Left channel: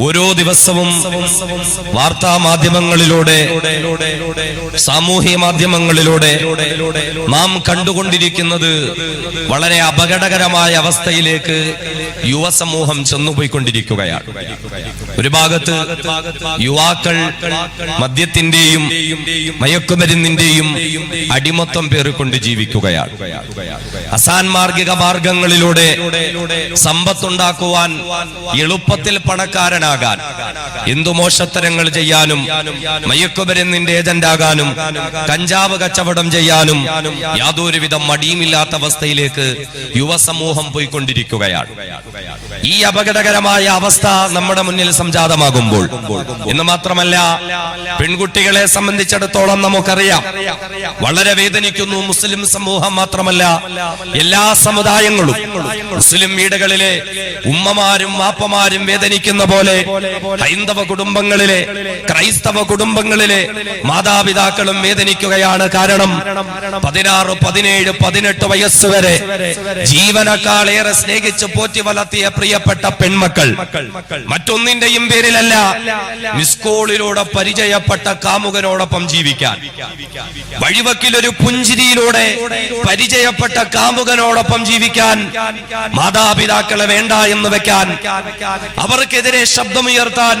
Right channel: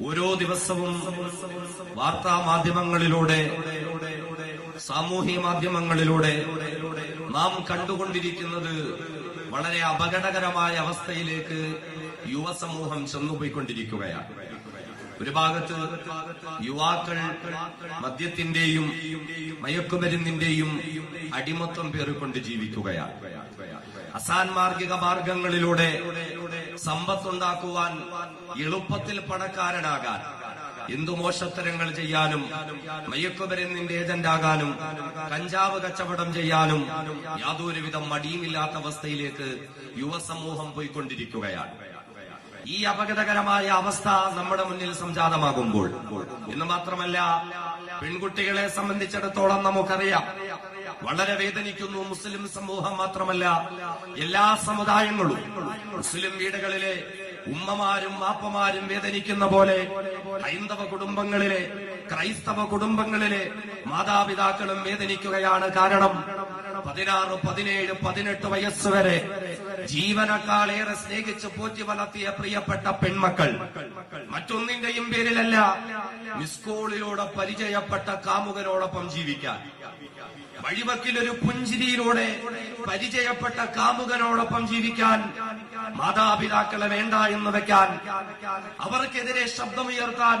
ഓരോ ദിവസവും വാർത്താ മാധ്യമങ്ങളിലൂടെ സാമൂഹ്യ മാധ്യമങ്ങളിലൂടെ നാം കണ്ടുകൊണ്ടിരിക്കുന്നത് വളരെ അപകടകരമായ അവസ്ഥയിലേക്ക് യുവസമൂഹം ചെന്നുപോയിക്കൊണ്ടിരിക്കുകയാണ്. ഒരു ഭാഗത്ത് യുവാക്കൾ മദ്യത്തിന്റെയും മയക്കുമരുന്നിന്റെയും അടിമത്തം പേറിക്കൊണ്ട് ജീവിക്കുകയാണ്. അസാൻമാർഗിക മാർഗങ്ങളിലൂടെ സമ്പത്തുണ്ടാക്കുവാൻ, എളുപ്പത്തിൽ പണക്കാരനാകാൻ, എന്തു മോശത്തരങ്ങൾ ചെയ്യാനും, മയക്കുമരുന്നിന്റെ ഏജന്റാകാനും, കഞ്ചാവ് കച്ചവടം ചെയ്യാനും യാതൊരുവിധ മടിയുമില്ലാത്ത അവസ്ഥയിലേക്ക് യുവസമൂഹം പോയിക്കൊണ്ടിരിക്കുകയാണ്. ഈ അപകടകരമായ അവസ്ഥ നമ്മുടെ മുന്നിൽ സംജാതമാകുമ്പോൾ എന്ന് മാത്രമല്ല, പെൺകുട്ടികളെ സംബന്ധിച്ചിടത്തോളം നമുക്കറിയാം, വളരെ വേദനിക്കുന്നു. മുസ്ലിം സമൂഹം മാത്രമല്ല, എല്ലാ സമുദായങ്ങളും മുസ്ലിം വീടുകളിലെ ഉമ്മമാരും വാപ്പമാരും വേദനിക്കുന്ന പോലെ ഹൈന്ദവ കുടുംബങ്ങളിലെ, ക്രൈസ്തവ കുടുംബങ്ങളിലെ മാതാപിതാക്കളും വേദനിക്കുകയാണ്. കാരണം 16, 17, 18 വയസ്സ് വരെ ജീവനക്കാളേറെ സ്നേഹിച്ച് പോറ്റി വളർത്തിയ പ്രിയപ്പെട്ട പെൺമക്കൾ മറ്റൊന്നിന്റെയും പേരിലല്ല, മിസ്കോളിലൂടെ പരിചയപ്പെട്ട കാമുകനോടൊപ്പം ജീവിക്കാൻ, വഴിവക്കിലൊരു പുഞ്ചിരിയിലൂടെ പരിചയപ്പെട്ട കാമുകനോടൊപ്പം ജീവിക്കാൻ മാതാപിതാക്കളെ വേണ്ട എന്ന് വെക്കാൻ, അവർക്കെതിരെ ശബ്ദമുയർത്താൻ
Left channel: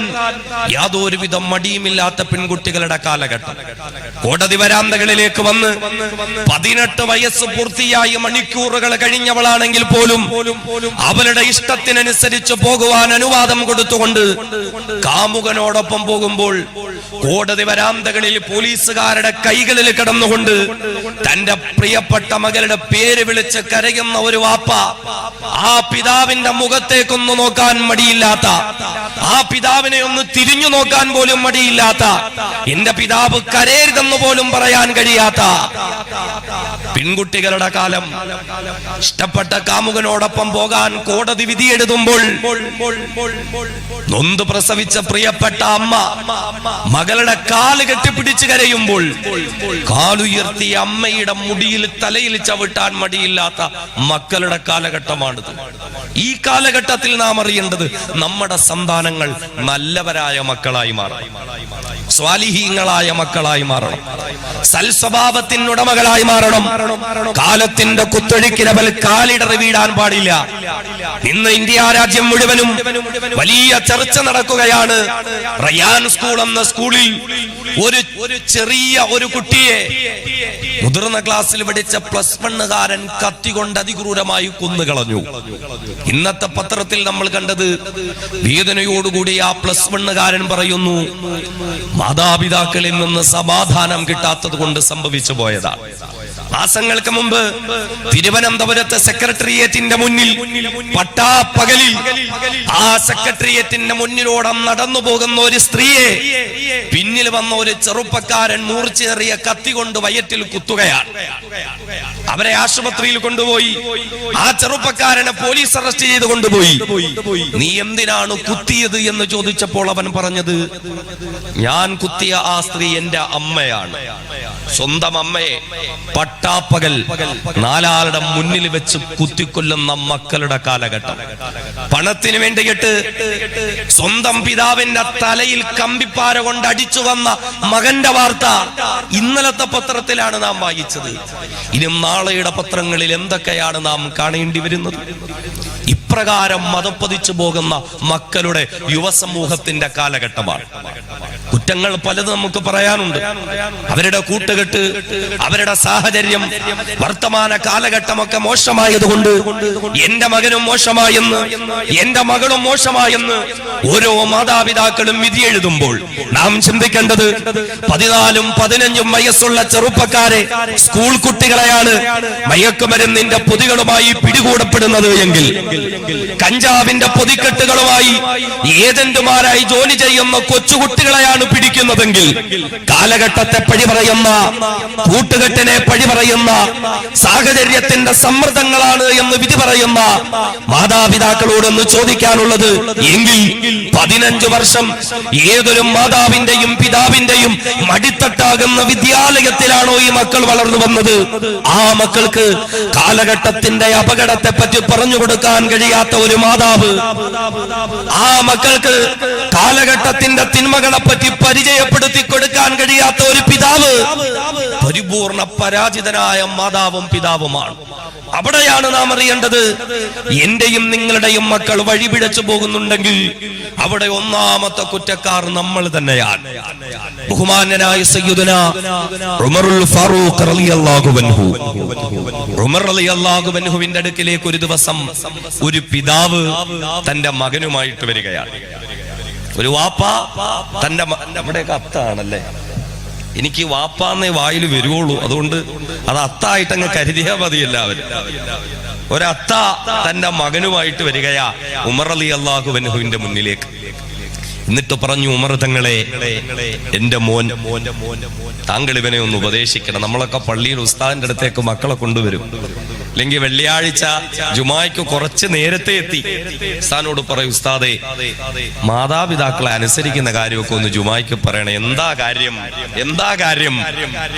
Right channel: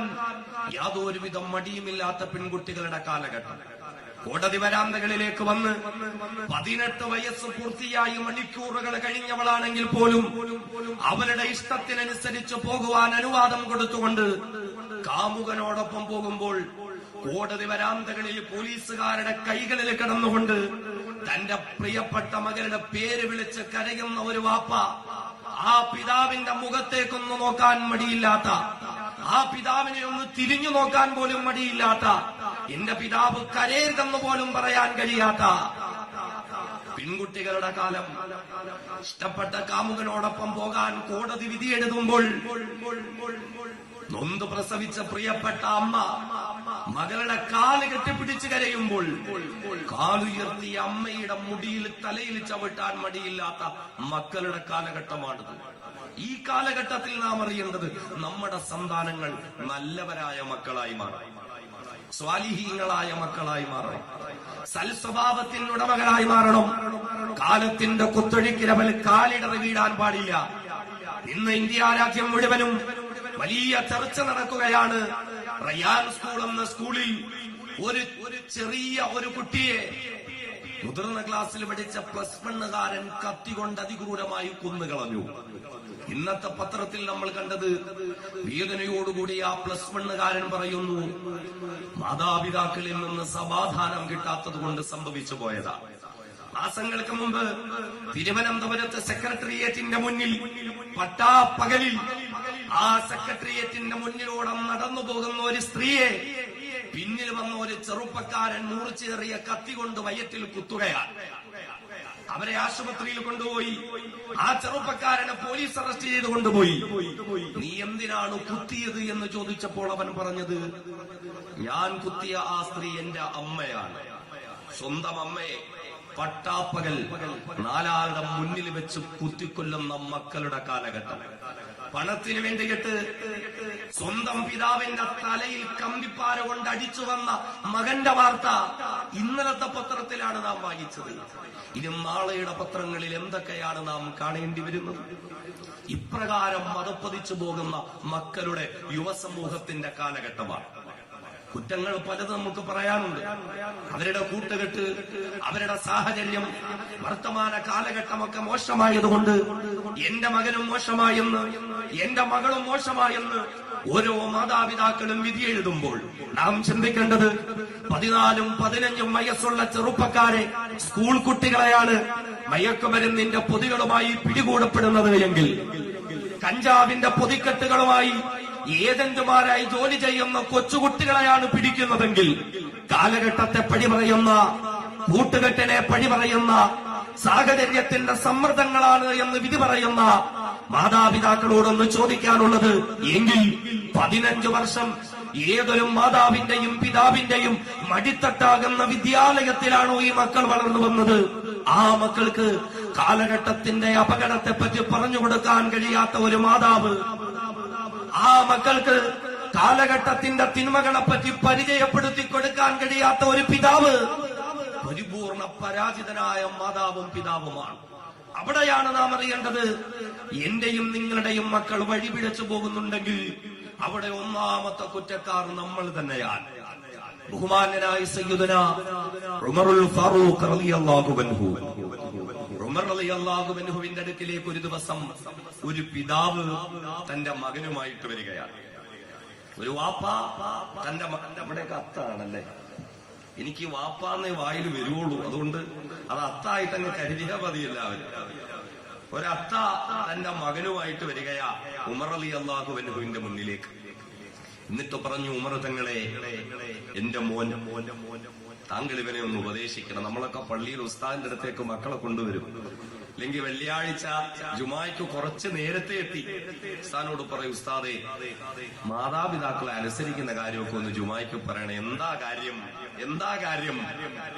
യാതൊരുവിധ മടിയുമില്ലാത്ത പെൺകുട്ടികളുടെ കാലഘട്ടം. കോടതി വരാന്തകളിലേക്ക് വന്ന് 18 വയസ്സ് പൂർത്തിയായി മണിക്കൂറുകൾ കഴിഞ്ഞവളാണെങ്കിൽ പോലും അവളുടെ ഇഷ്ടത്തിനനുസരിച്ച് പോകുവാൻ അനുവാദം കൊടുത്തുകൊണ്ട് കാമുകനോടൊപ്പം പോകുമ്പോൾ കോടതി വരാന്തകളിൽ പോലീസുകാരുടെ കൈകളിൽ കിടന്നുകൊണ്ട് തന്റെ പ്രിയപ്പെട്ട മകളുടെ പേര് വിളിച്ച് കരയുന്ന ഒരു വാപ്പ, ആ പിതാവിന്റെ മുഖത്തേക്കൊന്ന് നോക്കാൻ മടിയില്ലാത്ത, ആ പിതാവിനെ ഒന്ന് തിരിഞ്ഞു നോക്കാൻ പോലും മടിയില്ലാത്ത, എന്റെ പിതാവ് കരയരുതെന്ന് പോലും പറയാൻ കഴിയാത്ത പെൺകുട്ടികളുടെ കാലം. ഇഷ്ടപ്പെട്ട കാമുകനോടൊപ്പം പോകാൻ കോടതി വിധി എഴുതുമ്പോൾ നൊന്ത് പ്രസവിച്ച പ്രിയപ്പെട്ട അമ്മ മകളുടെ കാല് കെട്ടിപ്പിടിച്ച് കരയുമ്പോൾ കാലുയർത്തി അമ്മയുടെ മുടിയിൽ തലയിൽ ചവിട്ടാൻ മടിയില്ലാത്ത മക്കളുടെ കാലഘട്ടമാണിത്. ഈ കാലഘട്ടത്തിൽ നാം അറിയേണ്ടത്, നമ്മുടെ സന്താനങ്ങൾ നല്ലവരായ മക്കളായി മാറണം, സ്വാലിഹീങ്ങളായ മക്കളായി മാറണം, സൽസ്വഭാവത്തിനുടമകളായി മാറണം. കാലത്തിന്റെ കുത്തൊഴുക്കിനവൽ കാലിടറി വീഴാൻ പാടില്ല. ഇന്ന് ഇന്ത്യ രാജ്യം മുഴുവനും വലിയ ചർച്ച നടക്കുകയാണ്. റയാൻ സ്കൂൾ എന്ന സ്കൂളിൽ ഒരു ചെറിയ ഒരു കുട്ടിയെ മുതിർന്ന ക്ലാസ്സിൽ പഠിച്ച +1കാരൻ കത്തികൊണ്ട് അതിക്രൂരമായി കൊന്നുകളഞ്ഞു. ഇന്നത്തെ പത്രത്തിൽ നമ്മൾ കണ്ടത്, വേദനയോടുകൂടി ആ +1കാരൻ പറയുന്നു, മാതാപിതാക്കളിൽ നിന്ന് സമാധാനം കിട്ടാത്തത് കൊണ്ട് സംഭവിച്ചു പോയതാണ്. മാസങ്ങൾക്ക് മുമ്പ് തിരുവനന്തപുരത്തെ സെക്രട്ടേറിയറ്റിന്റെ മുന്നിൽ പട്ടാപ്പകലിൽ ആ സെക്രട്ടേറിയറ്റിന്റെ മുന്നിലൂടെ നടന്നു പോകുന്ന ഒരു സ്ത്രീയെ പിന്നിൽ വന്ന ഒരു ചെറുപ്പക്കാരൻ മൂർച്ചേറിയ കത്തി കൊണ്ട് വയറ്റിൽ കുത്തുകയാണ്. അവരെ ആശുപത്രിയിൽ കൊണ്ടുപോയി. ആ ചെറുപ്പക്കാരനെ പോലീസ് അറസ്റ്റ് ചെയ്ത് കൊണ്ടുപോയി. നീ എന്തിനാണ് കുത്തിയത് എന്ന് ചോദിച്ചപ്പോൾ അവൻ പറഞ്ഞത്, ഞാൻ കുത്തിയ ആ സ്ത്രീ എന്റെ അമ്മയാണ്. സ്വന്തം അമ്മയെ പട്ടാപ്പകൽ 4 ആളുടെ മുന്നിൽ വെച്ച് കുത്തിക്കൊല്ലുന്ന മക്കളുടെ കാലഘട്ടം. പണത്തിന് വേണ്ടിയിട്ട് സ്വന്തം പിതാവിന്റെ തലയിൽ കമ്പിപ്പാര കൊണ്ട് അടിച്ചു വന്ന മകന്റെ വാർത്ത ഇന്നലത്തെ പത്രത്തിലാണ് നാം വായിച്ചത്. ഇനി നാളെയുടെ പത്രങ്ങളിൽ എന്തൊക്കെയാണ് നാം കാണേണ്ടി വരുന്നത്? ഇപ്രകാരം മതപ്പതിച്ചു പോകുന്ന മക്കളുടെ യുവസമൂഹത്തിന്റെ കാലഘട്ടമാണ്. കുറ്റങ്ങൾ പലതും നമുക്ക് പറയാനുണ്ട്. അവരുടെ കൂട്ടുകെട്ട്, അവരുടെ സാഹചര്യം, വർത്തമാന കാലഘട്ടമൊക്കെ മോശമായതുകൊണ്ട് എന്റെ മകനും മോശമായെന്ന്, എന്റെ മകളും മോശമായെന്ന് ഓരോ മാതാപിതാക്കളും വിധി എഴുതുമ്പോൾ നാം ചിന്തിക്കേണ്ടത്, 14ഉം 15ഉം വയസ്സുള്ള ചെറുപ്പക്കാരെ, സ്കൂൾ കുട്ടികളെയാണ് മയക്കുമരുന്നിന്റെ പൊതികളുമായി പിടികൂടപ്പെടുന്നത് എങ്കിൽ, കഞ്ചാവിന്റെ പൊതിക്കെട്ടുകളുമായി ഏജന്റുമാരായി ജോലി ചെയ്യുന്ന കൊച്ചുകുട്ടികളെയാണ് പിടിക്കുന്നതെങ്കിൽ, കാലഘട്ടത്തെ പഴി പറയുന്ന, കൂട്ടുകെട്ടിനെ പഴി പറയുന്ന, സാഹചര്യത്തിന്റെ സമ്മർദ്ദങ്ങളാണ് എന്ന് വിധി പറയുന്ന മാതാപിതാക്കളോടൊന്ന് ചോദിക്കാനുള്ളത്, എങ്കിൽ 15 വർഷം ഏതൊരു മാതാവിന്റെയും പിതാവിന്റെയും മടിത്തട്ടാകുന്ന വിദ്യാലയത്തിലാണോ ഈ മക്കൾ വളർന്നു വന്നത്? ആ മക്കൾക്ക് കാലഘട്ടത്തിന്റെ അപകടത്തെ പറ്റി പറഞ്ഞു കൊടുക്കാൻ കഴിയാത്ത ഒരു മാതാവ്, ആ മക്കൾക്ക് കാലഘട്ടത്തിന്റെ തിന്മകളെ പറ്റി പരിചയപ്പെടുത്തി കൊടുക്കാൻ കഴിയാത്ത ഒരു പിതാവ് പരിപൂർണ പരാജിതനായ മാതാവും പിതാവുമാണ്. അവിടെയാണ് നാം അറിയേണ്ടത്, എന്റെയും നിങ്ങളുടെയും മക്കൾ വഴിപിഴച്ചു പോകുന്നുണ്ടെങ്കിൽ അവിടെ ഒന്നാമത്തെ കുറ്റക്കാർ നമ്മൾ തന്നെയാണ്. ബഹുമാന്യനായ സയ്യിദുനാ ഉമറുൽ ഫാറൂഖ് റളിയല്ലാഹു അൻഹു, ഉമർ റളിയല്ലാഹു അൻഹുവിന്റെ അടുക്കിലേക്ക് ഒരു ദിവസം ഒരു പിതാവ് തന്റെ മകനുമായിട്ട് വരികയാണ്. ഒരു വാപ്പ തന്റെ നമ്മുടെയൊക്കെ അത്താണല്ലേ, എനിക്ക് വാപ്പാന്നേ വായിൽ വരുവുള്ളൂ, അതുകൊണ്ട് അത് അത്തായിട്ട് അങ്ങ് കരുതിയാ മതി എല്ലാവരും. ഒരത്ത തന്റെ മകനുമായിട്ട് വരികയാ ഉമർ റളിയല്ലാഹു അൻഹുവിന്റെ മുന്നിലേക്ക്. എന്നിട്ട് പറഞ്ഞു, ഉമർ തങ്ങളെ, എന്റെ മോൻ, താങ്കൾ ഇവനെ ഒന്ന് ഉപദേശിക്കണം. നമ്മളൊക്കെ പള്ളിയിൽ ഉസ്താദിന്റെ അടുത്തേക്ക് മക്കളെ കൊണ്ടുവരും, അല്ലെങ്കിൽ വെള്ളിയാഴ്ച ജുമായ്ക്ക് കുറച്ച് നേരത്തെ എത്തി ഉസ്താദിനോട് പറയും, ഉസ്താദേ മാതാപിതാക്കളെ അനുസരിക്കുന്ന കാര്യമൊക്കെ ഒന്ന് ജുമായ്ക്ക് പറയണേ. എന്താ കാര്യം, എന്താ കാര്യം?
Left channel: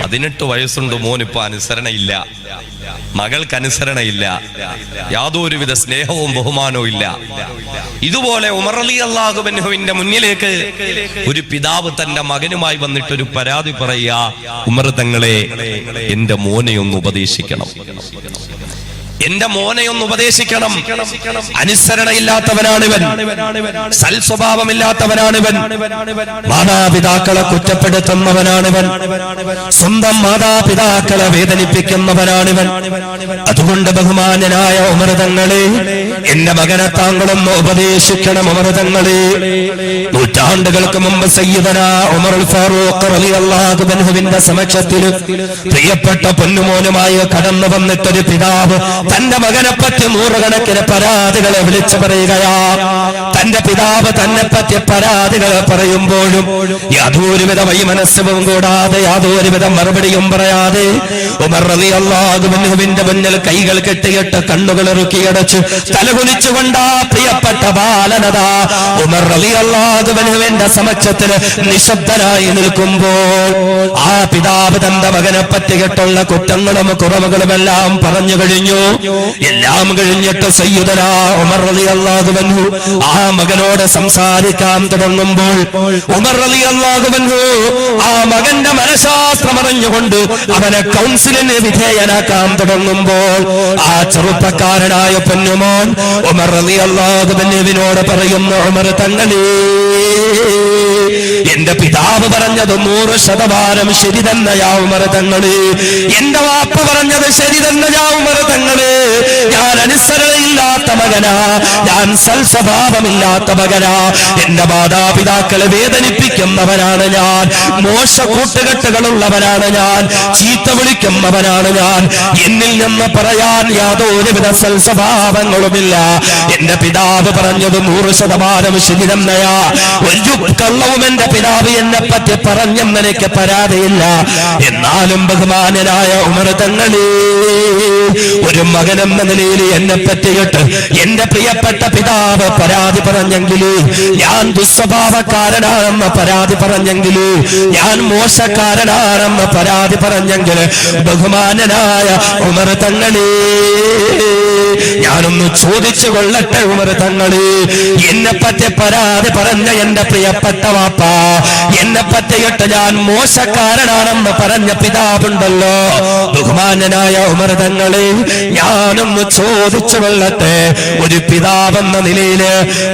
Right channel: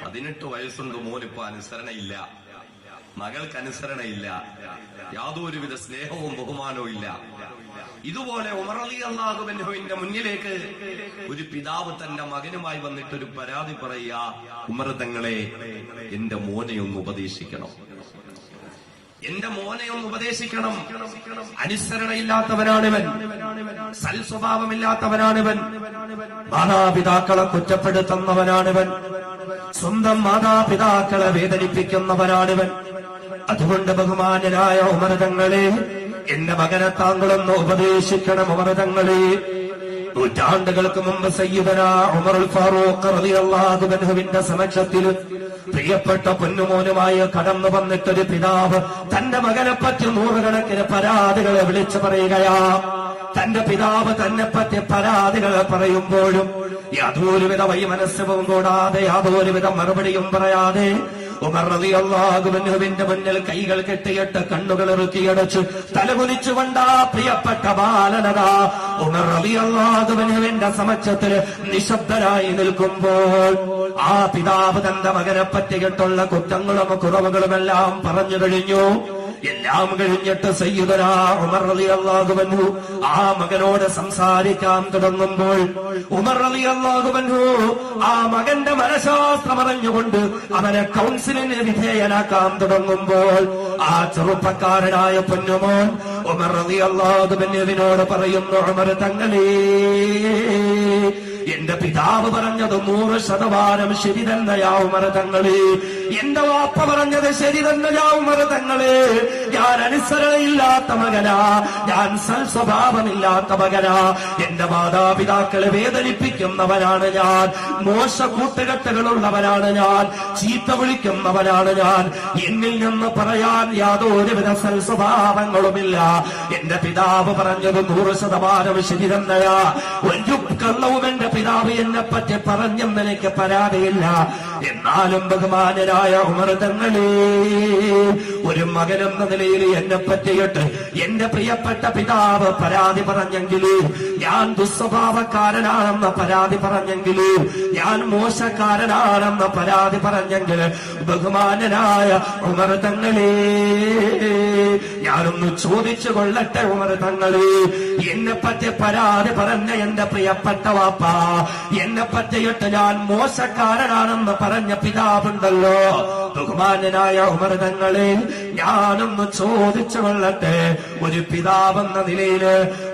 18 വയസ്സുണ്ട്, മോനിപ്പോ അനുസരണയില്ല, മകൾക്ക് അനുസരണയില്ല, യാതൊരുവിധ സ്നേഹവും ബഹുമാനവും ഇല്ല. ഇതുപോലെ ഉമർ റളിയല്ലാഹു അൻഹുവിന്റെ മുന്നിലേക്ക് ഒരു പിതാവ് തന്റെ മകനുമായി വന്നിട്ട് ഒരു പരാതി പറയുക, ഉമർ തങ്ങളെ, എന്റെ മോനെ ഒന്ന് ഉപദേശിക്കണം, എന്റെ മോനെ ഒന്ന് ഉപദേശിക്കണം. അനുസരണയില്ലാത്തവനാണിവൻ, സൽസ്വഭാവമില്ലാത്തവനാണിവൻ, മാതാപിതാക്കളെ കുറ്റപ്പെടുത്തുന്നവനാണിവൻ, സ്വന്തം മാതാപിതാക്കളെ വേദനിപ്പിക്കുന്നവനാണിവൻ. അതുകൊണ്ട് ബഹുമാന്യനായ ഉമർ തങ്ങളെ, എന്റെ മകനെ താങ്കളൊന്ന് ഉപദേശിക്കണം. ഉമർ തങ്ങളെ, നൂറ്റാണ്ടുകൾക്ക് മുമ്പ് സയ്യിദനാ ഉമറുൽ ഫാറൂഖ് റളിയല്ലാഹു അൻഹുവിന്റെ സമക്ഷത്തിൽ പ്രിയപ്പെട്ട പൊന്നുമോനുമായി കടന്നു വന്നിട്ടൊരു പിതാവ് തന്റെ മകനെ പറ്റി നൂറുകണക്കിന് പരാതികളെ വിളിച്ചു പറയുകയാ. തന്റെ പിതാവ് തന്നെ പറ്റി പരാതികൾ പറയുമ്പോഴും യാതൊരുവിധ വൈമനസ്യവും കൂടാതെ, യാതൊരുവിധ മറുപടിയും പറയാതെ ഉമർ റളിയല്ലാഹു അൻഹുവിന്റെ മുന്നിൽ കൈകൾ കെട്ടിയിട്ട് കണ്ണുകൾ ഇറുക്കിയടച്ചു തലകുനിച്ചുകൊണ്ട് പ്രിയപ്പെട്ട ബാലനത ഉമർ റളിയല്ലാഹു അൻഹുവിന്റെ സമക്ഷത്തിൽ നിശബ്ദനായി നിൽക്കുമ്പോൾ ആ പിതാവ് തന്റെ മകനെ പറ്റിയിട്ടുള്ള കുറ്റങ്ങളും കുറവുകളുമെല്ലാം പറഞ്ഞു കഴിഞ്ഞു. എല്ലാം കഴിഞ്ഞിട്ട് സയ്യിദനാ ഉമർ റളിയല്ലാഹു അൻഹു ആ മകനോട് സംസാരിക്കാൻ തുടങ്ങുമ്പോൾ ഉമർ റളിയല്ലാഹു അൻഹു ആ മകന്റെ മനഃശാസ്ത്രം അറിഞ്ഞുകൊണ്ട് അവനെ കൗൺസിലിന് വിധേയനാക്കാൻ തുടങ്ങുമ്പോൾ ആ ചെറുപ്പക്കാരനായ പൊന്നുമോൻ ഉമർ റളിയല്ലാഹു അൻഹുവിനോട് പറയുന്നു, ഉമർ തങ്ങളെ, എന്റെ പിതാവ് പറഞ്ഞത് 100% ശരി തന്നെയാ ഉമർ തങ്ങളെ, എന്റെ വാപ്പ പറഞ്ഞത് ശരി തന്നെയാ ഉമർ തങ്ങളെ. ഞാൻ അനുസരണയില്ലാത്ത മകനാ, ഞാൻ സൽസ്വഭാവമില്ലാത്ത മകനാ, എന്റെ മാതാപിതാക്കളെ വേദനിപ്പിക്കുന്നവനാണ് ഞാൻ, മോശ കൂട്ടുകെട്ടുകളുള്ളവനാണ് ഞാൻ, ചീത്ത വിളിക്കുന്നവനാണ് ഞാൻ, എന്നിൽ നിന്ന് പറയാൻ യാതൊരുവിധ സൽസ്വഭാവങ്ങളുമില്ല. എന്റെ പിതാവ് പറഞ്ഞത് 100% ശരി തന്നെയാ, ഒരു കള്ളവും എന്റെ പിതാവ് എന്നെ പറ്റി പറഞ്ഞെന്ന് എനിക്ക് പരാതിയില്ല. എന്നാലും ബഹുമാനനായ ഉമർ തങ്ങളെ, ഒരു മകനെന്ന നിലയിൽ എന്നെ പറ്റിയിട്ട് എന്റെ പ്രിയപ്പെട്ട പിതാവ് പരാതി പറഞ്ഞെങ്കില്, ഞാൻ ദുസ്വഭാവക്കാരനാണെന്ന് പരാതി പറഞ്ഞെങ്കില്, ഞാൻ മോശക്കാരനാണെന്ന് പരാതി പറഞ്ഞെങ്കില്, ബഹുമാനനായ ഉമർ തങ്ങളെ, ഞാനൊന്ന് ചോദിച്ചു കൊള്ളട്ടെ ഉമർ തങ്ങളെ, എന്നെ പറ്റി പരാതി പറഞ്ഞ എന്റെ പ്രിയപ്പെട്ട വാപ്പ, എന്നെ പറ്റിയിട്ട് ഞാൻ മോശക്കാരനാണെന്ന് പറഞ്ഞ പിതാവുണ്ടല്ലോ, ബഹുമാനനായ ഉമർ തങ്ങളെ, ഞാനൊന്ന് ചോദിച്ചു കൊള്ളട്ടെ, ഒരു പിതാവെന്ന നിലയില്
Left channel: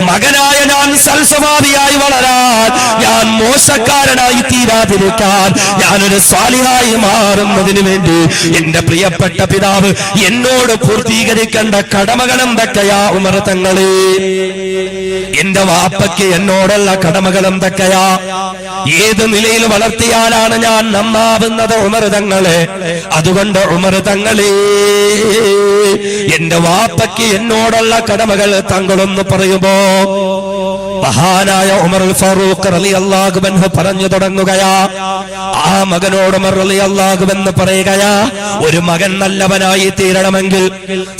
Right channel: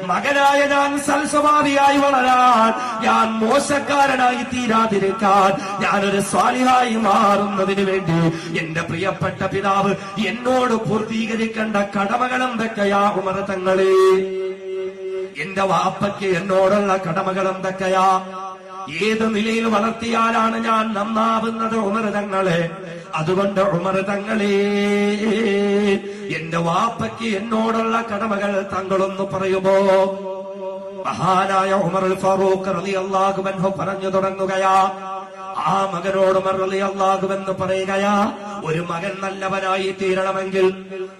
മകനായ ഞാൻ സൽസ്വഭാവിയായി വളരാൻ, ഞാൻ മോശക്കാരനായി തീരാതിരിക്കാൻ, ഞാനൊരു സ്വാലിഹായി മാറുന്നതിന് വേണ്ടി എന്റെ പ്രിയപ്പെട്ട പിതാവ് എന്നോട് പൂർത്തീകരിക്കേണ്ട കടമകൾ എന്തൊക്കെയാ ഉമർ തങ്ങളെ? എന്റെ വാപ്പയ്ക്ക് എന്നോടുള്ള കടമകൾ എന്തൊക്കെയാ? ഏത് നിലയിൽ വളർത്തിയാലാണ് ഞാൻ നന്നാവുന്നത് ഉമർ തങ്ങളെ? അതുകൊണ്ട് ഉമർ തങ്ങളെ, എന്റെ വാപ്പയ്ക്ക് എന്നോടുള്ള കടമകൾ താങ്കളൊന്ന് പറയുമ്പോ മഹാനായ ഉമർ ഫാറൂഖ് റളിയല്ലാഹു അൻഹു പറഞ്ഞു തുടങ്ങുകയാ. ആ മകനോട് ഉമർ റളിയല്ലാഹു അൻഹു പറയുകയാ, ഒരു മകൻ നല്ലവനായി തീരണമെങ്കിൽ,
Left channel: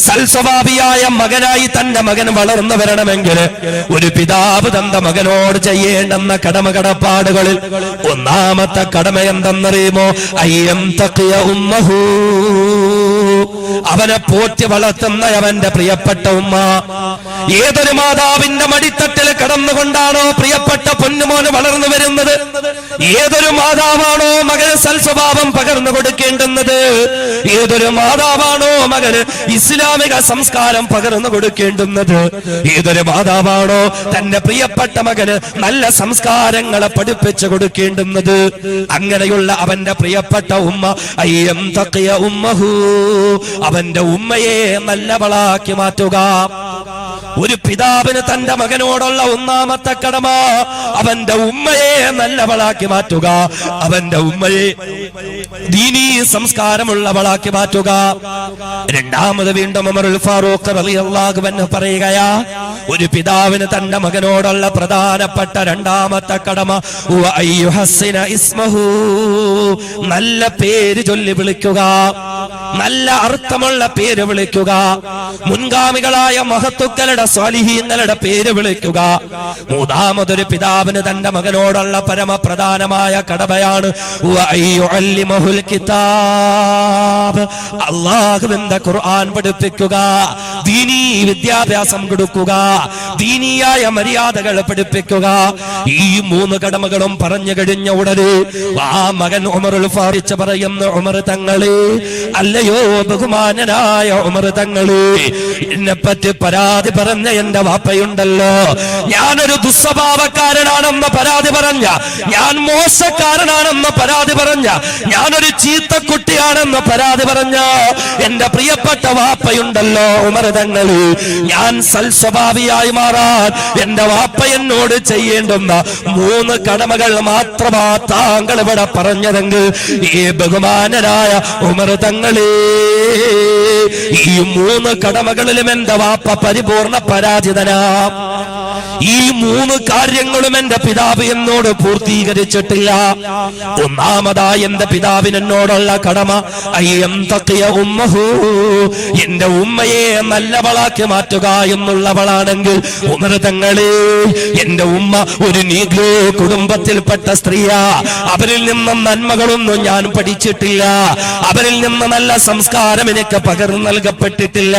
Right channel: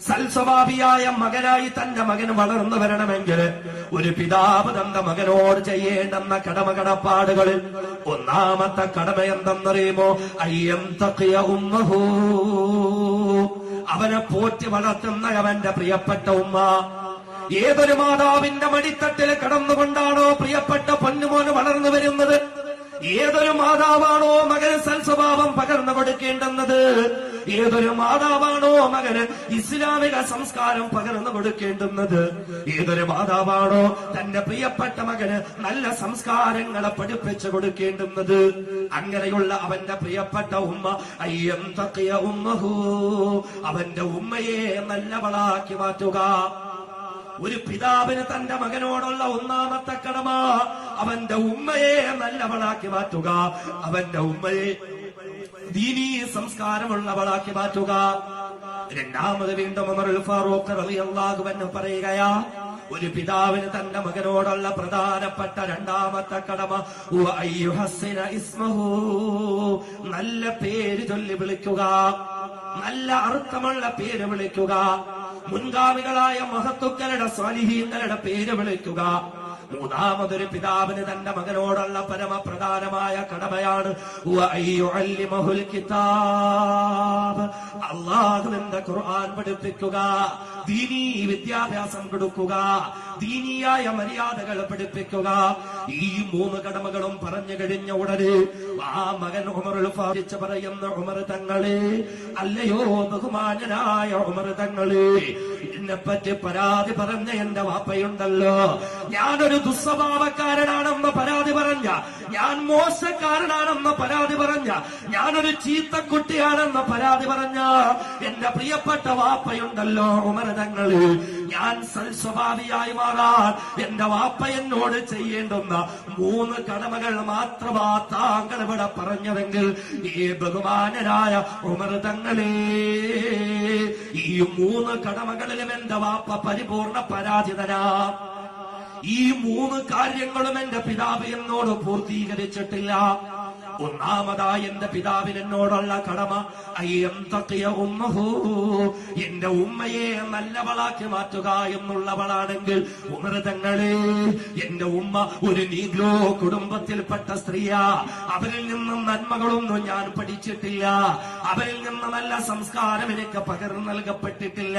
സൽസ്വഭാവിയായ മകനായി തന്റെ മകൻ വളർന്നു വരണമെങ്കിൽ, ഒരു പിതാവ് തന്റെ മകനോട് ചെയ്യേണ്ടെന്ന കടമകടപ്പാടുകളിൽ ഒന്നാമത്തെ കടമ എന്തെന്നറിയുമോ? അയ്യം തഖിയ ഉമ്മഹു, അവനെ പോറ്റി വളർത്തുന്ന അവന്റെ പ്രിയപ്പെട്ട ഉമ്മ. ഏതൊരു മാതാവിന്റെ മടിത്തട്ടിൽ കടന്നുകൊണ്ടാണോ പ്രിയപ്പെട്ട പൊന്നുമോന് വളർന്നു വരുന്നത്, ഏതൊരു മാതാവാണോ മകന് സൽസ്വഭാവം പകർന്നു കൊടുക്കേണ്ടുന്നത്, ഏതൊരു മാതാവാണോ മകന് ഇസ്ലാമിക സംസ്കാരം പകർന്നു കൊടുക്കേണ്ടുന്നത്, ഏതൊരു മാതാവാണോ തന്റെ പ്രിയപ്പെട്ട മകന് നല്ല സംസ്കാരങ്ങളെ പഠിപ്പിച്ചു കൊടുക്കേണ്ടുന്നത്, അങ്ങനെയുള്ള അവന്റെ പ്രിയപ്പെട്ട ഉമ്മ അയ്യം തഖിയ ഉമ്മഹു, അവന്റെ ഉമ്മയെ നല്ലവളാക്കി മാറ്റുക. ഒരു പിതാവിന് തന്റെ മകനോടുള്ള ഒന്നാമത്തെ കടമ അവന്റെ ഉമ്മയെ നല്ലവളാക്കി മാറ്റുക, അവന്റെ ഉമ്മയെ ദീനീ സംസ്കാരമുള്ളവളാക്കി മാറ്റുക. രണ്ടാമത് വീണ്ടും ഉമറുൽ ഫാറൂഖ് റളിയല്ലാഹു അൻഹു പറയുകയാ, ഒരു പിതാവിന് തന്റെ മകനോടുള്ള പ്രധാനപ്പെട്ട രണ്ടാമത്തെ കടമ അയ്യുഹസ്സിന ഇസ്മഹു, നല്ല പേര് ചൊല്ലി വിളിക്കുക, നല്ല അർത്ഥമുള്ള പേര് വിളിക്കുക, മുൻഗാമികളായ മഹത്തുക്കളുടെ സ്വാലിഹീങ്ങളുടെ പേര് വിളിക്കുക. മൂന്നാമതൊരു പിതാവിന് തന്റെ മകനോടുള്ള പരമപ്രധാനമായ കടമയാണ് വഅയ്യുഅല്ലിമഹുൽ കിതാബ്, അല്ലാഹുവിന്റെ ഖുർആൻ പഠിപ്പിക്കുക, ദീനീ വിദ്യാഭ്യാസം കൊടുക്കുക, ദീനീയായ മര്യാദകൾ പഠിപ്പിക്കുക. ഈ മൂന്ന് കടമകളും പറഞ്ഞു കഴിഞ്ഞ ഉടനെ ആ മകൻ ഉമറുൽ ഫാറൂഖ് പറയുന്നു, ഉമർ തങ്ങളെ, അല്ലയോ ബഹുമാനനായ ഉമർ തങ്ങളെ, എന്നെപ്പറ്റി പരാതി പറഞ്ഞ എന്റെ വാപ്പയുണ്ടല്ലോ, ഞാനൊരു ദുസ്വഭാവക്കാരനാണെന്ന് പരാതി പറഞ്ഞ, ഞാൻ മോശക്കാരനാണെന്ന് പരാതി പറഞ്ഞ, ഞാനൊരു ചീത്തക്കുട്ടിയാണെന്ന് പരാതി പറഞ്ഞ എന്റെ പ്രിയപ്പെട്ട വാപ്പയുണ്ടല്ലോ ഉമർ തങ്ങളെ, ഞാൻ സൽസ്വഭാവിയായി മാറാൻ എന്റെ വാപ്പ എന്നോട് ചെയ്യേണ്ടുന്ന മൂന്ന് കടമകൾ മാത്രമാ താങ്കൾ ഇവിടെ പറഞ്ഞതെങ്കിൽ, ഈ ബഹുമാനനായ ഉമർ തങ്ങളെ, ഈ മൂന്ന് കടമകളിലും എന്റെ വാപ്പ പരിപൂർണ പരാജിതനാ. ഈ മൂന്ന് കാര്യങ്ങളും എന്റെ പിതാവ് എന്നോട് പൂർത്തീകരിച്ചിട്ടില്ല. ഒന്നാമതായി എന്റെ പിതാവിന് എന്നോടുള്ള കടമ അയ്യം തഖിയ ഉമ്മഹു, എന്റെ ഉമ്മയെ നല്ലവളാക്കി മാറ്റുക എന്നുള്ളവളാണെങ്കിൽ, ഉമർ തങ്ങളെ, എന്റെ ഉമ്മ ഒരു നീഗ്രോ കുടുംബത്തിൽപ്പെട്ട സ്ത്രീയാ, അവരിൽ നിന്ന് നന്മകളൊന്നും ഞാൻ പഠിച്ചിട്ടില്ല, അവരിൽ നിന്ന് നല്ല സംസ്കാരം എനിക്ക് പകർന്നു നൽകപ്പെട്ടിട്ടില്ല,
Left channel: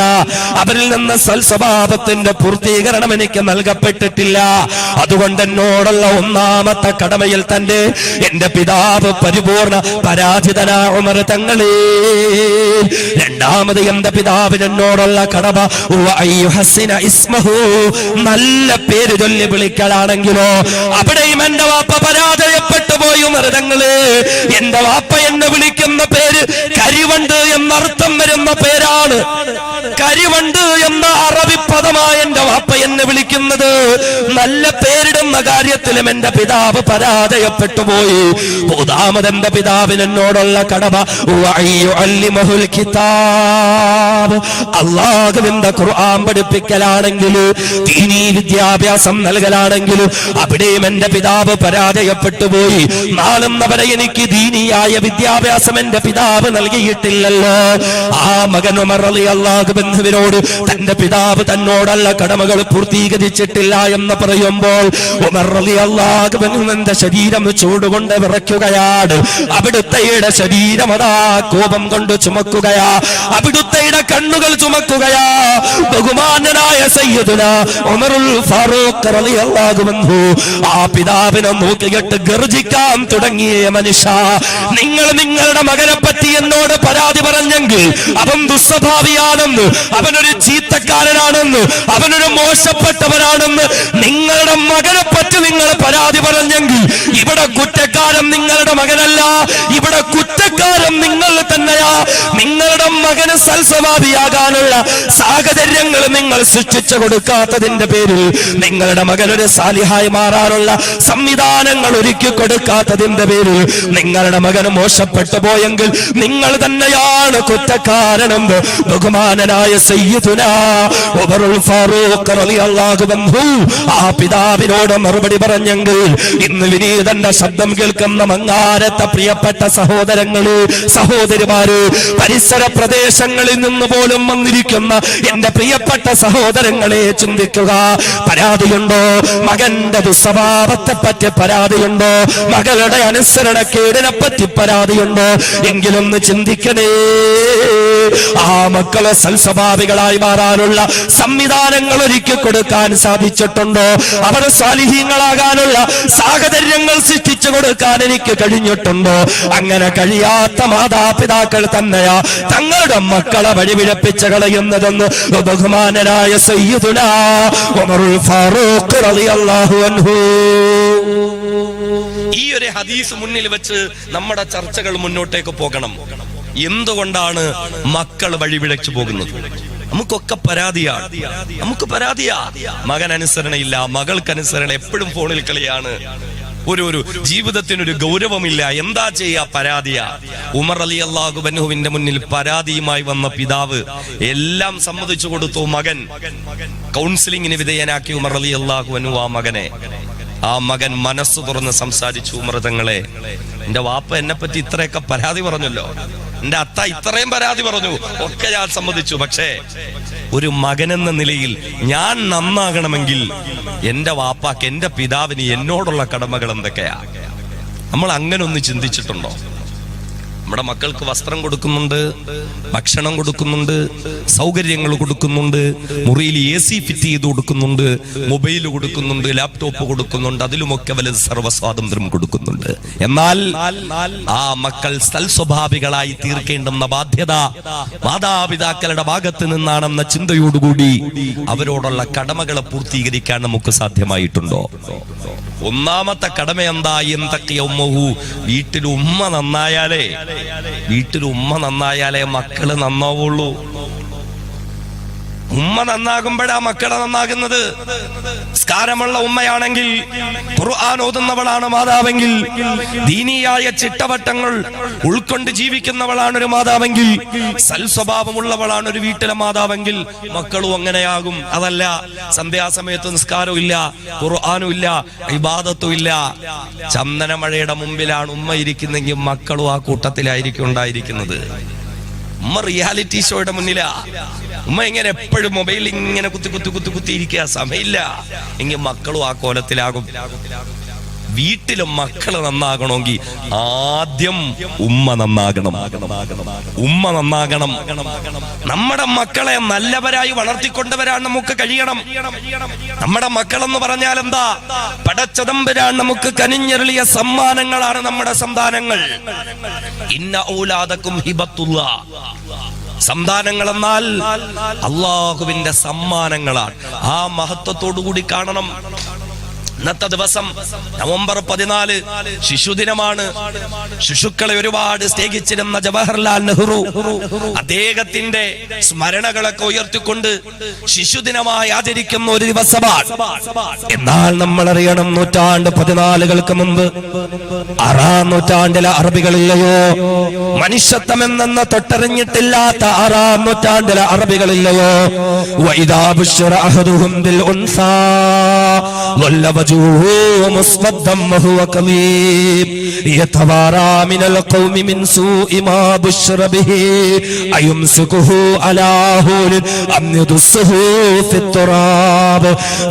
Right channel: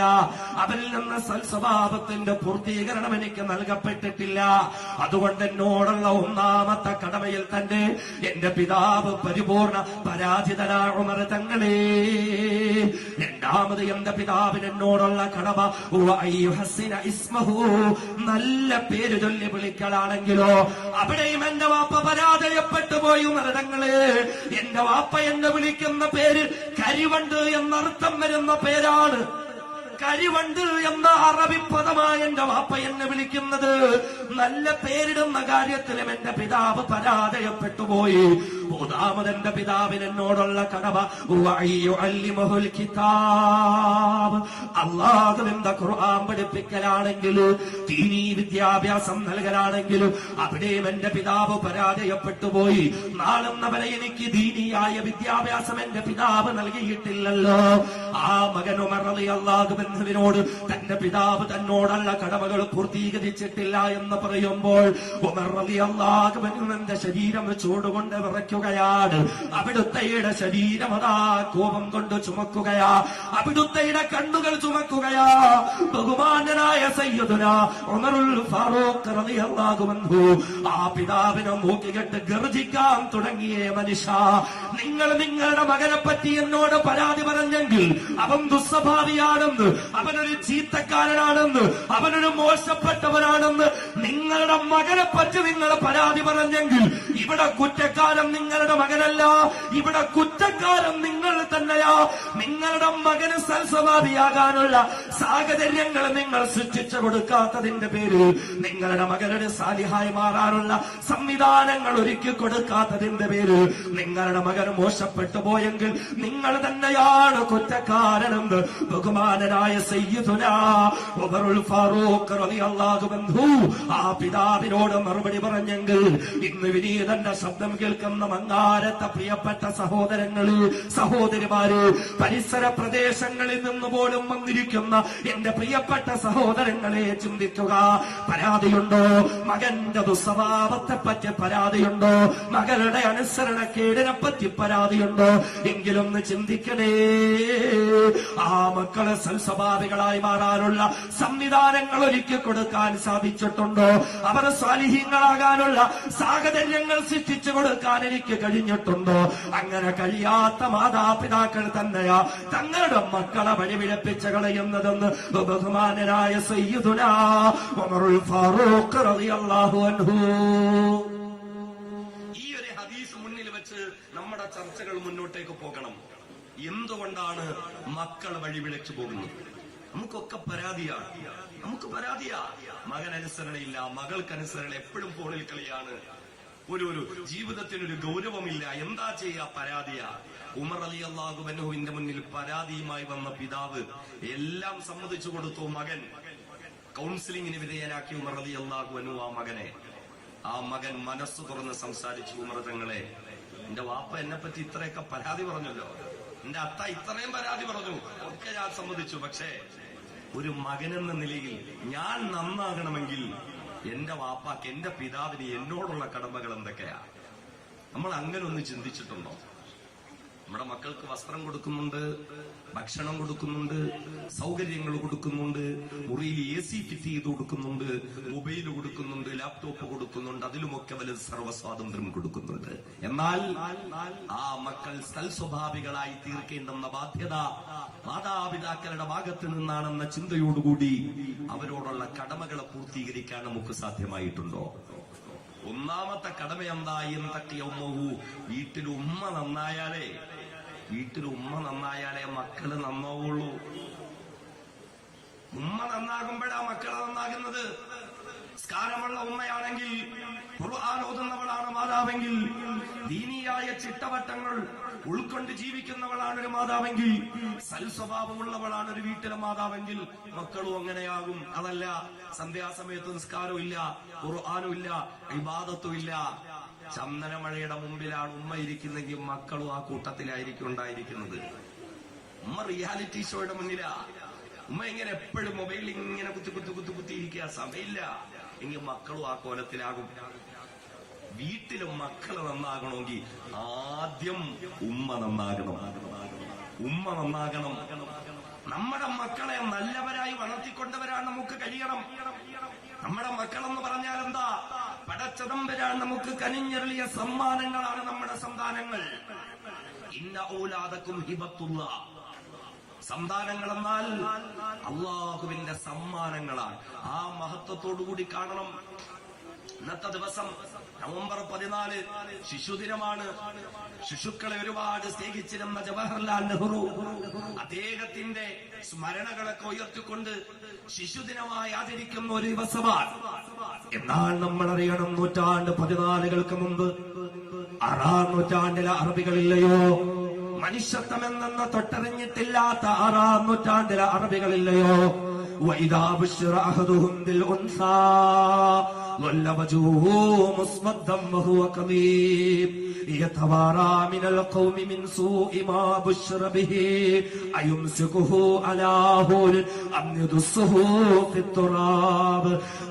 അവരിൽ നിന്ന് സൽസ്വഭാവത്തിന്റെ പൂർത്തീകരണം എനിക്ക് നൽകപ്പെട്ടിട്ടില്ല. അതുകൊണ്ട് എന്നോടുള്ള ഒന്നാമത്തെ കടമയിൽ തന്നെ എന്റെ പിതാവ് പരിപൂർണ പരാജിതനാ ഉമർ തങ്ങളെ. രണ്ടാമത് എന്റെ പിതാവിന് എന്നോടുള്ള കടമ അയ്യുഹസ്സിന ഇസ്മഹു, നല്ല പേര് ചൊല്ലി വിളിക്കലാണെങ്കിലോ അവിടെയും എന്റെ വാപ്പ പരാജയപ്പെട്ടു പോയി ഉമർ തങ്ങളെ. എന്റെ വാപ്പ എന്നെ വിളിക്കുന്ന പേര് കരിവണ്ട് എന്നർത്ഥം വരുന്ന പേരാണ്. കരിവണ്ട് എന്ന അറബി പദമായ എന്റെ വാപ്പ എന്നെ വിളിക്കുന്നത്. നല്ല പേരിടുന്ന കാര്യത്തിലും എന്റെ പിതാവ് പരാജയപ്പെട്ടു പോയി. മൂന്നാമത് എന്റെ പിതാവിന് എന്നോടുള്ള കടമ വഅയ്യുഅല്ലിമഹുൽ കിതാബ്, അല്ലാഹുവിന്റെ ഖുർആൻ പഠിപ്പിക്കലാണെങ്കിലും ദീനീ വിദ്യാഭ്യാസം നൽകലാണെങ്കിലും അവിടെയും എന്റെ പിതാവ് പരാജയപ്പെട്ടു പോയി. നാളുന്നവരെ എനിക്ക് ദീനിയായ വിദ്യാഭ്യാസം എന്റെ പിതാവ് നൽകിയിട്ടില്ലല്ലോ. ആ മകൻ ഉമർ റളിയല്ലാഹു അൻഹുവിനോട് തന്റെ പിതാവ് തന്നോടുള്ള കടമകൾ പൂർത്തീകരിച്ചിട്ടില്ല എന്ന് പറയുമ്പോൾ ഉമർ റളിയല്ലാഹു അൻഹു എന്റെ ശരീരം ചൂടുകൊണ്ട് വിറയ്ക്കുകയാണ്. അവിടുത്തെയുടെ ശരീരം അതാ കോപം കൊണ്ട് ചുമക്കുകയാ, അവിടുത്തെയുടെ കണ്ണുകൾ ചുമക്കുകയാ. ബഹുമാനനായ സയ്യിദുനാ ഉമറുൽ ഫാറൂഖ് റളിയല്ലാഹു അൻഹു ആ പിതാവിനെ നോക്കിയിട്ട് ഗർജിക്കാൻ തുടങ്ങിയ മനുഷ്യ, നിങ്ങൾ നിങ്ങളുടെ മകനെ പറ്റി എന്നോട് പരാതി പറഞ്ഞെങ്കിൽ അവൻ ദുസ്വഭാവിയാണെന്ന്, അവനൊരു ചീത്തക്കാരനാണെന്ന്, അവനൊരു മോശപ്പെട്ടവനാണെന്ന് നിങ്ങളുടെ മകനെ പറ്റി നിങ്ങൾ പരാതി പറഞ്ഞെങ്കിൽ ഇവിടെ കുറ്റക്കാരൻ നിങ്ങളുടെ മകനല്ല, ഇവിടെ കുറ്റക്കാരൻ കുറ്റക്കാരൻ നിങ്ങൾ തന്നെയാ. നിങ്ങളുടെ മകന് സൽസ്വഭാവിയാകാനുള്ള സാഹചര്യങ്ങൾ നിങ്ങൾ സൃഷ്ടിച്ചു കൊടുക്കാത്തതിന്റെ പേരിൽ, നിങ്ങളുടെ മകനൊരു സാലിഹായി മാറാനുള്ള സംവിധാനങ്ങൾ ഒരുക്കി കൊടുക്കാത്തതിന്റെ പേരിൽ നിങ്ങളുടെ മകന് മോശപ്പെട്ടു പോയെങ്കിൽ നിങ്ങൾ തന്നെയാണ് കുറ്റക്കാരനെന്ന് ബഹുമാനനായ സയ്യിദുനാ ഉമറുൽ ഫാറൂഖ് റളിയല്ലാഹു അൻഹു ആ പിതാവിനോട് മറുപടി പറഞ്ഞെങ്കിൽ, ഇന്ന് വിനീതന്റെ ശബ്ദം കേൾക്കുന്ന മങ്ങാരത്തെ പ്രിയപ്പെട്ട സഹോദരങ്ങള്, സഹോദരിമാര്, പരിസര പ്രദേശങ്ങളിൽ നിന്ന് പോലും വന്നിരിക്കുന്ന എന്റെ പ്രിയപ്പെട്ട സഹോദരങ്ങളെ ചിന്തിക്കുക. പരാതിയുണ്ടോ? മകന്റെ ദുസ്വഭാവത്തെ പറ്റി പരാതിയുണ്ടോ? മകളുടെ അനുസരണക്കേടിനെ പറ്റി പരാതിയുണ്ടോ? എങ്കിലൊന്ന് ചിന്തിക്കണേ. ആ മക്കളെ സൽസ്വഭാവികളായി മാറാനുള്ള സംവിധാനങ്ങൾ ഒരുക്കി കൊടുക്കാൻ സാധിച്ചിട്ടുണ്ടോ? അവർ സ്വാലിഹീങ്ങളാകാനുള്ള സാഹചര്യങ്ങൾ സൃഷ്ടിച്ചു കൊടുക്കാൻ എനിക്ക് കഴിഞ്ഞിട്ടുണ്ടോ? അങ്ങനെ കഴിയാത്ത മാതാപിതാക്കൾ തന്നെയാ തങ്ങളുടെ മക്കളെ വഴിപിഴപ്പിച്ച് കളയുന്നതെന്ന് ബഹുമാനനായ സയ്യിദുനാ ഉമറുൽ ഫാറൂഖ് റളിയല്ലാഹു അൻഹു. ഈ ഒരു ഹദീസ് മുന്നിൽ വെച്ച് നമ്മുടെ ചർച്ചകൾ മുന്നോട്ടേക്ക് പോകണം. എന്തുകൊണ്ടാണ് മക്കൾ വഴിപിഴച്ചു പോകുന്നത്? നമുക്കൊക്കെ പരാതിയാണ്, നമുക്ക് പരാതിയാ. മകൻ അനുസരണയില്ല, മകൾക്ക് അനുസരണ, എപ്പോഴും ഫോണിൽ കളിയാണ്, ഒരു ജീവിതത്തിനൊരു ഗൗരവമില്ല. എന്താ ചെയ്യാ? പരാതിയാ. ഉമർ റളിയല്ലാഹു അൻഹുവിന്റെ മുന്നിൽ പരാതിയുമായി വന്ന പിതാവ് എല്ലാം സമ്മതിച്ചു കൊടുത്തു. മകൻ കൗൺസിലിംഗിന് വിധേയനാക്കി ഉമർ റളിയല്ലാഹു അൻഹു ആ മകൻ മനസ്സ് തുറന്ന് സംസാരിച്ചു. ഉമർ തങ്ങളെ, എന്റെ വാപ്പ എന്നെ പറ്റി ഇത്രയൊക്കെ പരാതി പറഞ്ഞല്ലോ, എന്റെ അത്ത ഇത്രയും പരാതി പറഞ്ഞു, ഒക്കെ ഞാൻ സമ്മതിച്ചു. പക്ഷേ ഒരു മകനെന്ന നിലയിൽ ഞാൻ നന്നാകണമെങ്കിൽ എന്റെ വാപ്പാക്ക്, എന്റെ പിതാവിന് എന്നോടുള്ള കടമകൾ എന്തൊക്കെയാ? നമ്മൾ അങ്ങനെ ഒന്ന് ചിന്തിച്ചിട്ടുണ്ടോ? നമ്മുടെ മക്കൾക്ക് വസ്ത്രം കൊടുക്കുന്നുണ്ട്, ഭക്ഷണം കൊടുക്കുന്നുണ്ട്, സൗകര്യങ്ങൾ കൊടുക്കുന്നുണ്ട്, മുറിയിൽ AC ഫിറ്റ് ചെയ്ത് കൊടുക്കുന്നുണ്ട്, മൊബൈൽ കൊടുക്കുന്നുണ്ട്, ലാപ്ടോപ്പ് കൊടുക്കുന്നുണ്ട്, അതിലുമൊക്കെ വലുത് സർവ്വസ്വാതന്ത്ര്യം കൊടുക്കുന്നുണ്ട്. എന്നാൽ ആ മക്കൾ സൽസ്വഭാവികളായി തീർക്കേണ്ടുന്ന ബാധ്യത മാതാപിതാക്കളുടെ ഭാഗത്ത് നിന്നാണെന്ന ചിന്തയോടുകൂടി അവരോടുള്ള കടമകളെ പൂർത്തീകരിക്കാൻ നമുക്ക് സാധ്യമായിട്ടുണ്ടോ? ഒന്നാമത്തെ കടമ എന്താ? എന്തൊക്കെയ ഉമ്മഹു, വീട്ടിൽ ഉമ്മ നന്നായാലേ മക്കള് നന്നാവുള്ളൂ. ഉമ്മ നന്നാകുമ്പോഴാ മക്കളെ നന്നാകുന്നത്. സ്കാരമുള്ള ഉമ്മയാണെങ്കിൽ, ഖുർആൻ ഓതുന്നവളാണ് മാതാവെങ്കിൽ, ദീനിയായ ചിട്ടവട്ടങ്ങൾ ഉൾക്കൊണ്ട് ജീവിക്കുന്നവളാണ് ഒരു മാതാവെങ്കിൽ, സൽസ്വഭാവമുള്ളവളാണ് ഒരു വീട്ടിലെ മാതാവെങ്കിൽ മക്കളും അങ്ങനെയാകും. അതല്ല, സന്ധ്യാസമയത്ത് നിസ്കാരവും ഇല്ല, ഖുർആനും ഇല്ല, ഇബാദത്തും ഇല്ല, ചന്ദനമഴയുടെ മുമ്പിലാണ് ഉമ്മ ഇരിക്കുന്നെങ്കിൽ മക്കളും ആ കൂട്ടത്തിലായിരിക്കും ഉണ്ടായിരിക്കുന്നത്. ഉമ്മ റിയാലിറ്റി ഷോയുടെ മുന്നിലാ. ഉമ്മ ഇങ്ങനെ എപ്പോഴും മൊബൈലിൽ ഇങ്ങനെ കുത്തി ഇരിക്കുക, സമയമില്ല എങ്കിൽ മക്കളും ആ കോലത്തിലാകും. വീട്ടിലും മക്കള് നന്നാകണമെങ്കിൽ ആദ്യം ഉമ്മ നന്നാകണം. നമ്മുടെ മക്കളെ നല്ലവരായി വളർത്തിക്കൊണ്ടുവരാൻ നമുക്ക് കഴിയണം. നമ്മുടെ മക്കളെന്ന് പറഞ്ഞാൽ എന്താ? പടച്ചതമ്പുരാൻ നമുക്ക് കനിഞ്ഞെറിയ സമ്മാനങ്ങളാണ് നമ്മുടെ സന്താനങ്ങൾ. ഇന്ന ഔലാദക്കും ഹിബത്തുല്ലാ. സന്താനങ്ങൾ എന്നാൽ അള്ളാഹുവിന്റെ സമ്മാനങ്ങളാണ്. ആ മഹത്വത്തോടുകൂടി കാണണം. ഇന്നത്തെ ദിവസം നവംബർ 14 ശിശുദിനമാണ്. ശിശുക്കളെ ഒരുപാട് സ്നേഹിച്ചിരുന്ന ജവഹർലാൽ നെഹ്റു അദ്ദേഹത്തിന്റെ സ്മരണകളൊക്കെ ഉയർത്തിക്കൊണ്ട് ശിശുദിനമായി ആചരിക്കുന്ന ഒരു ദിവസമാണ്. എന്നാൽ നമ്മൾ അറിയണം, 14 മുമ്പ് 6-ാം നൂറ്റാണ്ടിലെ അറബികളില്ലയോ? മനുഷ്യത്വം എന്ന തൊട്ടറിഞ്ഞിട്ടില്ലാത്ത 6-ാം നൂറ്റാണ്ടിലെ അറബികളില്ലയോ? വഇദാ ബുശ്ശിറ അഹദുഹും ബിൽ ഉൻസാ مسودا وهو كظيم يتوارى من القوم من سوء ما بشر به أيمسكه على هون أم يدسه في التراب.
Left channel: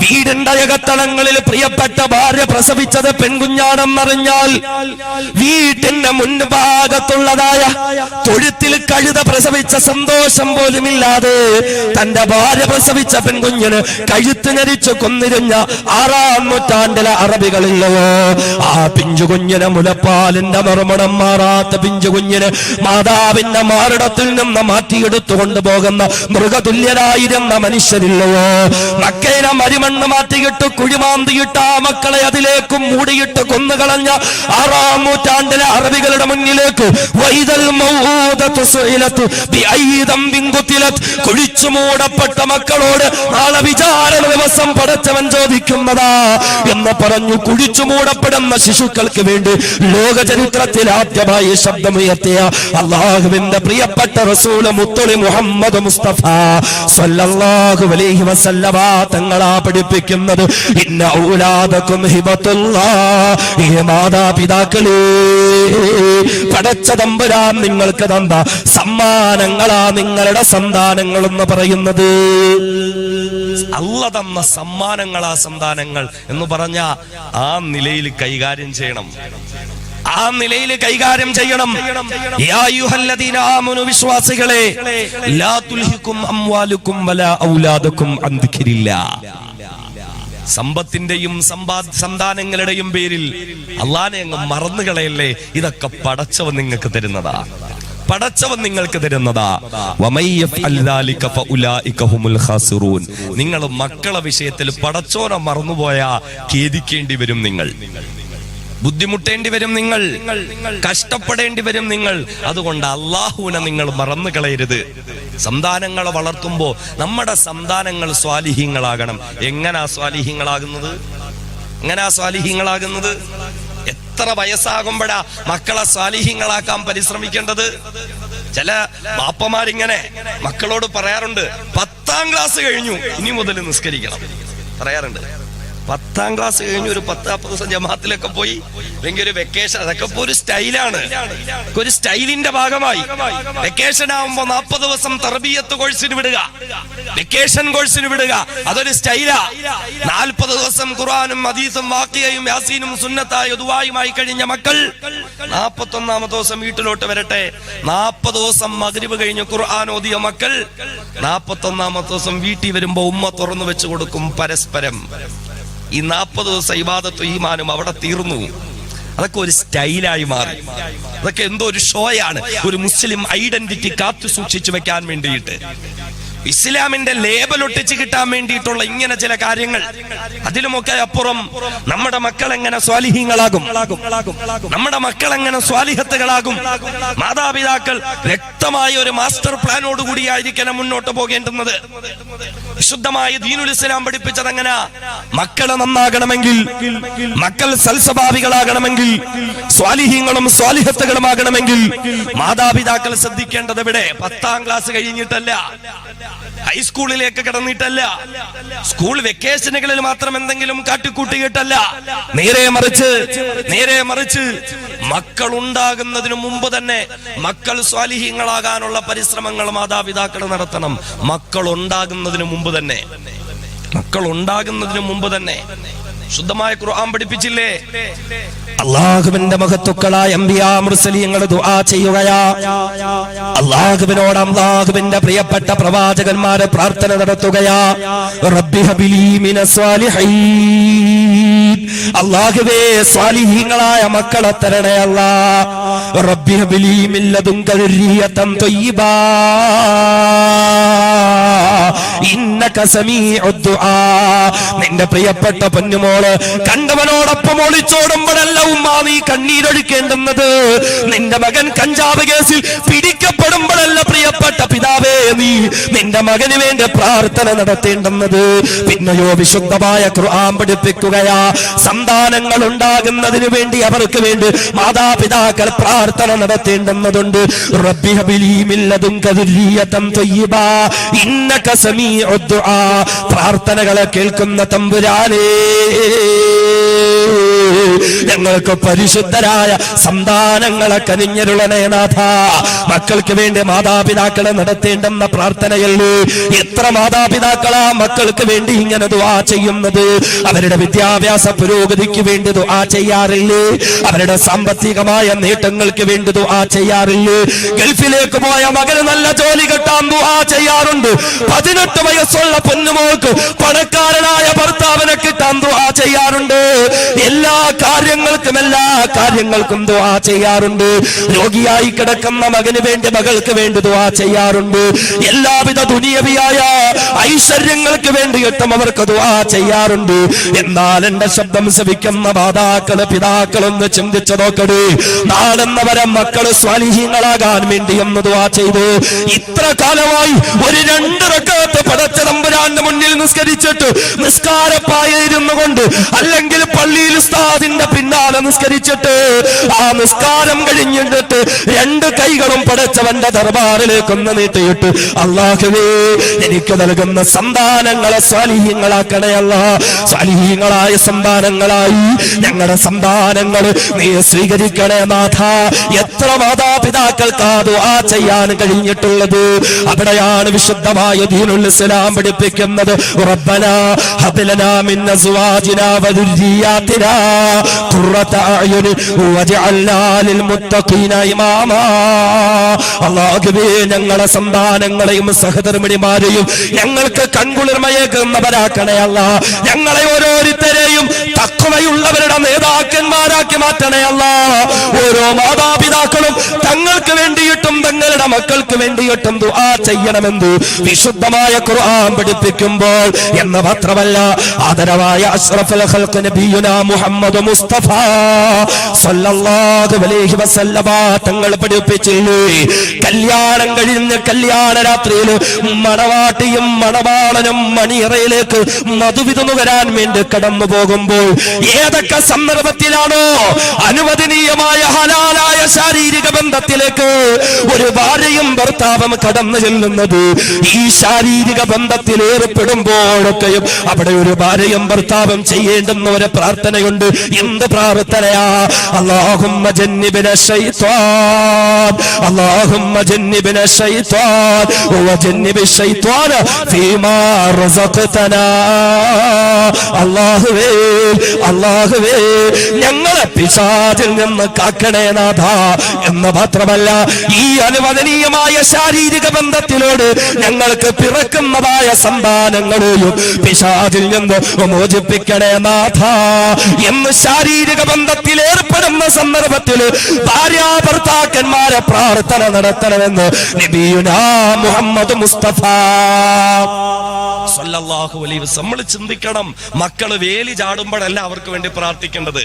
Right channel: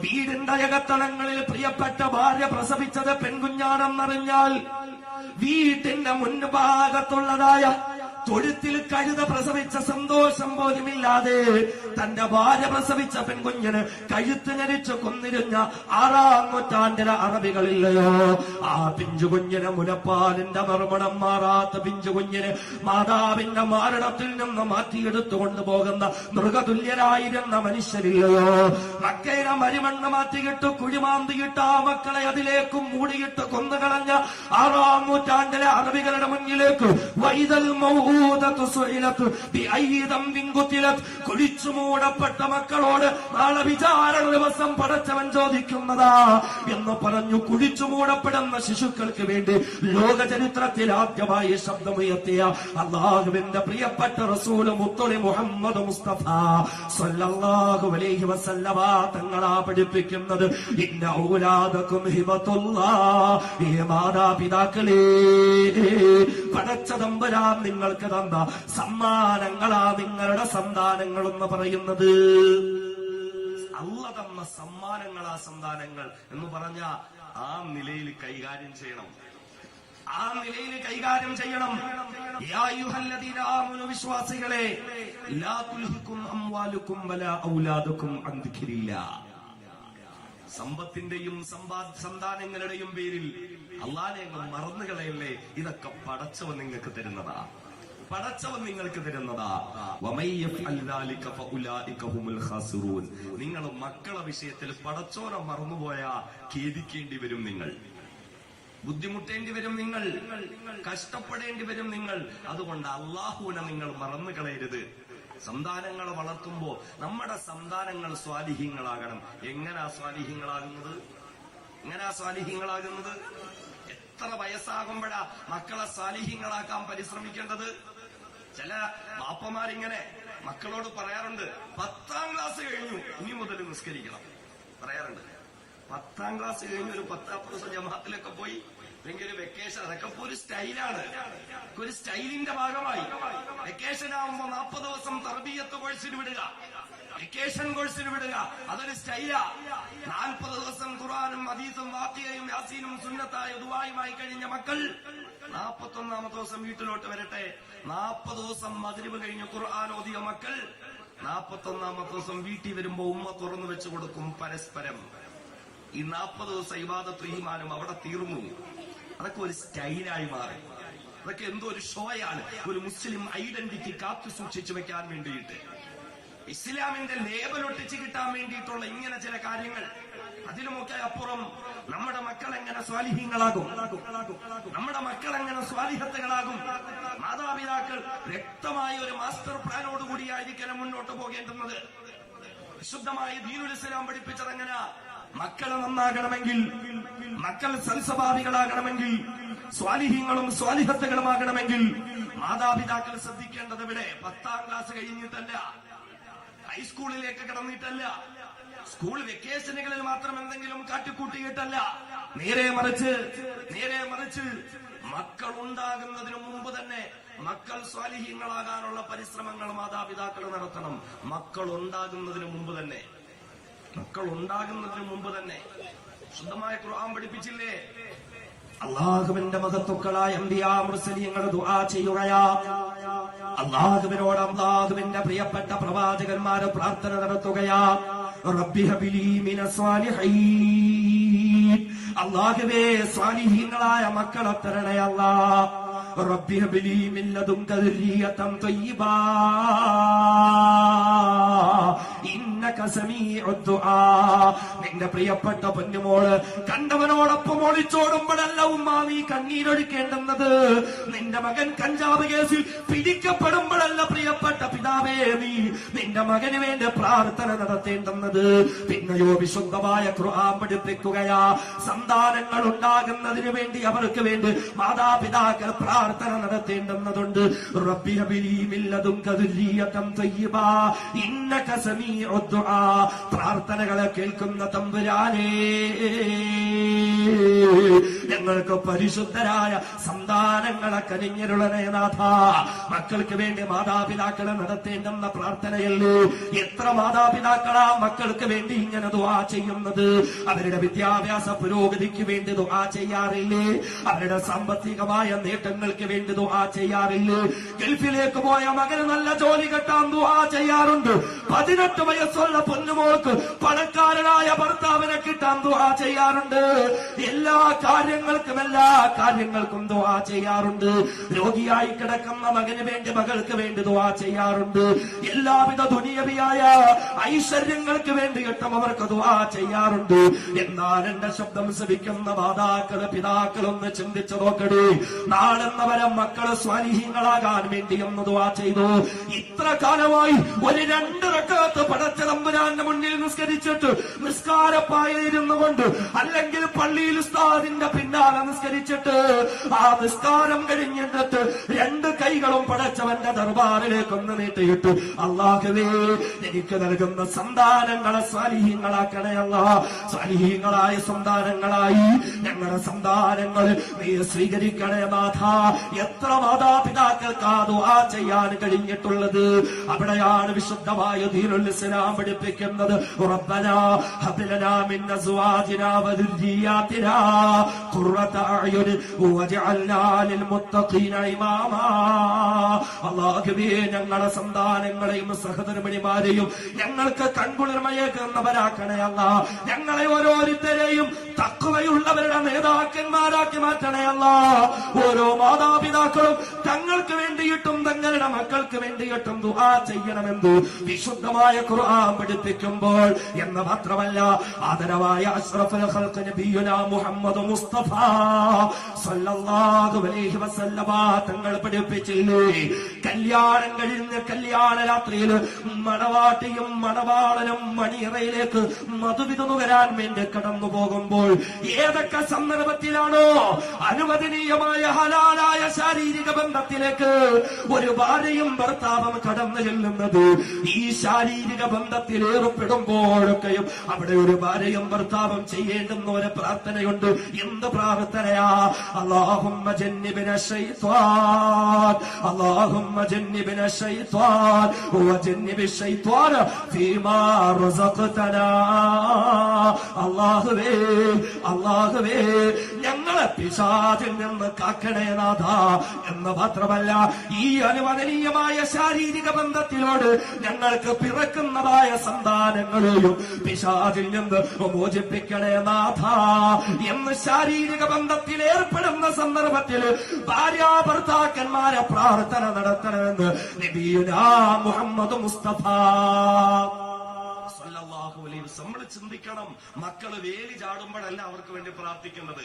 വീടിന്റെ അകത്തളങ്ങളിൽ പ്രിയപ്പെട്ട ഭാര്യ പ്രസവിച്ചത് പെൺകുഞ്ഞാണെന്നറിഞ്ഞാൽ വീട്ടിന്റെ മുൻഭാഗത്തുള്ളതായ തൊഴുത്തിൽ കഴുത പ്രസവിച്ച സന്തോഷം പോലുമില്ലാതെ തന്റെ ഭാര്യ പ്രസവിച്ച പെൺകുഞ്ഞിന് കഴുത്ത് ഞെരിച്ച് കൊന്നിരുന്ന 6-ാം നൂറ്റാണ്ടിലെ അറബികളില്ലയോ, ആ പിഞ്ചു കുഞ്ഞിനെ മുലപ്പാലിന്റെ മറുമണം മാറാത്ത പിഞ്ചു കുഞ്ഞിന് മാതാവിന്റെ മാറിടത്തിൽ നിന്ന് മാറ്റിയെടുത്തു കൊണ്ടുപോകുന്ന മൃഗതുല്യരായിരുന്ന മനുഷ്യരില്ലയോ, മക്കയിലെ മരിമണ്ണ് മാറ്റിയിട്ട് കുഴിമാന്തിയിട്ട് ആ മക്കളെ അതിലേക്കും മൂടിയിട്ട് കൊന്നുകളഞ്ഞ 6-ാം നൂറ്റാണ്ടിലെ അറബികളുടെ മുന്നിലേക്ക് വൈദൽ മൗഊദതു സുഇലത് ബിഅയ്യി ദംബിൻ ഖുതിലത്, കുഴിച്ചു മൂടപ്പെട്ട മക്കളോട് നാളെ വിചാരണ ദിവസം പടച്ചവൻ ചോദിക്കുന്നതാ എന്ന് പറഞ്ഞു കുഴിച്ചു മൂടപ്പെടുന്ന ശിശുക്കൾക്ക് വേണ്ടി ലോക ചരിത്രത്തിൽ ആദ്യമായി ശബ്ദമുയർത്തിയ അല്ലാഹുവിന്റെ പ്രിയപ്പെട്ട റസൂൽ മുത്തളി മുഹമ്മദ് മുസ്തഫ സ്വല്ലല്ലാഹു അലൈഹി വസല്ലമ തങ്ങളാ പഠിപ്പിക്കുന്നത് ഇന്ന ഔലാദകും ഹിബത്തുല്ലാഹ്, ഈ മാതാപിതാക്കളെ പടച്ച തമ്പുരാൻ നിങ്ങൾക്ക് തന്ന സമ്മാനങ്ങളാ നിങ്ങളുടെ സന്താനങ്ങൾ എന്ന് പറയുന്നത്. അല്ലാഹു തന്ന സമ്മാനങ്ങളാ സന്താനങ്ങൾ എന്ന് പറഞ്ഞ ആ നിലയിൽ കൈകാര്യം ചെയ്യണം, ആ നിലയിൽ കൈകാര്യം ചെയ്യണം. യാ അയ്യുഹല്ലദീന ആമനു, വിശ്വാസികളെ, ലാ തുൽഹികും അംവാലുകും വലാ ഔലാദുകും അൻ ദിക്രില്ലാഹ്, സമ്പത്തിന്റെയും സന്താനങ്ങളുടെയും പേരിൽ അല്ലാഹനെ അങ്ങ് മറന്നുകളയല്ലേ. ഇതൊക്കെ പടച്ചവൻ നിങ്ങൾക്ക് തരുന്നതാ, പടച്ചവൻ നിങ്ങൾക്ക് തരുന്നതാ. നിങ്ങൾ മക്കളെ വിഷയത്തിൽ പടച്ചോനെ മറന്നുപോയാ ഖേദിക്കേണ്ടി വരും, നിങ്ങൾ ബുദ്ധിമുട്ടേണ്ടി വരും, നിങ്ങൾ കഷ്ടപ്പെടേണ്ടി വരും നിങ്ങൾ. അതുകൊണ്ട് അള്ളാഹുവിനെ നിങ്ങൾ മറന്നു കളയരുത്. സന്താനങ്ങളെ വളർത്തുമ്പോ നമ്മുടെ സന്താനങ്ങൾ സ്വാലിഹീങ്ങളാകണം. എങ്ങനാ സ്വാലിഹീങ്ങളാകുന്നത്? എങ്ങനാ സ്വാലിഹീങ്ങളാകുന്നത്? എത്ര വയസ്സാകുമ്പോഴാ മക്കളെ സ്വാലിഹീങ്ങളാക്കാൻ പരിശ്രമിക്കേണ്ടത്? ചില ബാപ്പമാരിങ്ങനെ മക്കളോട് പറയാറുണ്ട്, 10ാം ക്ലാസ് കഴിഞ്ഞു ഇനി മുതൽ നിസ്കരിക്കണം പറയാറുണ്ട്. 10ാം ക്ലാസ് കഴിഞ്ഞു ഒരു 10-40 ദിവസം ജമാഅത്തിലൊക്കെ പോയി, അല്ലെങ്കിൽ ഒരു വെക്കേഷൻ, അതൊക്കെ ഇപ്പൊ ഒരു സ്റ്റൈലാണ്, ഒരു സ്റ്റൈലിന്റെ ഭാഗമായി. വെക്കേഷൻ ആവുമ്പോ 40 ദിവസം തർബിയത്ത് കോഴ്സിന് വിടുക, വെക്കേഷൻ കോഴ്സിന് വിടുക, അതൊരു സ്റ്റൈലാ. 40 ദിവസം ഖുർആനും ഹദീസും വാഖിയയും യാസീനും സുന്നത്തായ ദുആയുമായി കഴിഞ്ഞ മക്കൾ 41ാമത്തെ ദിവസം വീട്ടിലോട്ട് വരട്ടെ. 40 ദിവസം മഗ്രിബ് കഴിഞ്ഞ് ഖുർആൻ ഓതിയ മക്കൾ 41ാമത്തെ ദിവസം വീട്ടിൽ വരുമ്പോ ഉമ്മ തുറന്നു വെച്ചു കൊടുക്കും പരസ്പരം. ഈ 40 ദിവസം ഇബാദത്തും ഈമാനും അവിടെ തീർന്നു. അതൊക്കെ ഒരു സ്റ്റൈലായി മാറി. അതൊക്കെ എന്തോ ഒരു ഷോയാണ്, ഒരു മുസ്ലിം ഐഡന്റിറ്റി കാത്തു സൂക്ഷിച്ചു വെക്കാൻ വേണ്ടിയിട്ട്, ഇസ്ലാമിന്റെ ലേബൽ ഒട്ടിച്ച് കിട്ടാൻ വേണ്ടിയിട്ടുള്ള ഇങ്ങനെ ചില കാര്യങ്ങൾ. അതിലുമൊക്കെ അപ്പുറം നമ്മുടെ മക്കൾ എങ്ങനെ സ്വാലിഹീങ്ങളാകും, നമ്മുടെ മക്കൾ എങ്ങനെ സ്വാലിഹത്തുകളാകും. മാതാപിതാക്കൾ വ്യക്തമായ ഒരു മാസ്റ്റർ പ്ലാനോട് കൂടിയായിരിക്കണം മുന്നോട്ട് പോകേണ്ടുന്നത്. വിശുദ്ധമായ ദീനുൽ ഇസ്ലാം പഠിപ്പിച്ചത് എങ്ങനെ? മക്കളെ നന്നാകണമെങ്കിൽ, മക്കൾ സൽസ്വഭാവികളാകണമെങ്കിൽ, സ്വാലിഹീങ്ങളും സ്വാലിഹത്തുകളുമാകണമെങ്കിൽ മാതാപിതാക്കൾ ശ്രദ്ധിക്കേണ്ടത് എവിടെ? 10ാം ക്ലാസ് കഴിഞ്ഞിട്ടല്ല, ഹൈസ്കൂളിലേക്ക് കടന്നിട്ടല്ല, സ്കൂൾ വെക്കേഷനുകളിൽ മാത്രം എന്തെങ്കിലും കാട്ടിക്കൂട്ടിയിട്ടല്ല. നേരെ മറിച്ച് മക്കൾ ഉണ്ടാകുന്നതിന് മുമ്പ് തന്നെ മക്കൾ സ്വാലിഹീങ്ങളാകാനുള്ള പരിശ്രമങ്ങൾ മാതാപിതാക്കൾ നടത്തണം. മക്കൾ ഉണ്ടാകുന്നതിന് മുമ്പ് തന്നെ ശുദ്ധമായ ഖുർആൻ പഠിപ്പിച്ചില്ലേ? അല്ലാഹുവിന്റെ മഹത്തുക്കളായ അംബിയാ മുർസലീങ്ങൾ ദുആ ചെയ്യുകയാ. അല്ലാഹുവിനോട് അല്ലാഹുവിന്റെ പ്രിയപ്പെട്ട പ്രവാചകന്മാരെ പ്രാർത്ഥന നടത്തുകയാ. റബ്ബി ഹബിലി മിനസ് സ്വാലിഹീൻ, അല്ലാഹുവേ സ്വാലിഹീങ്ങളായ മക്കളെ തരണേ അല്ലാഹ്. റബ്ബി ഹബിലി മിൻ ലദുൻക ദുർരിയതൻ ത്വയ്യിബാ ഇന്നക സമീഉദ് ദുആ. നിന്റെ പ്രിയപ്പെട്ട പൊന്നുമോള് കണ്ടവനോടൊപ്പം ഒളിച്ചോടുമ്പോഴല്ല ഉമ്മ നീ കണ്ണീരൊഴുക്കേണ്ടുന്നത്. നിന്റെ മകൻ കഞ്ചാവ് കേസിൽ പിടിക്കപ്പെടുമ്പോഴല്ല പ്രിയപ്പെട്ട പിതാവേ നീ നിന്റെ മകന് വേണ്ടി പ്രാർത്ഥന നടത്തേണ്ടുന്നത്. പിന്നെയോ വിശുദ്ധമായ ഖുർആൻ പഠിപ്പിക്കുകയാ. സന്താനങ്ങൾ ഉണ്ടാകുന്നതിന് വേണ്ടി അവർക്ക് വേണ്ടി മാതാപിതാക്കൾ പ്രാർത്ഥന നടത്തേണ്ടുന്നതുണ്ട്. റബ്ബി ഹബിലി മിൻ ലദുൻക ദുർരിയതൻ ത്വയ്യിബാ ഇന്നക സമീഉദ് ദുആ. പ്രാർത്ഥനകളെ കേൾക്കുന്ന തമ്പുരാനേ, ഞങ്ങൾക്ക് പരിശുദ്ധരായ സന്താനങ്ങളെ കനിഞ്ഞരുളണേ നാഥ. മക്കൾക്ക് വേണ്ടി മാതാപിതാക്കളെ നടത്തേണ്ടെന്ന പ്രാർത്ഥനയല്ലേ. എത്ര എത്ര മാതാപിതാക്കളാ മക്കൾക്ക് വേണ്ടി ഇങ്ങനെ ദുആ ചെയ്യുന്നത്? അവരുടെ വിദ്യാഭ്യാസ പുരോഗതിക്ക് വേണ്ടി ദുആ ചെയ്യാറില്ലേ? അവരുടെ സാമ്പത്തികമായ നേട്ടങ്ങൾക്ക് വേണ്ടി ദുആ ചെയ്യാറില്ലേ? ഗൾഫിലേക്ക് പോയ മകന് നല്ല ജോലി കിട്ടാൻ ദുആ ചെയ്യാറുണ്ട്. 18 വയസ്സുള്ള പൊന്നുമോൾക്ക് പണക്കാരനായ ഭർത്താവിനെ കിട്ടാൻ ദുആ ചെയ്യാറുണ്ട്. എല്ലാ കാര്യങ്ങൾക്കും ദുആ ചെയ്യാറുണ്ട്. രോഗിയായി കിടക്കുന്ന മകന് വേണ്ടി, മകൾക്ക് വേണ്ടി ദുആ ചെയ്യാറുണ്ട്. എല്ലാവിധ ദുനിയവിയായ ഐശ്വര്യങ്ങൾക്ക് വേണ്ടിയിട്ടും അവർക്ക് ദുആ ചെയ്യാറുണ്ട്. എന്നാൽ എന്റെ ശബ്ദം ശ്രവിക്കുന്ന മാതാക്കള്, പിതാക്കളൊന്ന് ചിന്തിച്ചു നോക്കണേ. നാളെന്നവരെ മക്കള് സ്വാലിഹീങ്ങളാകാൻ വേണ്ടി ഒന്ന് ദുആ ചെയ്തു. ഇത്ര കാലമായി ഒരു 2 റക്അത്ത് പടച്ച തമ്പുരാന്റെ മുന്നിൽ നിസ്കരിച്ചിട്ട് നിസ്കാരപ്പായിരുന്നു കൊണ്ട്, അല്ലെങ്കിൽ പള്ളിയിൽ ഉസ്താദിന്റെ പിന്നാലെ നിസ്കരിച്ചിട്ട് ആ നിസ്കാരം കഴിഞ്ഞിട്ട് 2 കൈകളും പടച്ചവന്റെ ദർബാറിലേക്ക് ഒന്ന് നീട്ടിയിട്ട്, അല്ലാഹുവേ എനിക്ക് നൽകുന്ന സന്താനങ്ങളെ സ്വാലിഹീങ്ങളാക്കണേ അല്ലാഹ്. സ്വാലിഹീങ്ങളായ സന്താനങ്ങളായി ഞങ്ങളുടെ സന്താനങ്ങൾ നീ സ്വീകരിക്കണേ നാഥ. എത്ര മാതാപിതാക്കൾക്ക് ആ ദുആ ചെയ്യാൻ കഴിഞ്ഞിട്ടുള്ളത്? അവിടെയാണ് വിശുദ്ധമായ ദീനുൽ ഇസ്ലാം പഠിപ്പിക്കുന്നത്. റബ്ബനാ ഹബ് ലനാ മിൻ അസ്വാജിനാ വദുർരിയാതിനാ ഖുറത അഅ്യുനി വജഅൽനാ ലിൽ മുത്തഖീന ഇമാമാ. അല്ലാഹുവേ ഞങ്ങളുടെ സന്താനങ്ങളെയും സഹധർമ്മിണിമാരെയും ഞങ്ങൾക്ക് കൺകുളിർമയേകുന്നവരാക്കണേ അല്ലാഹ്. ഞങ്ങളെ ഓരോരുത്തരെയും തഖ്വയുള്ളവരുടെ നേതാക്കന്മാരാക്കി മാറ്റണേ അല്ലാഹ്. ഓരോ മാതാപിതാക്കളും തങ്ങൾക്ക് വേണ്ടിയിട്ടും തങ്ങളുടെ മക്കൾക്ക് വേണ്ടിയിട്ടും ദുആ ചെയ്യണമെന്ന് വിശുദ്ധമായ ഖുർആൻ പഠിപ്പിക്കുമ്പോൾ എന്ന് മാത്രമല്ല, ആദരവായ അഷ്റഫുൽ ഖൽഖ് നബിയുനാ മുഹമ്മദ് മുസ്തഫ സല്ലല്ലാഹു അലൈഹി വസല്ലമ തങ്ങൾ പഠിപ്പിച്ചില്ലേ, കല്യാണം കഴിഞ്ഞ് കല്യാണ രാത്രിയിൽ മണവാട്ടിയും മണവാളനും മണിയറയിലേക്ക് മധുവിധു വരാൻ വേണ്ടി കടന്നു പോകുമ്പോൾ ഏതൊക്കെ സന്ദർഭത്തിലാണോ അനുവദനീയമായ ഹലാലായ ശാരീരിക ബന്ധത്തിലേക്ക് ഒരു ഭാര്യയും ഭർത്താവും കടന്നു ചെല്ലുന്നത്, ഈ ശാരീരിക ബന്ധത്തിൽ ഏർപ്പെടുമ്പോഴൊക്കെയും അവിടെ ഒരു ഭാര്യയും ഭർത്താവും ചെയ്യേണ്ടുന്ന ഒരു പ്രാർത്ഥനയുണ്ട്. എന്ത് പ്രാർത്ഥനയാ? അല്ലാഹുമ്മ ജന്നിബിന ശൈത്വാൻ, അല്ലാഹുമ്മ ജന്നിബിന ശൈത്വാൻ വജന്നിബി ശൈത്വാന ഫീമാ റസഖ്തനാ. അല്ലാഹുവേ അല്ലാഹുവേ ഞങ്ങളെ പിശാചിൽ നിന്ന് കാക്കണേ നാഥ. എന്ന് മാത്രമല്ല, ഈ അനുവദനീയമായ ശാരീരിക ബന്ധത്തിലൂടെ ഞങ്ങൾക്ക് പിറക്കുന്നതായ സന്താനങ്ങളെയും പിശാചിൽ നിന്ന് മോചിപ്പിക്കണേ നാഥ എന്ന് ശാരീരിക ബന്ധത്തിൽ ഏർപ്പെടുന്ന സന്ദർഭത്തിൽ ഭാര്യ ഭർത്താക്കന്മാരെ പ്രാർത്ഥന നടത്തണമെന്ന് നബിയുനാ മുഹമ്മദ് മുസ്തഫ സല്ലല്ലാഹു അലൈഹി വസല്ലം. നമ്മൾ ചിന്തിക്കണം, മക്കള് വേലി ചാടുമ്പോഴല്ല അവർക്ക് വേണ്ടി പ്രാർത്ഥിക്കേണ്ടത്.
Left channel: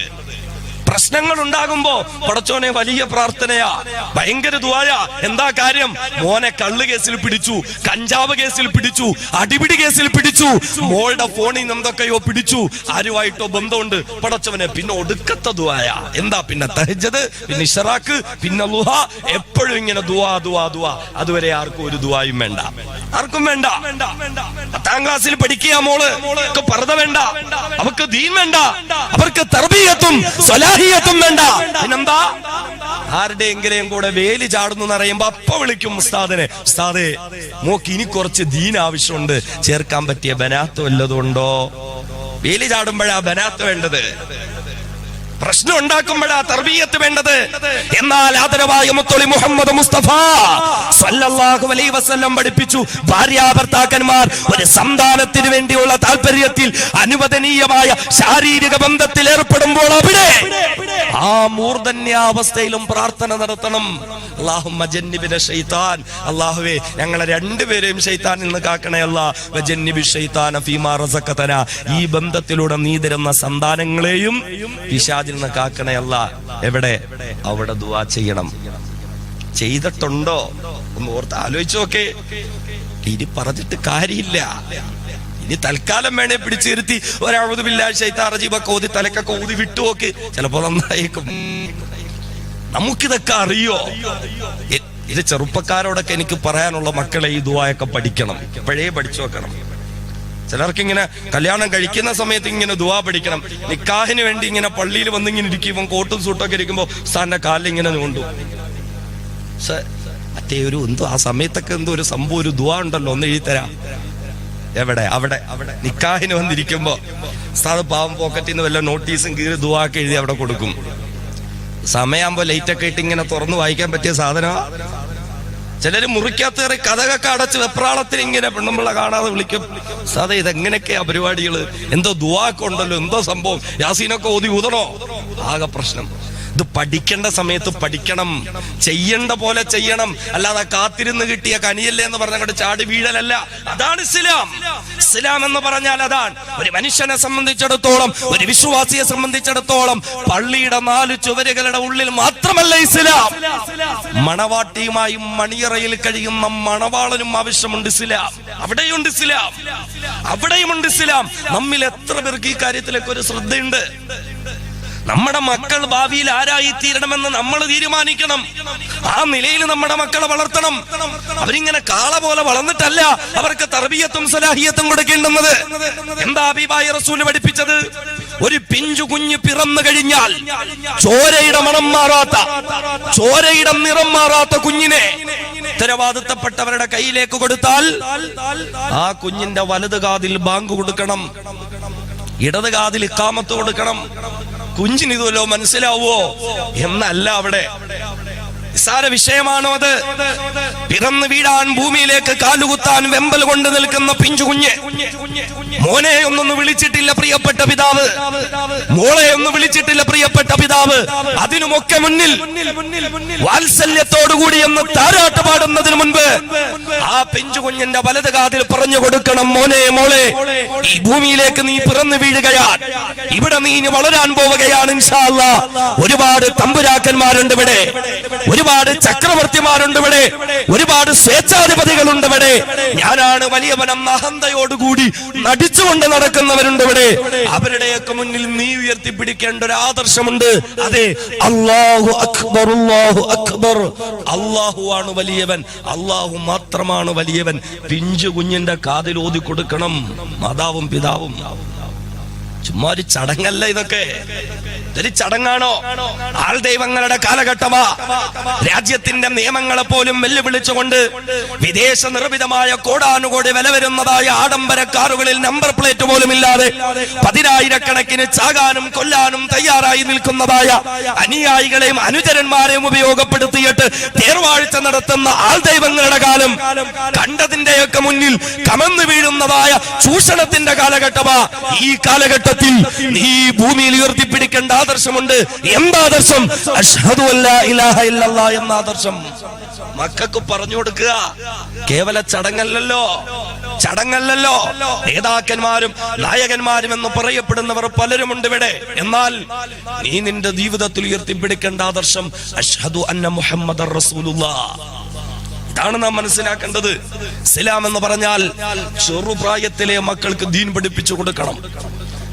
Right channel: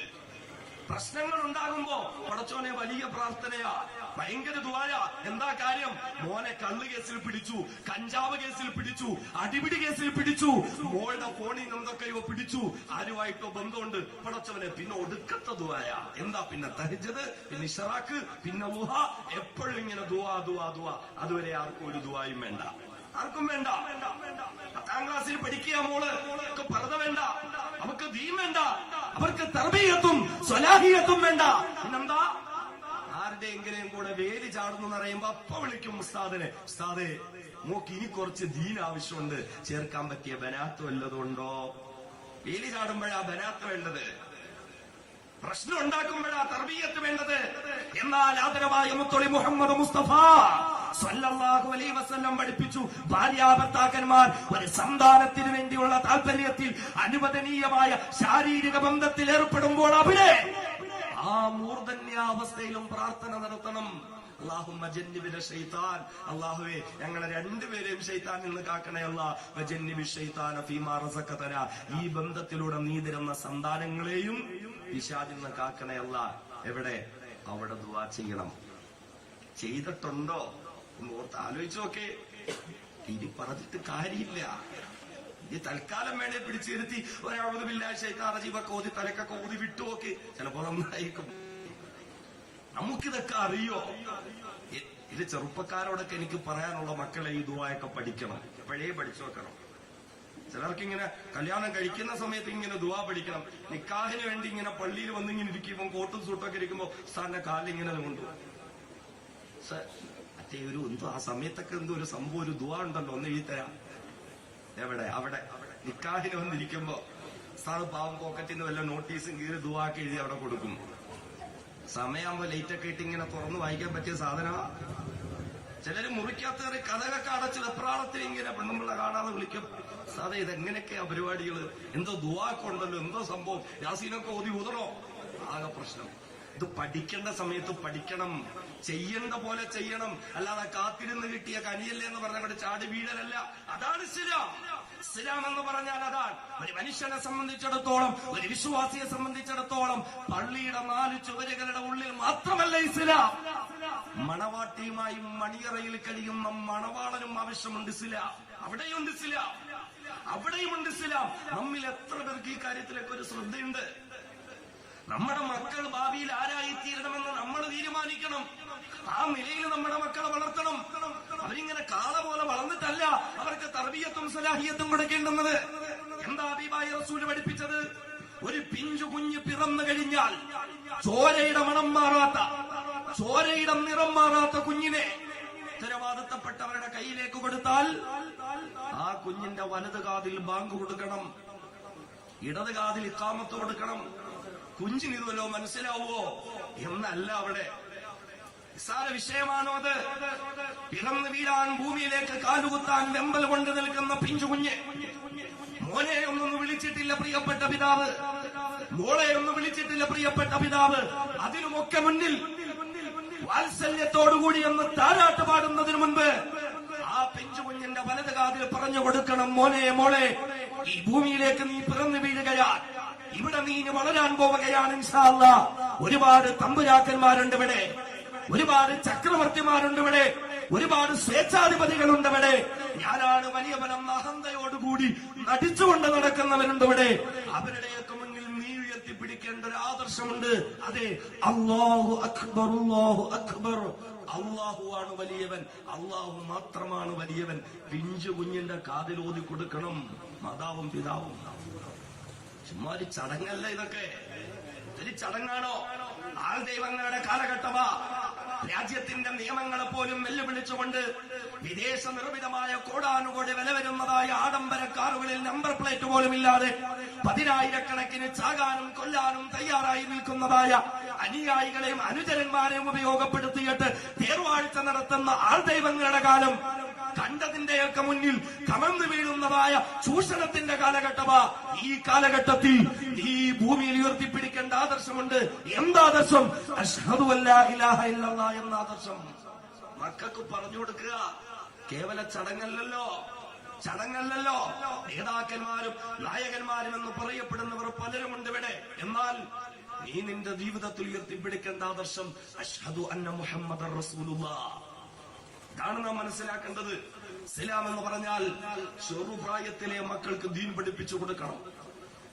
പ്രശ്നങ്ങൾ ഉണ്ടാകുമ്പോ പടച്ചോനെ വലിയ പ്രാർത്ഥനയാ, ഭയങ്കര ദുആയാ. എന്താ കാര്യം? മോനെ കള്ള് കേസിൽ പിടിച്ചു, കഞ്ചാവ് കേസിൽ പിടിച്ചു, അടിപിടി കേസിൽ പിടിച്ചു, മോളുടെ ഫോണിൽ നിന്ന് എന്തൊക്കെയോ പിടിച്ചു, ആരുമായിട്ടോ ബന്ധമുണ്ട്. പടച്ചവനെ പിന്നെ ഒടുക്കത്തെ ദുആയാ. എന്താ? പിന്നെ തഹജ്ജുദ്, പിന്നെ ഇശ്റാഖ്, പിന്നെ ളുഹ. എപ്പോഴും ഇങ്ങനെ ദുആ ദുആ ദുആ. അതുവരെ ആർക്കും ഒരു ദുആയും വേണ്ട, ആർക്കും വേണ്ട. 10ാം ക്ലാസ്സിൽ പഠിക്കുക മോള്, പർദ്ദ വേണ്ട, അവർക്ക് ദീൻ വേണ്ട, അവർക്ക് തർബിയത്തും സ്വലാഹിയത്തും വേണ്ട. പിന്നെന്താ? ആരുടെയെങ്കിലും കൂടെ വേലി ചാടുന്നു എന്നറിയുമ്പോ അപ്പ വിളിക്കും ഉസ്താദിനെ, ഉസ്താദേ മോക്ക് ഇനി കുറച്ച് ദീൻ ആവശ്യമുണ്ട്, ചേർക്കാൻ പറ്റിയ ബനാത്ത് വല്ലതുണ്ടോ? വേലി ചാടുമ്പോഴാ ബനാത്ത് വേണ്ടത്, പ്രശ്നം ഉണ്ടാക്കുമ്പോഴാ തർബിയത്ത് വേണ്ടത്. എന്നാൽ ആദരവായ മുത്തളി മുഹമ്മദ് മുസ്തഫ സല്ലല്ലാഹു അലൈഹി വസല്ലം പഠിപ്പിച്ചു, ഭാര്യാഭർത്താക്കന്മാർ ഒരു സന്താനത്തിന് വേണ്ടിയുള്ള താല്പര്യത്തിൽ അനുവദനീയമായ ശാരീരിക ബന്ധത്തിൽ ഏർപ്പെടുമ്പോൾ അവിടെ ആ മൂർധന്യാവസ്ഥയിലും പ്രാർത്ഥന നടത്തണം. അല്ലാഹുമ്മ ജന്നിബിന ശൈത്താൻ, അല്ലാഹുവേ ഞങ്ങളെ രണ്ടുപേരെയും ശൈത്താനിൽ നിന്ന് കാക്കണേ അല്ലാ. വജന്നിബി ശൈത്താന ഫീമാ റസഖതനാ, ഈ ബന്ധത്തിലൂടെ നീ തരുന്ന സന്താനങ്ങളെയും പിശാചിൽ നിന്ന് കാക്കണേ അല്ലാ. എവിടെ? അവിടെ ദുആ ചെയ്യണം. ചെയ്തിട്ടുണ്ടോ ഒന്ന് ഓർത്ത് ആലോചിച്ചു നോക്കേ. ഇനി പറഞ്ഞിട്ട് കാര്യമില്ല. ഇനി തൽക്കാലം വേണേ പിടിച്ചു നിർത്തി ഒരഅഊദു ബില്ലാഹി ശൈത്താനിർ റജീം ഓതി തലക്കൊക്കെ ഊതി വിട്ടുനോക്ക്, ചിലപ്പോ നന്നായേക്കും. നമുക്കിതൊക്കെ അറിയോ? ഇത് ചെറുപ്പക്കാരോടൊക്കെ എനിക്ക് പറയാനുള്ള, മക്കളെ ഈ ദുആയൊക്കെ പഠിക്കണം, ഇപ്പോഴേ പഠിച്ചു വെക്കണം. ചിലർക്ക് ഇങ്ങനെ കല്യാണം കഴിക്കുന്ന സമയത്ത് ഇങ്ങനെ ദുആ പഠിക്കണം. നിക്കാഹിന് വേണ്ടി ഇങ്ങനെ പള്ളിയിൽ വന്നിങ്ങനെ ഇരിക്കും, കോട്ടും സൂട്ടൊക്കെ ഇരിക്കുമ്പോ ഉസ്താദിന്റെ കാലിൽ ഇങ്ങനെ നീണ്ടു. മറ്റേ ഒരു എന്തോ ആ സമയത്തൊക്കെ എന്തോ ഒരു സംഭവം, ഒരു ദുആ ഉണ്ടല്ലോ, ഒന്ന് എഴുതിത്തരാം. എവിടെ? അവിടെ നിക്കാഹിന് വന്നിരിക്കുമ്പോ ഉസ്താദ് പാവം പോക്കറ്റിൽ നിന്ന് വല്ല നോട്ടീസും കീറി ദുആക്ക് എഴുതി അവിടെ കൊടുക്കും. സമയമാകുമ്പോ ലൈറ്റൊക്കെ ഇട്ട് ഇങ്ങനെ തുറന്നു വായിക്കാൻ പറ്റിയ സാധനമാ. ചിലര് മുറിക്കകത്ത് കയറി കഥകൊക്കെ അടച്ച് വെപ്രാളത്തിന് ഇങ്ങനെ പെണ്ണുമ്പിള്ള കാണാതെ വിളിക്കും. സാധേ ഇതെങ്ങനെയൊക്കെയാ പരിപാടികള്? എന്തോ ദുആക്ക് ഉണ്ടല്ലോ, എന്തോ സംഭവം, യാസീനൊക്കെ ഓതി ഊതണോ? ആകെ പ്രശ്നം. ഇത് പഠിക്കേണ്ട സമയത്ത് പഠിക്കണം, ചെയ്യേണ്ട പോലെ ചെയ്യണം. അല്ലാതെ കാത്തിരുന്ന് കിട്ടിയ കനിയല്ലേ എന്ന് പറഞ്ഞങ്ങോട്ട് ചാടി വീഴലല്ല. അതാണ് ഇസ്ലാം. ഇസ്ലാം എന്ന് പറഞ്ഞാൽ അതാണ്. ഒരു മനുഷ്യനെ സംബന്ധിച്ചിടത്തോളം, ഒരു വിശ്വാസിയെ സംബന്ധിച്ചിടത്തോളം പള്ളിയുടെ 4 ചുവരുകളുടെ ഉള്ളിൽ മാത്രമല്ല ഇസ്ലാം. മണവാട്ടിയുമായും മണിയറയിൽ കഴിയുന്ന മണവാളനും ആവശ്യമുണ്ട് ഇസ്ലാം. അവിടെയുണ്ട് ഇസ്ലാം, അവിടെയുമുണ്ട് ഇസ്ലാം. നമ്മിൽ എത്ര പേർക്ക് ഈ കാര്യത്തിലൊക്കെ ഒരു ശ്രദ്ധയുണ്ട്? നമ്മുടെ മക്കൾ ഭാവിയിൽ ആരായി തീരണമെന്ന് നമ്മൾ തീരുമാനിക്കണം. ആ നിലയിൽ നമ്മുടെ മക്കളെ വളർത്തണം. അവരിങ്ങനെ കാള പോലെ വളർന്നിട്ടല്ല അവർക്ക് തർബിയത്തും സലാഹിയത്തും കൊടുക്കേണ്ടുന്നത്. എന്താ ഹബീബായ റസൂൽ പഠിപ്പിച്ചത്? ഒരു പിഞ്ചു കുഞ്ഞ് പിറന്നു കഴിഞ്ഞാൽ ചോരയുടെ മണം മാറാത്ത, ചോരയുടെ നിറം മാറാത്ത കുഞ്ഞിനെ ഉത്തരവാദിത്തപ്പെട്ടവരുടെ കയ്യിലേക്ക് കൊടുത്താൽ ആ കുഞ്ഞിന്റെ വലത് കാതിൽ ബാങ്ക് കൊടുക്കണം, ഇടത് കാതിൽ ഇഖാമത്ത് കൊടുക്കണം. കുഞ്ഞിന് ഇതുവല്ലോ മനസ്സിലാവോ എന്നല്ല. അവിടെ നിസ്സാര വിഷയമാണോ അത്? പിറന്നു വീഴാൻ, ഭൂമിയിലേക്ക് കാലുകുത്താൻ വെമ്പൽ കൊണ്ട് നിൽക്കുന്ന പിഞ്ചു കുഞ്ഞ്. മോനെ ഒന്നൊന്ന് വിളിച്ചിട്ടില്ല പ്രിയപ്പെട്ട പിതാവ്, മോളെ ഒന്ന് വിളിച്ചിട്ടില്ല പ്രിയപ്പെട്ട പിതാവ്. അതിനുമൊക്കെ മുന്നിൽ വാത്സല്യത്തോടുകൂടി എന്ന് താരാട്ട് പാടുന്നതിന് മുൻപ് ആ പിഞ്ചു കുഞ്ഞിന്റെ വലത് കാതിൽ പറഞ്ഞു കൊടുക്കണം, മോനെ മോളെ, ഈ ഭൂമിയിലേക്ക് നീ പിറന്നു വീഴുകയാണ്, ഇവിടെ നീ വളരാൻ പോവുകയാണ് ഇൻഷാ അല്ലാഹ്. ഒരുപാട് തമ്പുരാക്കന്മാരുണ്ട് ഇവിടെ, ഒരുപാട് ചക്രവർത്തിമാരുണ്ട് ഇവിടെ, ഒരുപാട് സ്വേച്ഛാധിപതികളുണ്ട് ഇവിടെ. ഞാനാണ് വലിയവനം അഹന്തയോടുകൂടി നടിച്ചുകൊണ്ട് നടക്കുന്നവരുണ്ട് ഇവിടെ. അവരുടെയൊക്കെ മുന്നിൽ നീ ഉയർത്തിപ്പിടിക്കേണ്ട ഒരു ആദർശമുണ്ട്. അതെ, അല്ലാഹു അക്ബർ, അല്ലാഹു അക്ബർ. അല്ലാഹു ആണ് വലിയവൻ, അല്ലാഹു മാത്രമാണ് വലിയവൻ. പിഞ്ചു കുഞ്ഞിന്റെ കാതിൽ ഓതി കൊടുക്കണം മാതാവും പിതാവും. ചുമ്മാ ഒരു ചടങ്ങല്ല ഇതൊക്കെ. ഇതൊരു ചടങ്ങാണോ? ആൾ ദൈവങ്ങളുടെ കാലഘട്ടമാ. രാജ്യത്തിന്റെ നിയമങ്ങളെ പോലും വെല്ലുവിളിച്ചുകൊണ്ട് വിദേശ നിർമ്മിതമായ കോടാനുകോടി വില വരുന്നതായ ആഡംബര കാറുകളിൽ നമ്പർ പ്ലേറ്റ് പോലും ഇല്ലാതെ 10,000-കണക്കിന് ചാകാനും കൊല്ലാനും തയ്യാറായി നിൽക്കുന്നതായ അനുയായികളെയും അനുചരന്മാരെയും ഉപയോഗപ്പെടുത്തിയിട്ട് തേർവാഴ്ച നടത്തുന്ന ആൾ ദൈവങ്ങളുടെ കാലം കണ്ടതിന്റെയൊക്കെ മുന്നിൽ കമന്നു വീഴുന്നതായ ചൂഷണത്തിന്റെ കാലഘട്ടമാ. ഈ കാലഘട്ടത്തിൽ ഈ ഭൂമിയിൽ ഉയർത്തിപ്പിടിക്കേണ്ട ആദർശമുണ്ട്. എന്താദർശം? അശ്ഹദു അല്ലാ ഇലാഹ ഇല്ലല്ലാഹ് എന്ന ആദർശം മക്കൾക്ക് പറഞ്ഞു കൊടുക്കുക. കേവല ചടങ്ങല്ലല്ലോ, ചടങ്ങല്ലല്ലോ. നേതാക്കന്മാരും നായകന്മാരും എന്ന് പറയപ്പെടുന്നവർ പലരുമുണ്ട് ഇവിടെ. എന്നാൽ നീ നിന്റെ ജീവിതത്തിൽ ഉയർത്തിപ്പിടിക്കേണ്ട ആദർശം അശ്ഹദു അന്ന മുഹമ്മദർ റസൂലുള്ളാഹ്. ഇതാണ് നാം മനസ്സിലാക്കേണ്ടത്. ഇസ്ലാം എന്ന് പറഞ്ഞാൽ ചെറുപ്രായത്തിലെ മക്കൾക്ക് ദീൻ പഠിപ്പിച്ചു കൊടുക്കണം.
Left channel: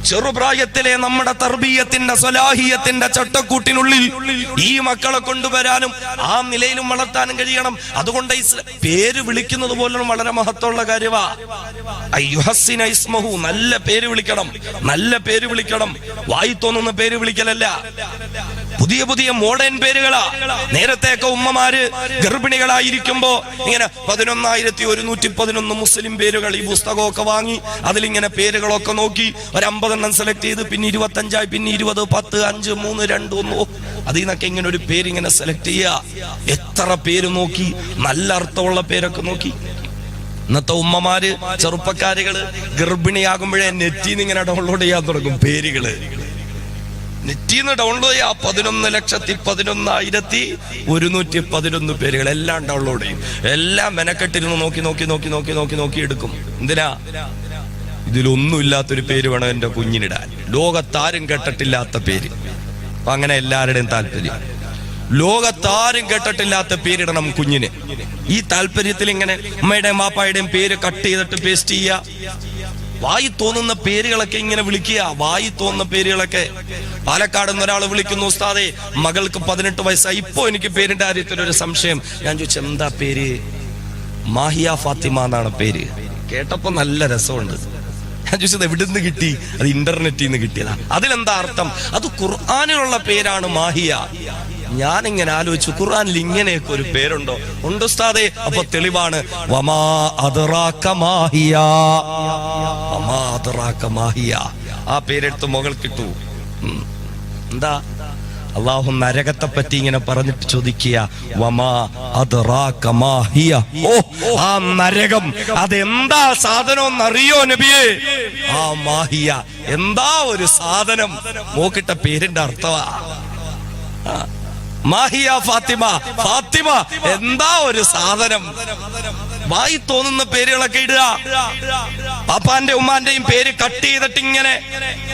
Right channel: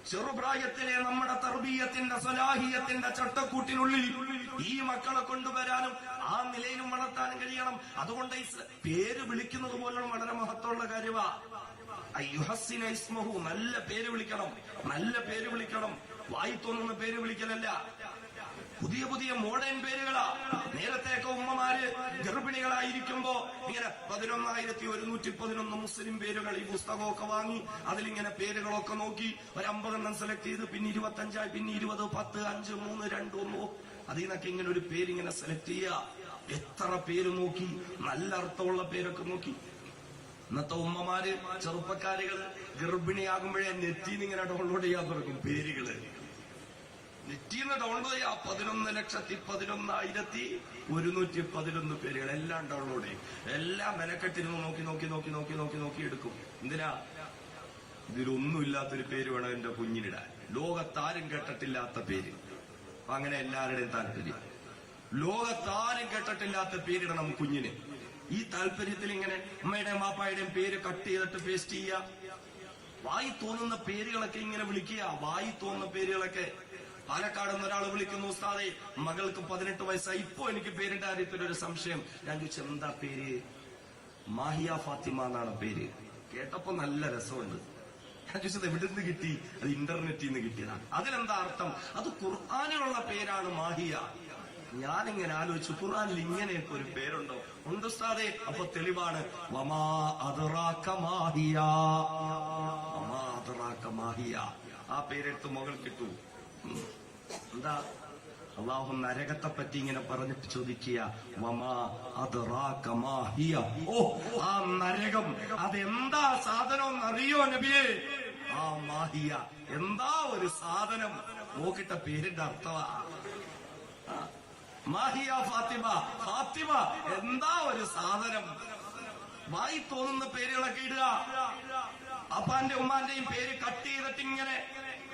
ചെറുപ്രായത്തിലെ നമ്മുടെ തർബീയത്തിന്റെ സ്വലാഹിയത്തിന്റെ ചട്ടക്കൂട്ടിനുള്ളിൽ ഈ മക്കളെ കൊണ്ടുവരാനും ആ നിലയിലും വളർത്താനും കഴിയണം. അതുകൊണ്ട് പേര് വിളിക്കുന്നത് പോലും വളരെ മഹത്വമുള്ള കാര്യമാ. അയ്യുഹസ്സിന ഇസ്മഹു, നല്ല പേര് വിളിക്കണം, നല്ല പേര് വിളിക്കണം. വായി തോന്നുന്ന പേര് വിളിക്കലല്ല. പുതിയ പുതിയ മോഡേൺ പേരുകളാ. നേരത്തെയൊക്കെ ഉമ്മമാര് ഗർഭിണികളായിരിക്കുമ്പോ ഇങ്ങനെ 11,111 മുസ്ലിം പേരുകൾ ഈ പുസ്തകമൊക്കെ വാങ്ങി അതിലിങ്ങനെ പേരുകളൊക്കെ നോക്കി ഒരു 50 സെലക്ട് ചെയ്ത്, പിന്നെ 25, പിന്നെ 20, 10, 5, 3, 2, 1, അതിൽ നിന്നൊക്കെ ഇങ്ങനെ ഒരു പേരിങ്ങനെ സെലക്ട് ചെയ്യുക. എത്ര പേര് നോക്കി, നല്ല അർത്ഥമുള്ള പേരൊക്കെ നോക്കി. ഇന്നത്തെ ഉമ്മമാര്, ചെറുപ്പക്കാരികള് ഗർഭിണിയാകുമ്പോഴേ നെറ്റിന്ന് ഇങ്ങനെ ഡൗൺലോഡ് ചെയ്യാൻ തുടങ്ങും പേരുകള്. നെറ്റിന്ന് ഡൗൺലോഡ് ചെയ്യാ 11,11,111 പേരുകൾ എല്ലാം ഡൗൺലോഡ് ചെയ്യും. എല്ലാം മെനക്കെട്ടിരുന്ന് നോക്കി എടുക്കും. എന്തിനാ? ഇതിലൊന്നും ഇല്ലാത്തൊരു പേര് വേണം എന്റെ കുഞ്ഞിനിടാൻ, ലോകത്താരും കേട്ടിട്ടില്ലാത്ത പേര്. അപ്പൊ അങ്ങനെ എല്ലാവരുടെയും താല്പര്യം, ലോകത്താരും കേട്ടിട്ടില്ലാത്ത പേരിടണം കുഞ്ഞിന്. ഈ താല്പര്യത്തിൽ ഇങ്ങനെ അമ്മയുടെയും വാപ്പായുടെയും പേര് കട്ട് ചെയ്തിട്ട് പേസ്റ്റ് ചെയ്യുക. വായി തോന്നുന്ന പേരുകളൊക്കെ ഇങ്ങനെ വിളിക്കുക. വായി തോന്നുന്ന പേരുകളൊക്കെ. പാലക്കാട് നിന്ന് ഒരാൾ വിളിക്കുന്നു, ഉസ്താദേ മകൾക്ക് 18 വയസ്സായി, ഇപ്പോ എനിക്ക് പേരിന്റെ കാര്യത്തിൽ ഒരു സംശയം. ഞാൻ ചോദിച്ചു, എന്താ പേര്? മാഹിയ ഫാത്തിമ എന്നാണ് പേര്. കേട്ടപ്പോ നല്ല രസമുണ്ട്. ഞാൻ ചോദിച്ചത് എവിടുന്ന് കിട്ടി? അത് ഇന്റർനെറ്റിൽ നിന്ന് കിട്ടിയതാ. അതിലെന്താ അർത്ഥം? അത് ഖുർആനിലുള്ള പേരാണ് മാഹിയ. ഞാനിങ്ങനെ ആലോചിച്ചു, ഖുർആനിൽ ഇങ്ങനെയൊക്കെ ഒരു പേരുണ്ടോ? ഉണ്ട് ഉസ്താദേ. അപ്പൊ തെളിവാണ്, വമാ അദ്റാക മാഹിയ, വമാ അദ്റാക മാഹിയ. ആ പേരെടുത്ത് മുകൾ കിട്ടു. എന്താ? അള്ളാഹു നരകത്തെ പറ്റി ഇങ്ങനെ പറഞ്ഞിട്ട് ചോദിക്കുക, വമാ അദ്റാക മാഹിയ. ഓ, ആ നരകം അതെന്താ സാധനം എന്നറിയോ നബിയേ? ആ മാഹിയ എന്താ ഒരു സാധനം? നോക്കിട്ട പേരിന്റെ അർത്ഥമാ മാഹിയ ഫാത്തിമ. ഫാത്തിമ എന്താ ഒരു സാധനം? വായി തോന്നുന്ന പേരുകളൊക്കെ ഇടുക. പാപ്പാന്റെ ഉമ്മാന്റെയും പേര് കട്ട് ചെയ്തിട്ട് ഇങ്ങനെ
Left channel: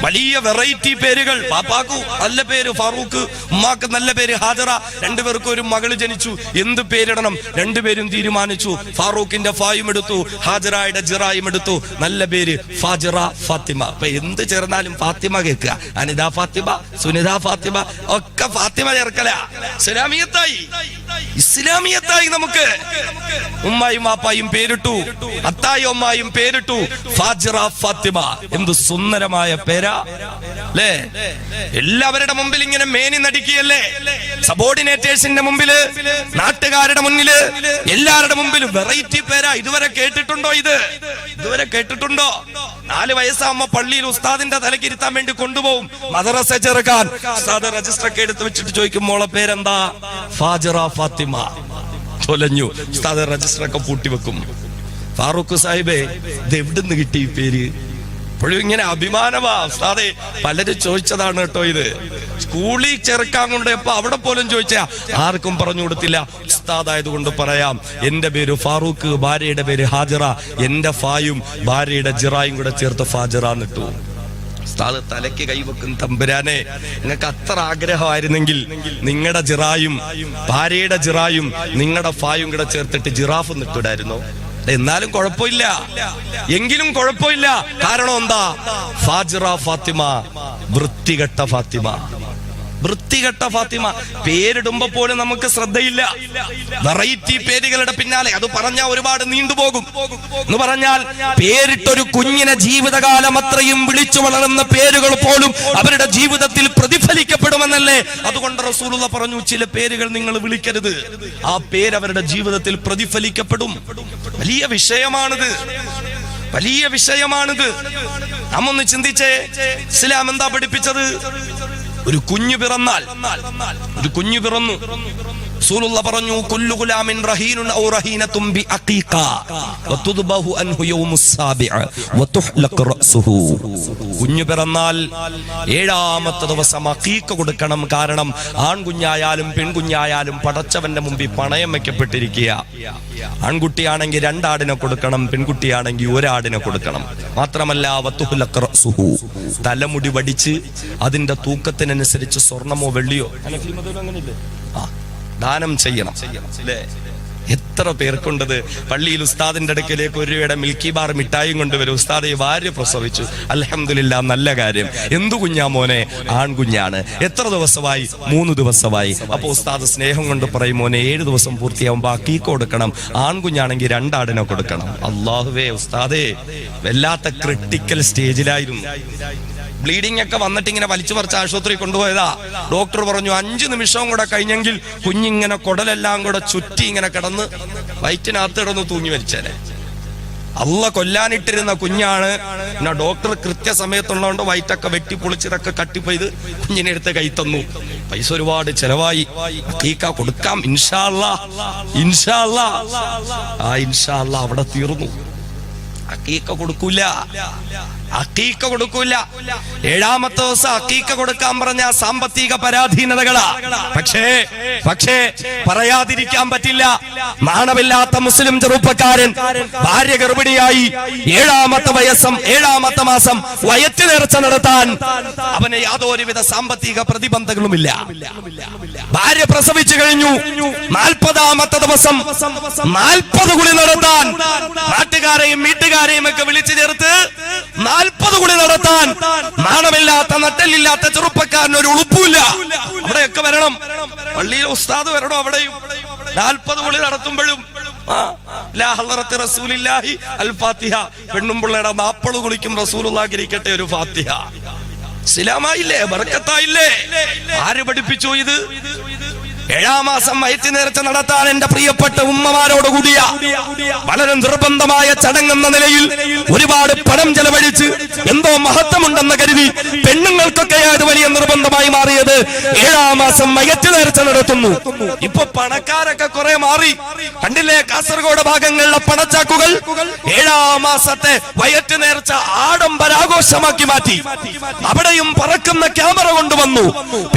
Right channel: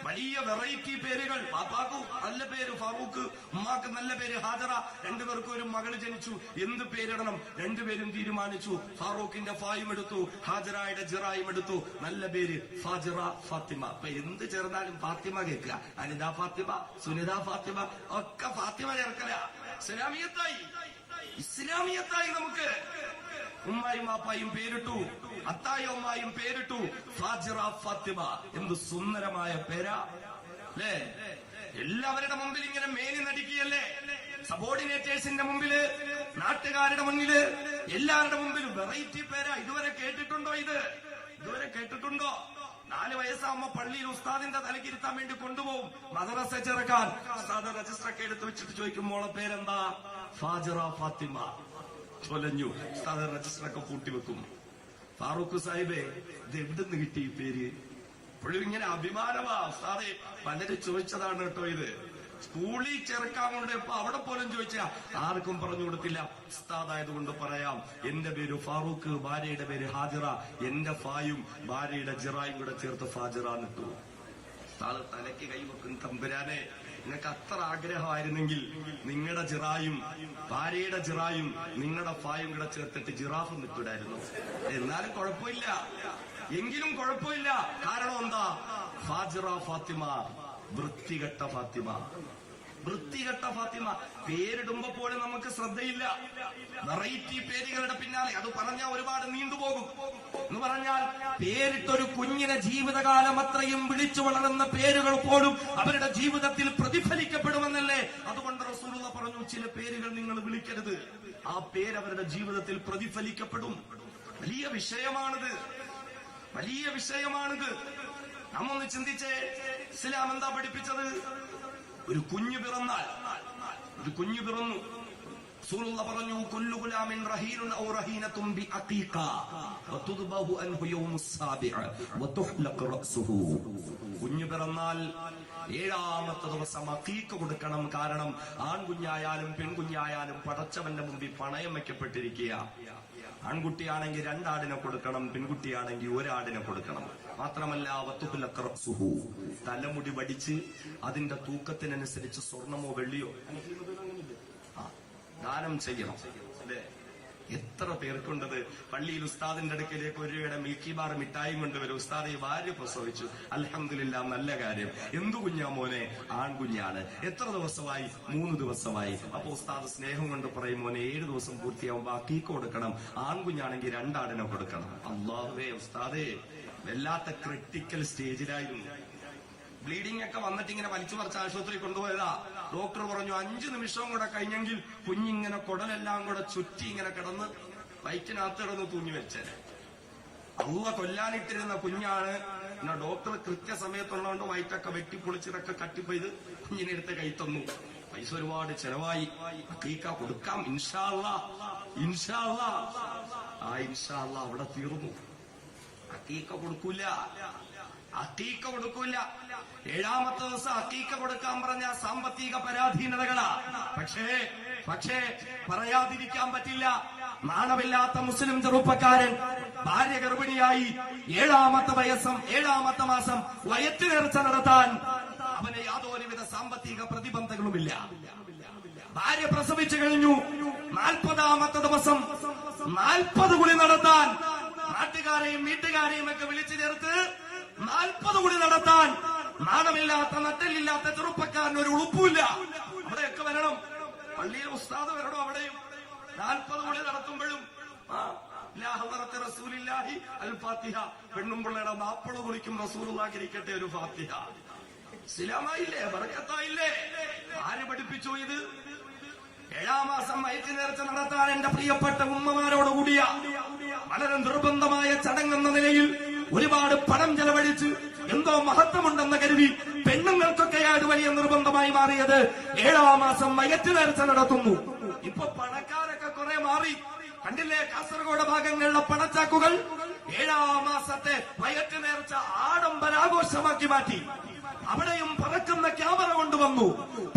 വലിയ വെറൈറ്റി പേരുകൾ. പാപ്പാക്കു നല്ല പേര് ഫാറൂഖ്, ഉമ്മാക്ക് നല്ല പേര് ഹാജറ. രണ്ടുപേർക്കും ഒരു മകള് ജനിച്ചു, എന്ത് പേരിടണം? രണ്ടുപേരും തീരുമാനിച്ചു. ഫാറൂഖിന്റെ ഫായും എടുത്തു, ഹാജറയുടെ ജിറായും എടുത്തു. നല്ല പേര് ഫാജിറ ഫാത്തിമ. അപ്പൊ എന്ത് ചേർന്നാലും ഫാത്തിമ കേൾക്കുക. അനിത ഫാത്തിമ, സുനിത ഫാത്തിമ, ഒക്കെ ഫാത്തിമ ചേർക്കല. ഇസ്ലാമിയത്തായി, ഇസ്ലാമിയത്തായി. നമുക്ക് ഉമ്മായും വാപ്പായും പേരിട്ടു, അത്തായും ഉമ്മായും പേരിട്ടു ഫാജിറ ഫാത്തിമ. എന്ത് സുന്ദരമായ പേരാ അല്ലേ? എല്ലാവരുടെ മുമ്പിൽ ഇങ്ങനെ മേനി നടിക്കുകയല്ലേ? സബോർഡിനേറ്റേഴ്സിന്റെ മുമ്പില്, നാട്ടുകാരുടെ മുന്നില്, എല്ലാവരുടെ മുമ്പിലും വെറൈറ്റി പേരാ. ഇതുവരെ കേട്ടിട്ടുണ്ടോ? ഇതുവരെ കേട്ടിട്ടുണ്ടോ? 4 വയസ്സാകുമ്പോ പള്ളിയിൽ ഉസ്താദിന്റെ തലക്കിരുത്താൻ വേണ്ടി കൊണ്ടുപോകും, മദ്രസ ചേർക്കാൻ. ഉസ്താദ് രജിസ്റ്റർ ഒക്കെ എടുത്ത് വെച്ചിട്ട് ചോദിക്കും, മോളെ പേരെന്താ? ഫാജിറ ഫാത്തിമ. തൊലഞ്ഞു. ഉസ്താദ് രജിസ്റ്റർ ഒക്കെ പൂട്ടിവെക്കും. ഫാറൂഖ് സാഹിബേ, ഇത് എവിടുന്ന് കിട്ടി ഈ പേര്? ഇപ്പോഴും ഇങ്ങനെ അഭിമാനമാ ഉസ്താദേ. പലരും ചോദിച്ചതാണ് കേട്ടോ ഇത്. സ്കൂളിൽ ചേർക്കാൻ കൊണ്ടപ്പോ അവിടെ പോലും ചോദിച്ചാ ആർക്കും പറഞ്ഞു കൊടുത്തില്ല. ഉസ്താദായത് കൊണ്ട് പറയാം, എന്റെ പേര് ഫാറൂഖ്, ഭാര്യയുടെ പേര് ഹാജിറ. എന്റെ ഫായും ഭാര്യയുടെ ജിറായും കൂടെ ചേർത്ത് ഫാജിറ എന്നിട്ടു. ഉസ്താദ് തലയ്ക്ക് കൈവെക്കും, തമ്പുരാനെ നിങ്ങൾക്ക് അത്ര ആഗ്രഹമായിരുന്നെങ്കിൽ നിങ്ങളുടെ ജിറായും ഭാര്യയുടെ ജിറായും നിങ്ങളുടെ ഫായും കൂടെ ചേർത്തിട്ട് ജിറാഫ് നിട്ടിടായിരുന്നു. എന്നാലും കുഴപ്പമില്ല, എങ്കിലും കുഴപ്പമില്ല. കാരണം എന്താ? ഫാജിറ ഫാത്തിമ, വൃത്തികെട്ട ഫാത്തിമ. വൃത്തികെട്ട ഫാത്തിമ. പേരിടുമ്പോ പോലും നമുക്ക് ശ്രദ്ധയില്ല. വെറൈറ്റി പേരുകളുടെ പിന്നാലെ. അത് പറഞ്ഞാൽ ഒരുപാട് നീണ്ടുപോകും. എന്ന് പറഞ്ഞാൽ പേരിട്ടൊരു കുഞ്ഞിനെ ജീവിതകാലം അത്രയും വിളിച്ചു വളർന്ന പേരുകൾ പോലും അവരുടെ ജീവിതത്തിൽ പ്രതിഫലിക്കപ്പെടുമെന്നല്ലേ? അതുകൊണ്ട് റസൂലുള്ള പറഞ്ഞു, ചില പേരുകൾ നിങ്ങൾ വിളിക്കരുത്, ആ പേര് അവരുടെ ജീവിതത്തിൽ പ്രതിഫലിക്കപ്പെടും. വലിയ വിഷയമാണിത്, വലിയ വിഷയമാണിത്. നാം ഒന്ന് ചിന്തിച്ചേ, ഇസ്ലാം എന്താ പഠിപ്പിച്ചത്? ഒരു കുഞ്ഞു പിറന്നാൽ, ഒരു കുഞ്ഞു പിറന്നു, റസൂലുള്ളാഹി പറഞ്ഞു, കുല്ലു ഗുലാമിൻ റഹീനുൻ ഔ റഹീനത്തുൻ ബി അഖീഖ വതുദ്ബഹു അൻഹു യൗമുസ് സാബിഅ വതുഹ്ലഖ റഅസുഹു. കുഞ്ഞു പിറന്നാൽ 7ാമത്തെ ദിവസം അഖീഖ കൊടുക്കണം. കാരണം ആൺകുഞ്ഞായാലും പെൺകുഞ്ഞായാലും പടച്ചവന്റെ മുമ്പിൽ പണയം വെക്കപ്പെട്ടിരിക്കുക. ആൺകുട്ടിയാണെങ്കിൽ 2 ആടിനെ കൊടുക്കണം, പെൺകുട്ടിയാണെങ്കിൽ 1 ആടിനെ കൊടുക്കണം. മാത്രമല്ല വതുഹ്ലഖ റഅസുഹു, തലമുടി വടിച്ച് അതിന്റെ തൂക്കത്തിനനുസരിച്ച് സ്വർണമോ വെള്ളിയോ ദാനം ചെയ്യണം. എത്ര പേർക്കുണ്ടത്? പള്ളിയിൽ ഉസ്താദിന്റെ അടുക്കലേക്ക് 1 രൂപയുടെ മിൽക്കി ബാർ മിഠായും കൊണ്ടുവരും. ഉസ്താദെ ഭാര്യ പ്രസവിച്ചു, അൽഹംദുലില്ലാ, നല്ല കാര്യം. എന്തു കുഞ്ഞാ മോനെ? ആൺകുഞ്ഞാണ്. എത്ര ദിവസമായി? 3 ദിവസമായി. അപ്പൊ ഉസ്താദ് സ്നേഹം കൊണ്ട് പറയും, മോനെ 7 ദിവസം പൂർത്തിയാവുമ്പോ അഖീഖ കൊടുക്കണം. ആൺകുഞ്ഞാണെങ്കിൽ 2 ആടിനെ കൊടുക്കണം. അല്ലാഹുവേ, ഉസ്താദേ വല്ലാത്ത ക്രിട്ടിക്കൽ സ്റ്റേജിലായിരുന്നു. ബ്ലീഡിംഗ് ഒക്കെ വന്നിട്ട് ഇങ്ങനെ വലിച്ചു പറിച്ച് ആശുപത്രി കൊണ്ടുപോയതാ. ഡോക്ടർ പറഞ്ഞു 5 നിമിഷവും കൂടെ കഴിഞ്ഞെങ്കിൽ കുഞ്ഞിങ്ങനെ കുടലെല്ലാം കൂടെ ചുറ്റി ഇങ്ങനെ കിടന്ന് വയറ്റിനകത്ത് കിടന്ന് തൂങ്ങി മരിച്ചേനെ. അള്ള കൊല്ലാനിട്ടിരുന്ന കുഞ്ഞാണ്. പിന്നെ ഡോക്ടർ കൃത്യസമയത്തുള്ളതുകൊണ്ട് വയറ്റൊക്കെ വെട്ടി പൊളിച്ചതൊക്കെ കട്ടിപ്പോയത് കുഞ്ഞിനെ എടുത്ത് കൈ തന്നു. പൈസ ഒരുപാട് ചെലവായി. അഖീഖ കൊടുക്കാം ഇൻഷാ അല്ലാഹ്, ഇൻഷാ അല്ലാഹ്. ആ ഇൻഷാ അല്ലാഹ് അവിടെ തീർന്നു. അഖീഖ കൊടുക്കൂല, അഖീഖ കൊടുക്കൂല. 7ാമത്തെ ദിവസം അഖീഖ കൊടുക്കാൻ പറഞ്ഞ സാമ്പത്തിക പരാധീനതകളാ. പക്ഷേ പറയാതിരിക്കാൻ പറ്റില്ല. നാണമില്ലാത്ത മുസ്ലിം ചെറുപ്പക്കാരൻ ഭാര്യ ഗർഭിണിയായി 7ാമത്തെ മാസം വയറ്റ് നേർച്ച നടത്താൻ അവന് യാതൊരുവിധ സാമ്പത്തിക പ്രതിബന്ധങ്ങളുമില്ല. ഭാര്യ പ്രസവിച്ചു കഴിഞ്ഞു. 40ാമത്തെ ദിവസം 40 കുളി നടത്താൻ നാട്ടുകാരെയും വീട്ടുകാരെയും ഒക്കെ വിളിച്ചു ചേർത്ത് 40 കുളി നടത്താൻ നാണമില്ലാത്ത നട്ടലില്ലാത്ത ചെറുപ്പക്കാരന് ഒരു ഉളുപ്പില്ല. അവിടെയൊക്കെ വരണം, പള്ളിയിൽ ഉസ്താദ് വരണം. അവിടെയും 40 കുളി നടത്തുമ്പോഴും പെണ്ണും പിള്ളയുടെ 40 കുളിക്കും റസൂലുള്ളാഹിക്ക് ഇരിക്കട്ടെ ഒരു ഫാത്തിഹ. ഇസ്ലാമായില്ലേ? ബർക്കത്തായില്ലേ? ആര് പഠിപ്പിച്ചു ഇത്? 7-ാം മാസം വയറ്റ് നേർച്ച നടത്താൻ എന്റെ പ്രിയപ്പെട്ട ഉമ്മമാരോട് കൂടിയ വളരെ നിർബന്ധമായ ചടങ്ങെന്ന നിലയിൽ ഒരുപാട് പണം ചെലവഴിച്ച് എന്തോ മഹത്വമുണ്ടെന്ന് കരുതി പെണ്ണുങ്ങൾക്കൊക്കെ അത് വലിയ നിർബന്ധമായി മാറിയത് 7-ാം മാസം വയറ്റ് നേർച്ച നടത്തുന്നു. ഇപ്പൊ പണക്കാരൊക്കെ കുറെ മാറി. കണ്ടില്ലേ, കാസർഗോഡ് ഭാഗങ്ങളിലെ പണച്ചാക്കുകൾ 7-ാം മാസത്തെ വയറ്റ് നേർച്ച ആഡംബരാഘോഷമാക്കി മാറ്റി. അവിടെയും പറക്കുന്ന ക്യാമറ കൊണ്ടുവന്നു.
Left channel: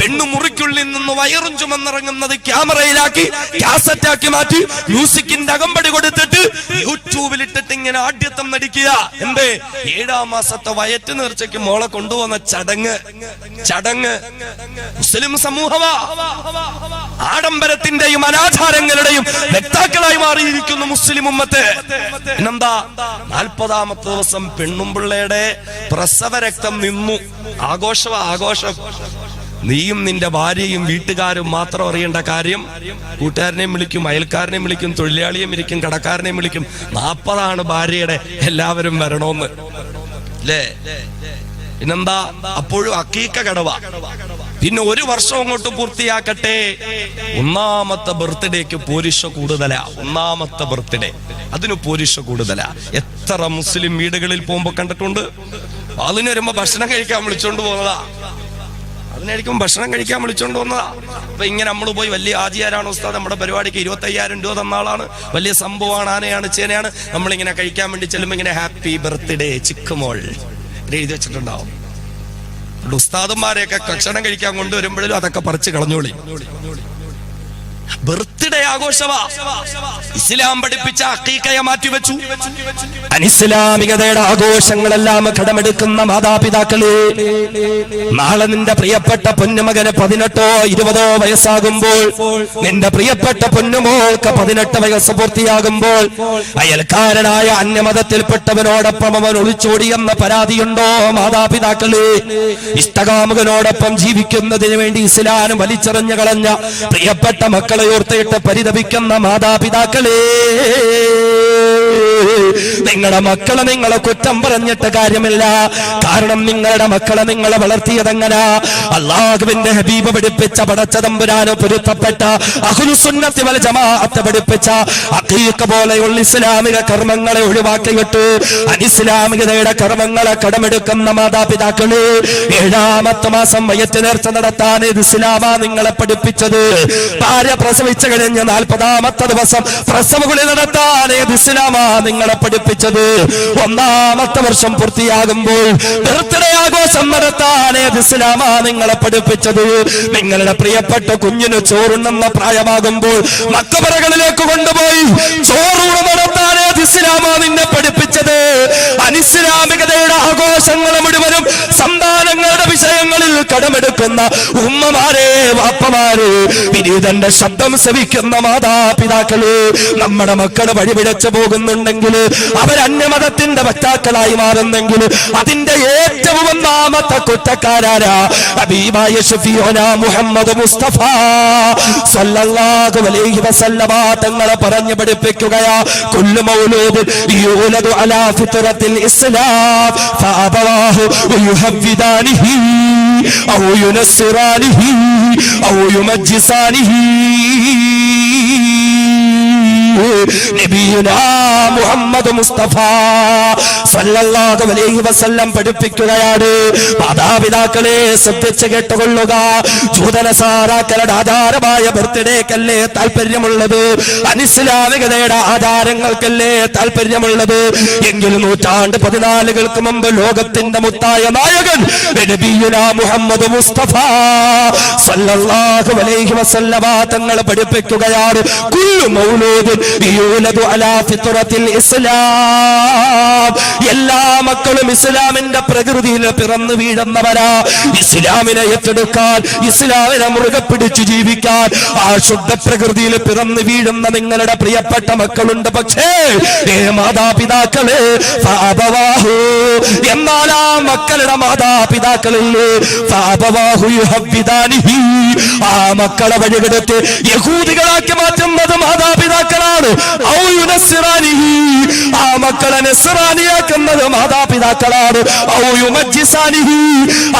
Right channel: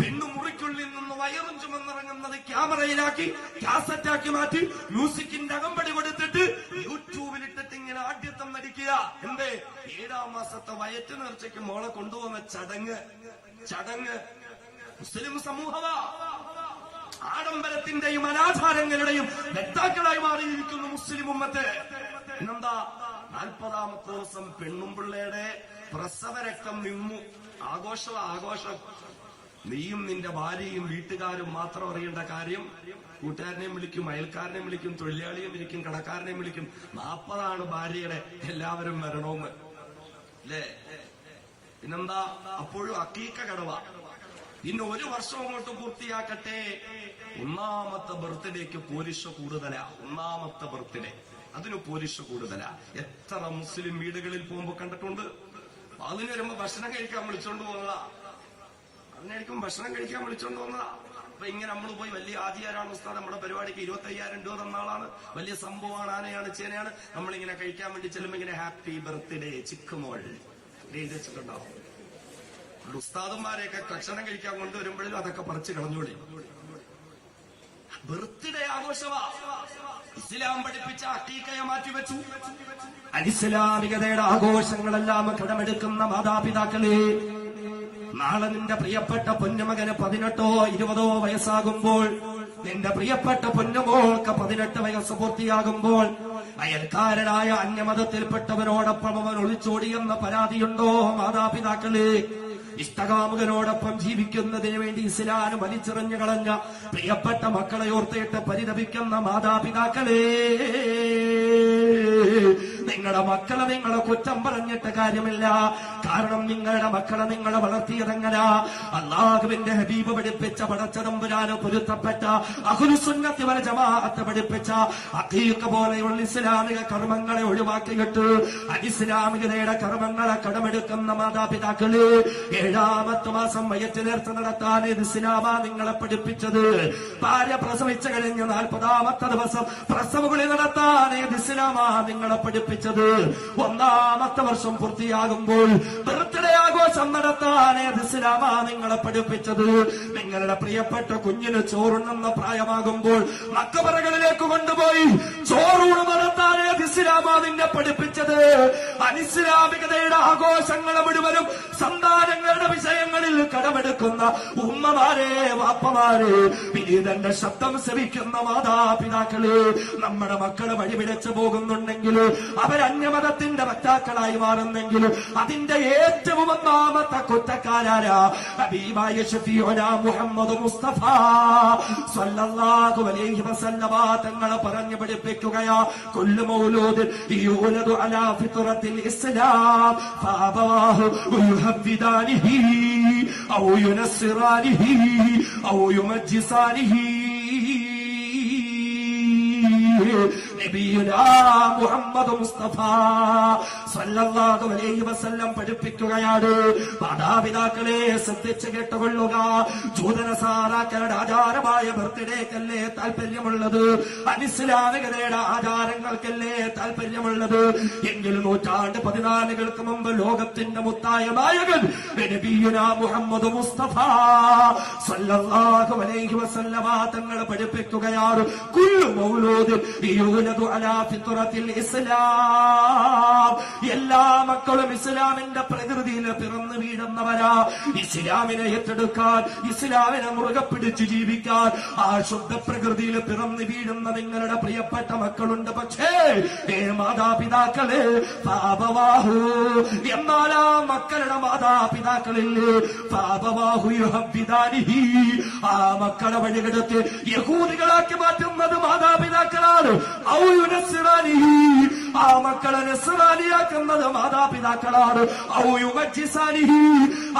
പെണ്ണു മുറിക്കുള്ളിൽ നിന്ന് വയറും ചുമന്നിറങ്ങുന്നത് ക്യാമറയിലാക്കി കാസറ്റാക്കി മാറ്റി മ്യൂസിക്കിന്റെ അകമ്പടി കൊടുത്തിട്ട് യൂട്യൂബിലിട്ടിട്ട് ഇങ്ങനെ ആഢ്യത്വം നടിക്കുക. എന്തേ? 7-ാം മാസത്തെ വയറ്റ് നേർച്ചയ്ക്ക് മോളെ കൊണ്ടുവന്ന ചടങ്ങ് മുസ്ലിം സമൂഹമാ ആഡംബരത്തിന്റെയും അനാചാരങ്ങളുടെയും വ്യക്താക്കളായി മാറിയിരിക്കുന്നു മുസ്ലിം ഉമ്മത്ത്. പിന്നെന്താ? 40-ാമത്തെ ദിവസം പെണ്ണുമ്പിള്ളയുടെ പ്രസവ രക്തം നിന്നു. ആഘോഷം. നീയും നിന്റെ ഭാര്യയും വീട്ടുകാരും മാത്രം അറിയേണ്ട കാര്യം, കൂട്ടുകാരനെയും വിളിക്കും, അയൽക്കാരനെയും വിളിക്കും, തൊഴിലാളിയെയും വിളിക്കും, കടക്കാരനെയും വിളിക്കും. 40 ഭാര്യയുടെ, എല്ലാവരും വരണോന്ന് അല്ലേ? പിന്നെന്താ? അപ്പോഴും അക്കീക്ക കടവ. പിന്നെ 1 വർഷം അങ്ങോട്ട് പൂർത്തിയാക്കട്ടെ. 1-ാമത്തെ ബർത്ത്ഡേക്ക് പോരിഷ കൂടുതലാ. 1-ാമത്തെ ബർത്ത്ഡേ അതിന് പോരിഷ കൂടുതലാ. എത്ര മുസ്ലിം വീടുകളിൽ പോകുമ്പോ കണ്ടിട്ടുണ്ട്. അതിന് വരുമ്പോ ഭക്ഷണം കഴിക്കാൻ വിളിച്ചോണ്ട് പോകുന്നതാ. അതിനായിരിക്കും ഭക്ഷണം കഴിക്കാൻ വിളിച്ചോണ്ട് വന്നതാ. അപ്പൊ ഇങ്ങനെ നമ്മൾ പോയി വലിയ ആചാരാണ് ഉസ്താദ്, നമ്മുടെ പരിപാടിക്ക് 25,000 രൂപ തന്ന ആളാണ്, വലിയ സംഭവമാണ്, ആനയാണ്, ചേനയാണ്. നമ്മളിങ്ങനെ കഴിക്കാൻ വേണ്ടി ചെല്ലുമ്പോ ഇങ്ങനെ ഹാപ്പി ബർത്ത്ഡേ ചിക്കുമോൾ എഴുതി വെച്ചിട്ടുണ്ടാവും. ഉസ്താദന്മാരെയൊക്കെ ഭക്ഷണം കഴിക്കാൻ കൊണ്ടുവരുമ്പോഴും അതൊക്കെ പറിച്ച് കളഞ്ഞോളി. ബർത്ത്ഡേ ആഘോഷവാ. ഇസ്ലാം പഠിപ്പിച്ച അഖീഖയെ മാറ്റിവെച്ചു. അനിസ്ലാമികതയുടെ ആഘോഷങ്ങളെല്ലാം കടമെടുക്കുന്ന മാതാപിതാക്കളെ, നാളെ നിന്റെ പ്രിയപ്പെട്ട പൊന്നുമകന് 18 20 വയസ്സാകുമ്പോൾ, നിന്റെ പ്രിയപ്പെട്ട പൊന്നുമോൾക്ക് 18 വയസ്സ് പൂർത്തിയാകുമ്പോൾ അയൽക്കാരനായ അന്യമതത്തിൽപ്പെട്ടവനോടൊപ്പം അവൻ ഒളിച്ചോടിയെന്ന പരാതിയുണ്ടോ മാതാപിതാക്കളെ? ഇഷ്ടകാമുകനോടൊപ്പം ജീവിക്കുന്നതിന് വേണ്ടി ഇസ്ലാം വലിച്ചെറിഞ്ഞു കളഞ്ഞ പ്രിയപ്പെട്ട മക്കളെ ഓർത്തിട്ട് പരിതപിക്കുന്ന മാതാപിതാക്കളെ, നിങ്ങളുടെ മക്കളെ നിങ്ങളെ കുറ്റം പറഞ്ഞിട്ട് കാര്യമില്ല. കാരണം നിങ്ങളുടെ മക്കളെ നിങ്ങളെ വളർത്തിയതെങ്ങനെ? അല്ലാഹുവിന്റെ ഹബീബ് പഠിപ്പിച്ച, പടച്ച തമ്പുരാന് പൊരുത്തപ്പെട്ട അഹ്ലുസുന്നത്തി വൽ ജമാഅത്ത് പഠിപ്പിച്ച അഖീഖ പോലെയുള്ള ഇസ്ലാമിക കർമ്മങ്ങളെ ഒഴിവാക്കിയിട്ട് അനിസ്ലാമികതയുടെ കർമ്മങ്ങളെ കടമെടുക്കുന്ന മാതാപിതാക്കളെ, 7-ാമത്തെ മാസം വയറ്റ് നേർച്ച നടത്താൻ ഇസ്ലാമാ നിങ്ങളെ പഠിപ്പിച്ചത്. ഭാര്യ പ്രസവിച്ചു കഴിഞ്ഞ് 40-ാമത്തെ ദിവസം പ്രസവകുളി നടത്താൻ ഇസ്ലാമാ നിങ്ങളെ പഠിപ്പിച്ചത്. 1-ാമത്തെ വർഷം പൂർത്തിയാകുമ്പോൾ ബർത്ത്ഡേ ആഘോഷം നടത്താൻ ഇസ്ലാമാ നിങ്ങളെ പഠിപ്പിച്ചത്. നിങ്ങളുടെ പ്രിയപ്പെട്ട കുഞ്ഞിന് ചോറുണ്ടെന്ന പ്രായമാകുമ്പോൾ മക്കബറകളിലേക്ക് കൊണ്ടുപോയി ചോറൂണ് നടത്താൻ ഇസ്ലാമാ നിന്നെ പഠിപ്പിച്ചത്. അനിസ്ലാമികതയുടെ ആഘോഷങ്ങൾ മുഴുവനും സന്താനങ്ങളുടെ വിഷയങ്ങളിൽ കടമെടുക്കുന്ന ഉമ്മമാരെ, വാപ്പമാരെ, വിനീതന്റെ ശബ്ദം ശ്രവിക്കുന്ന മാതാപിതാക്കള്, നമ്മുടെ മക്കള് വഴിപിഴച്ചു പോകുന്നുണ്ടെങ്കിൽ, അവരന്യമതത്തിന്റെ വക്താക്കളായി മാറുന്നെങ്കിൽ അതിന്റെ ഏറ്റവും ഒന്നാമത്തെ കുറ്റക്കാരാരാ? ഹബീബായ ശഫീഉനാ മുഹമ്മദ് മുസ്തഫ സ്വല്ലല്ലാഹു അലൈഹി വസല്ലമ തങ്ങളെ പറഞ്ഞു പഠിപ്പിക്കുകയാ, കുല്ലു മൗലൂദ് യൂലദു അലാ ഫിത്രത്തിൽ ഇസ്ലാം ഫഅബവാഹു യുഹവ്വിദാനിഹി ഔ യുനസ്സിറാനിഹി ഔ യുമജ്ജിസാനിഹി. നബിയുനാ മുഹമ്മദ് മുസ്തഫ സല്ലല്ലാഹു അലൈഹി വസല്ലം പഠിപ്പിക്കുകയാണ്, മാതാപിതാക്കളെ ശ്രദ്ധിച്ച് കേട്ടുകൊള്ളുക. ജൂതനസാറാക്കളുടെ ആധാരമായ ബർത്ത്ഡേക്കല്ലേ താല്പര്യമുള്ളത്? അനിസ്ലാമികതയുടെ ആധാരങ്ങൾക്കല്ലേ താല്പര്യമുള്ളത്? എങ്കിൽ 14 മുമ്പ് ലോകത്തിന്റെ മുത്തായ നായകൻ നബിയുനാ മുഹമ്മദ് മുസ്തഫ സല്ലല്ലാഹു അലൈഹി വസല്ലമ തങ്ങൾ പഠിപ്പിക്കുകയാണ്, കുല്ലു മൗലൂദ് യൂലദു അലാ ഫിത്രത്തിൽ ഇസ്ലാം. എല്ലാ മക്കളും ഇസ്ലാമിന്റെ പ്രകൃതിയിൽ പിറന്നു വീഴുന്നവരാ. ഇസ്ലാമിനെ ഏറ്റെടുക്കാൻ, ഇസ്ലാമിനെ മുറുകെ പിടിച്ചു ജീവിക്കാൻ ആ ശുദ്ധ പ്രകൃതിയിൽ പിറന്നു വീഴുന്ന നിങ്ങളുടെ പ്രിയപ്പെട്ട മക്കളുണ്ട്. പക്ഷേ മാതാപിതാക്കളെ, എന്നാൽ ആ മക്കളുടെ മാതാപിതാക്കളില്ലേ, ആ മക്കളെ വഴികെടുത്ത് യഹൂദികളാക്കി മാറ്റുന്നത് മാതാപിതാക്കളാണ്. ആ മക്കളെ നസ്റാനിയാക്കുന്നത് മാതാപിതാക്കളാണ്.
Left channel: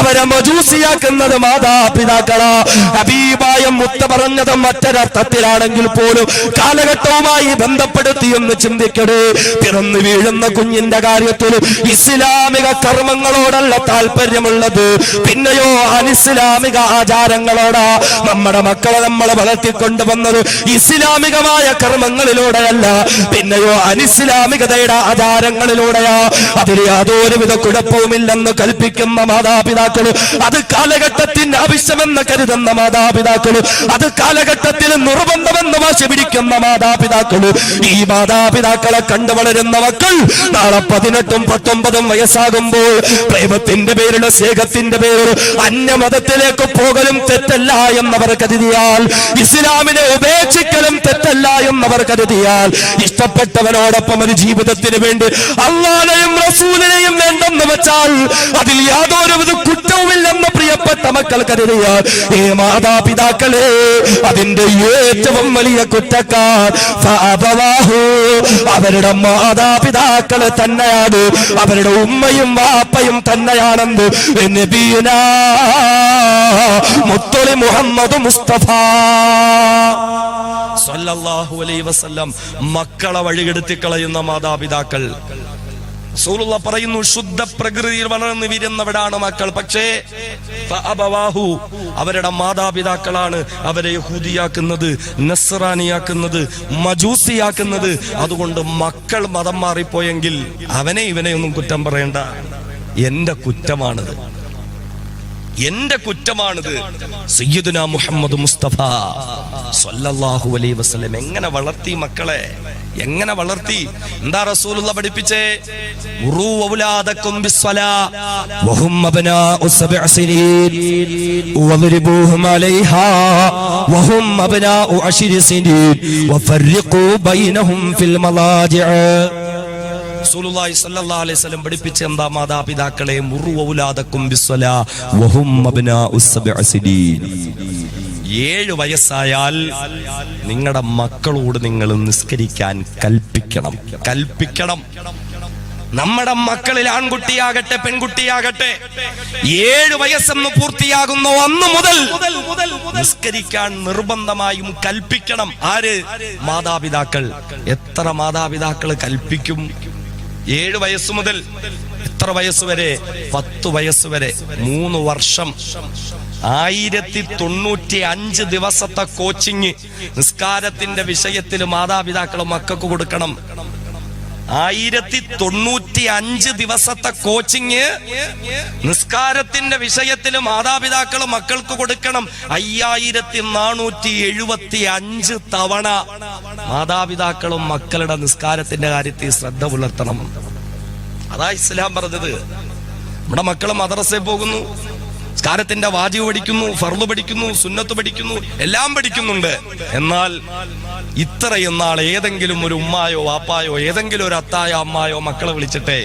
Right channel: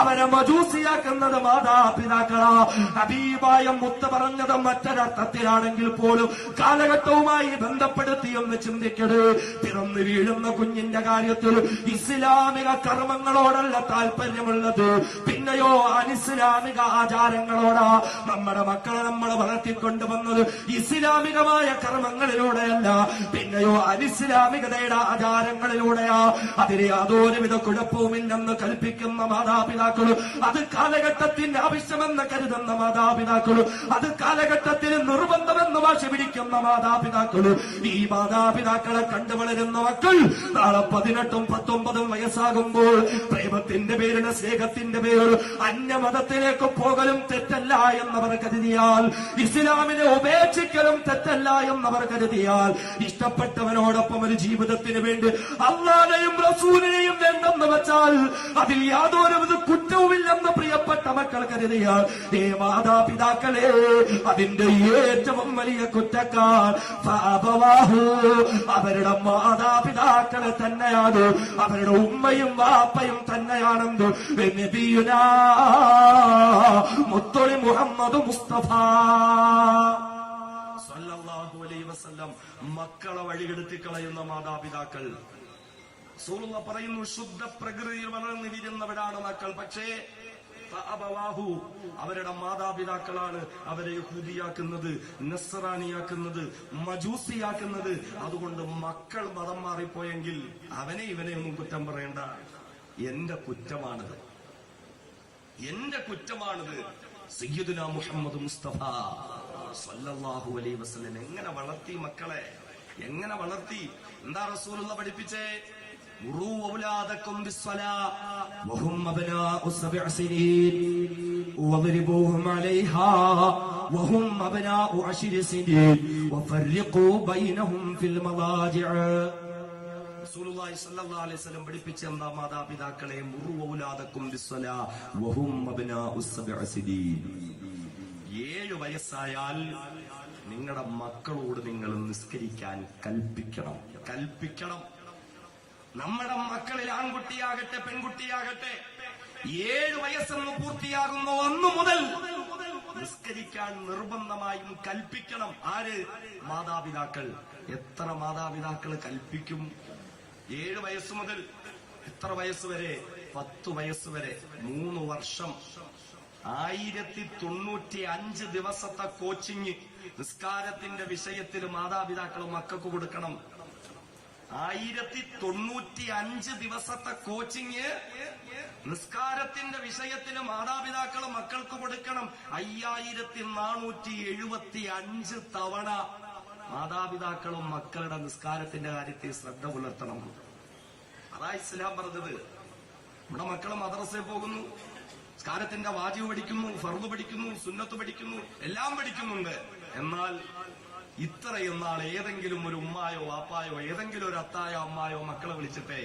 അവരെ മജൂസിയാക്കുന്നത് മാതാപിതാക്കളാ. ഹബീബായ മുത്ത പറഞ്ഞത് മറ്റൊരർത്ഥത്തിലാണെങ്കിൽ പോലും കാലഘട്ടവുമായി ബന്ധപ്പെടുത്തി ഒന്ന് ചിന്തിക്കണേ. പിറന്നു വീഴുന്ന കുഞ്ഞിന്റെ കാര്യത്തിൽ ഇസ്ലാമിക കർമ്മങ്ങളോടല്ല താല്പര്യമുള്ളത്, പിന്നെയോ അനിസ്ലാമിക ആചാരങ്ങളോടാ. നമ്മുടെ മക്കളെ നമ്മളെ വളർത്തിക്കൊണ്ടുവന്നത് ഇസ്ലാമികമായ കർമ്മങ്ങളിലൂടെയല്ല, പിന്നെയോ അനിസ്ലാമികതയുടെ ആചാരങ്ങളിലൂടെയാ. അതിൽ യാതൊരുവിധ കുഴപ്പവുമില്ലെന്ന് കൽപ്പിക്കുന്ന മാതാപിതാക്കളും, അത് കാലഘട്ടത്തിന്റെ ആവശ്യമെന്ന് കരുതുന്ന മാതാപിതാക്കളും, അത് കാലഘട്ടത്തിന് നിർബന്ധമെന്ന് വാശി പിടിക്കുന്ന മാതാപിതാക്കളും, ഈ മാതാപിതാക്കളെ കണ്ടു വളരുന്ന മക്കൾ നാളെ 18ഉം 19ഉം വയസ്സാകുമ്പോൾ പ്രേമത്തിന്റെ പേരിലോ സ്നേഹത്തിന്റെ പേരിലോ അന്യമതത്തിലേക്ക് പോകലും തെറ്റല്ല എന്നവർ കരുതിയാൽ, ഇസ്ലാമിനെ ഉപേക്ഷിക്കലും തെറ്റല്ല എന്നവർ കരുതിയാൽ, ഇഷ്ടപ്പെട്ടവനോടൊപ്പം ഒരു ജീവിതത്തിന് വേണ്ടി അല്ലാഹുവിനെയും റസൂലിനെയും വേണ്ടെന്ന് വെച്ചാൽ അതിൽ യാതൊരുവിധ കുറ്റവുമില്ലെന്ന് പ്രിയപ്പെട്ട മക്കൾ കരുതിയാൽ, ഈ മാതാപിതാക്കളെ അതിന്റെ ഏറ്റവും വലിയ കുറ്റക്കാർ അവരുടെ മാതാപിതാക്കളെ തന്നെയാണ്, അവരുടെ ഉമ്മയും വാപ്പയും തന്നെയാണെന്ന് നബിയുനാ മുത്തുളി മുഹമ്മദ് മുസ്തഫ സല്ലല്ലാഹു അലൈഹി വസല്ലം മക്കളെ വഴികെടുത്തി കളയുന്ന മാതാപിതാക്കൾ. റസൂലുള്ളാഹി പറയുന്നു, ശുദ്ധ പ്രകൃതിയിൽ വളർന്നു വീരുന്നവരാണ് മക്കൾ, പക്ഷേ അവരുടെ മാതാപിതാക്കളാണ് അവരെ യഹൂദിയാക്കുന്നത്, നസ്രാനിയാക്കുന്നത്, മജൂസിയാക്കുന്നത്. അതുകൊണ്ട് മക്കൾ മതം മാറിപ്പോയെങ്കിൽ അവനെ ഇവനെ ഒന്നും കുറ്റം പറയണ്ട, എന്റെ കുറ്റമാണിത്, എന്റെ കുറ്റമാണിത്. സയ്യിദുനാ മുഹമ്മദ് മുസ്തഫ സല്ലല്ലാഹു അലൈഹി വസല്ലം എങ്ങനെ വളർത്തി മക്കളെ, എങ്ങനെ വളർത്തി? എന്താ റസൂലുള്ളാഹി പഠിപ്പിച്ചേ? ഉറൂ ഔലാദകും ബിസ്സലാ വഹും അബ്നാഉ 7 സിനീൻ വദ്രിബൂഹും അലൈഹാ വഹും അബ്നാഉ 10 സിനീൻ വഫർഖൂ ബൈനഹും ഫിൽ മളാജിഅ. റസൂലുള്ളാഹി സ്വല്ലല്ലാഹു അലൈഹി വസല്ലം പഠിപ്പിച്ച എന്താ? മാതാപിതാക്കളെ മുറു ഔലാദകും ബിസ്സലാ വഹും അബ്നാഉ 7 സിനീൻ. 7 വയസ്സായാൽ നിങ്ങളുടെ മക്കളോട് നിങ്ങൾ നിസ്കരിക്കാൻ കൽപ്പിക്കണം. നമ്മുടെ മക്കളിൽ ആൺകുട്ടിയാകട്ടെ പെൺകുട്ടിയാകട്ടെ 7 വയസ്സെന്ന് പൂർത്തിയാകുന്ന അന്ന് മുതൽ നിസ്കരിക്കാൻ നിർബന്ധമായും കൽപ്പിക്കണം. ആര്? മാതാപിതാക്കൾ. എത്ര മാതാപിതാക്കൾ കൽപ്പിക്കും? 7 വയസ്സ് മുതൽ എത്ര വയസ്സ് വരെ? 10 വയസ്സ് വരെ 3 വർഷം 1095 ദിവസത്തെ കോച്ചിങ് നിസ്കാരത്തിന്റെ വിഷയത്തിൽ മാതാപിതാക്കൾ മക്കൾക്ക് കൊടുക്കണം. 1095 ദിവസത്തെ കോച്ചിങ് നിസ്കാരത്തിന്റെ വിഷയത്തിൽ മാതാപിതാക്കൾ മക്കൾക്ക് കൊടുക്കണം. 5475 തവണ മാതാപിതാക്കളും മക്കളുടെ നിസ്കാരത്തിന്റെ കാര്യത്തിൽ ശ്രദ്ധ പുലർത്തണം. അതാ ഇസ്ലാം പറഞ്ഞത്. നമ്മുടെ മക്കൾ മദ്രസയിൽ പോകുന്നു, നിസ്കാരത്തിന്റെ വാജിബ് പഠിക്കുന്നു, ഫർള് പഠിക്കുന്നു, സുന്നത്ത് പഠിക്കുന്നു, എല്ലാം പഠിക്കുന്നുണ്ട്. എന്നാൽ ഇത്രയും നാൾ ഏതെങ്കിലും ഒരു ഉമ്മായോ വാപ്പായോ ഏതെങ്കിലും ഒരു അത്തായോ അമ്മായോ മക്കളെ വിളിച്ചിട്ടെ,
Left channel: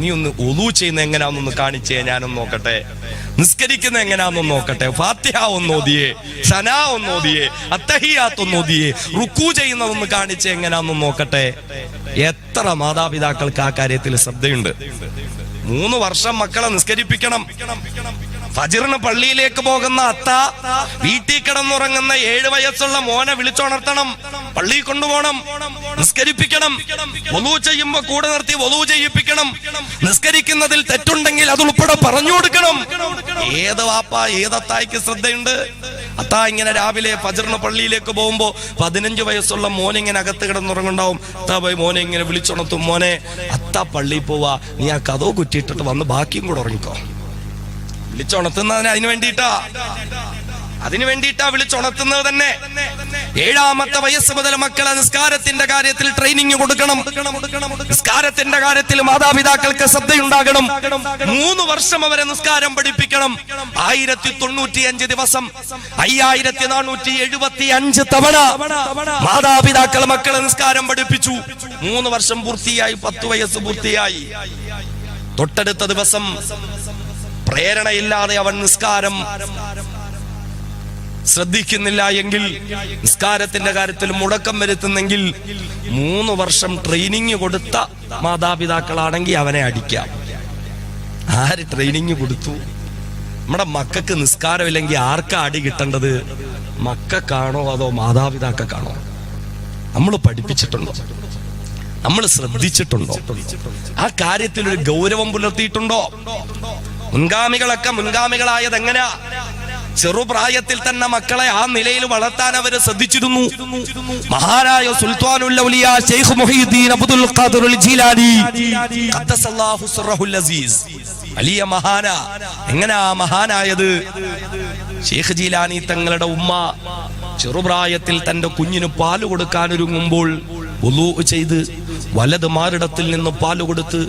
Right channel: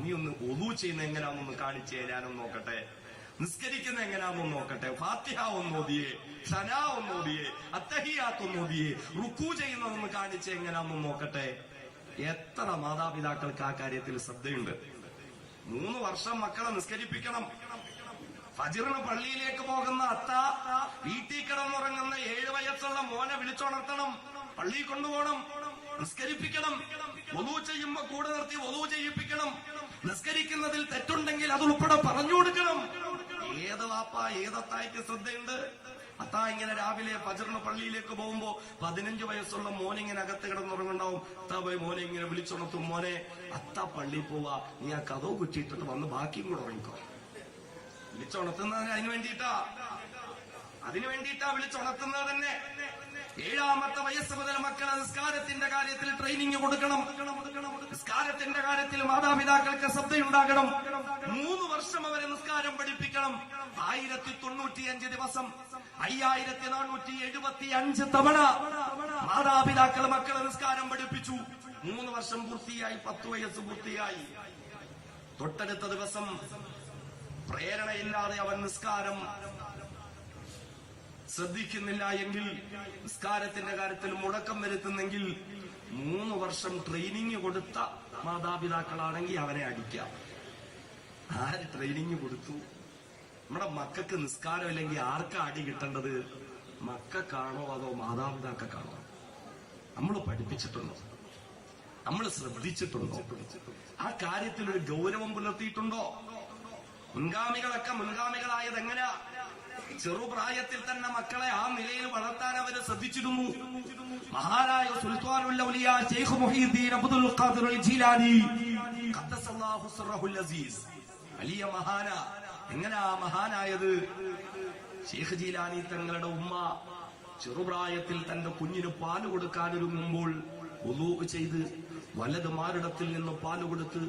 നീ ഒന്ന് ഒളു ചെയ്യുന്ന എങ്ങനെയാണെന്നൊന്ന് കാണിച്ചേ, ഞാനൊന്ന് നോക്കട്ടെ, നിസ്കരിക്കുന്ന എങ്ങനെയാണെന്ന് നോക്കട്ടെ, ഫാത്തിഹ ഒന്ന് ഓതിയേ, സനാ ഒന്ന് ഓതിയേ, അത്തഹിയാത്ത് ഒന്ന് ഓതിയേ, റുക്കൂ ചെയ്യുന്നതൊന്ന് കാണിച്ചേ, എങ്ങനെയാണെന്ന് നോക്കട്ടെ. എത്ര മാതാപിതാക്കൾക്ക് ആ കാര്യത്തിൽ ശ്രദ്ധയുണ്ട്? 3 വർഷം മക്കളെ നിസ്കരിപ്പിക്കണം. ഫജ്റിന് പള്ളിയിലേക്ക് പോകുന്ന അത്ത വീട്ടിൽ കിടന്നുറങ്ങുന്ന 7 വയസ്സുള്ള മോനെ വിളിച്ചുണർത്തണം, പള്ളിയിൽ കൊണ്ടുപോകണം, നിസ്കരിപ്പിക്കണം. വളൂ ചെയ്യുമ്പോ കൂടെ നിർത്തി വളൂ ചെയ്യിപ്പിക്കണം. നിസ്കരിക്കുന്നതിൽ തെറ്റുണ്ടെങ്കിൽ അത് ഉൾപ്പെടെ പറഞ്ഞു കൊടുക്കണം. ഏത് വാപ്പ ഏതത്തായിക്ക് ശ്രദ്ധയുണ്ട്? അത്ത ഇങ്ങനെ രാവിലെ ഫജ്റിന് പള്ളിയിലേക്ക് പോകുമ്പോ 15 വയസ്സുള്ള മോനെ ഇങ്ങനെ അകത്ത് കിടന്നുറങ്ങുണ്ടാവും. അത്ത പോയി മോനെ ഇങ്ങനെ വിളിച്ചുണർത്തും, മോനെ അത്ത പള്ളിയിൽ പോവാ, നീ ആ കഥോ കുറ്റിയിട്ടിട്ട് വന്ന് ബാക്കിയും കൂടെ ഉറങ്ങിക്കോ. വിളിച്ചുണർത്തുന്നതിന് അതിനു വേണ്ടിയിട്ടാ വിളിച്ചുണർത്തുന്നത് തന്നെ. 7ാമത്തെ വയസ്സ് മുതൽ മക്കളെ നിസ്കാരത്തിന്റെ കാര്യത്തിൽ ട്രെയിനിങ് കൊടുക്കണം. നിസ്കാരത്തിന്റെ കാര്യത്തിൽ മാതാപിതാക്കൾക്ക് ശ്രദ്ധയുണ്ടാകണം. 3 വർഷം അവരെ നിസ്കാരം പഠിപ്പിക്കണം. 1095 ദിവസം 5475 തവണ മാതാപിതാക്കൾ മക്കളെ നിസ്കാരം പഠിപ്പിച്ചു. 3 വർഷം പൂർത്തിയായി, 10 വയസ്സ് പൂർത്തിയായി. തൊട്ടടുത്ത ദിവസം പ്രേരണയില്ലാതെ അവൻ നിസ്കാരം ശ്രദ്ധിക്കുന്നില്ല എങ്കിൽ, നിസ്കാരത്തിന്റെ കാര്യത്തിൽ മുടക്കം വരുത്തുന്നെങ്കിൽ 3 വർഷം ട്രെയിനിങ് കൊടുത്ത മാതാപിതാക്കളാണെങ്കിൽ അവനെ അടിക്കാം. ആര് ട്രെയിനിങ് കൊടുത്തു? നമ്മുടെ മക്കൾക്ക് നിസ്കാരമില്ലെങ്കിൽ ആർക്കാ അടി കിട്ടേണ്ടത്? മക്കൾക്കാണോ അതോ മാതാപിതാക്കൾക്കാണോ? നമ്മൾ പഠിപ്പിച്ചിട്ടുണ്ടോ? നമ്മൾ ശ്രദ്ധിച്ചിട്ടുണ്ടോ? ആ കാര്യത്തിൽ ഒരു ഗൗരവം പുലർത്തിയിട്ടുണ്ടോ? മുൻഗാമികളൊക്കെ മുൻഗാമികളായത് എങ്ങനെയാ? ചെറുപ്രായത്തിൽ തന്നെ മക്കളെ ആ നിലയിൽ വളർത്താൻ അവര് ശ്രദ്ധിച്ചിരുന്നു. മഹാനായ സുൽത്താനുൽ ഔലിയ ശൈഖ് മുഹീദ്ദീൻ അബ്ദുൽ ഖാദിർ ജീലാനി ഖദ്ദസല്ലാഹു സിർറഹുൽ അസീസ് വലിയ മഹാന. എങ്ങനെയാ മഹാനായത്? ശൈഖ് ജീലാനി തങ്ങളുടെ ഉമ്മ ചെറുപ്രായത്തിൽ തന്റെ കുഞ്ഞിന് പാല് കൊടുക്കാൻ ഒരുങ്ങുമ്പോൾ വുളൂ ചെയ്ത് വലത് മാറിടത്തിൽ നിന്ന് പാല് കൊടുത്ത്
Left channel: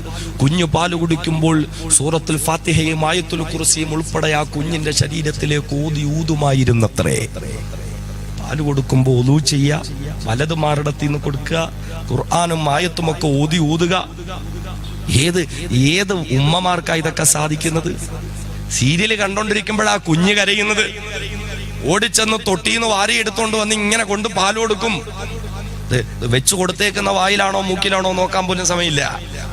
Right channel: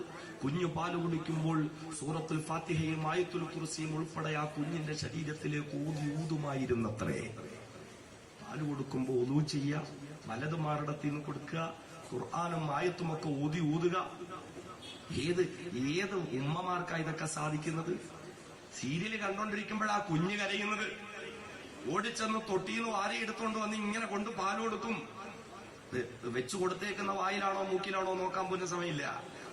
കുഞ്ഞു പാല് കുടിക്കുമ്പോൾ സൂറത്തുൽ ഫാത്തിഹയും ആയത്തുൽ കുർസിയും ഉൾപ്പെടെ ആ കുഞ്ഞിന്റെ ശരീരത്തിലേക്ക് ഊതുമായിരുന്നത്രേ. പാല് കൊടുക്കുമ്പോൾ വുളൂ ചെയ്യുക, വലത് മാറിടത്തിൽ നിന്ന് കൊടുക്കുക, ഖുർആനും ആയത്തും ഒക്കെ ഊതുക. ഏത് ഉമ്മമാർക്കാ ഇതൊക്കെ സാധിക്കുന്നത്? സീരിയല് കണ്ടോണ്ടിരിക്കുമ്പോഴാ കുഞ്ഞ് കരയുന്നത്. ഓടിച്ചെന്ന് തൊട്ടീന്ന് വാരി എടുത്തോണ്ട് വന്ന് ഇങ്ങനെ കൊണ്ട് പാല് കൊടുക്കും. വെച്ചു കൊടുത്തേക്കുന്ന വായിലാണോ മൂക്കിലാണോ നോക്കാൻ പോലും സമയമില്ല.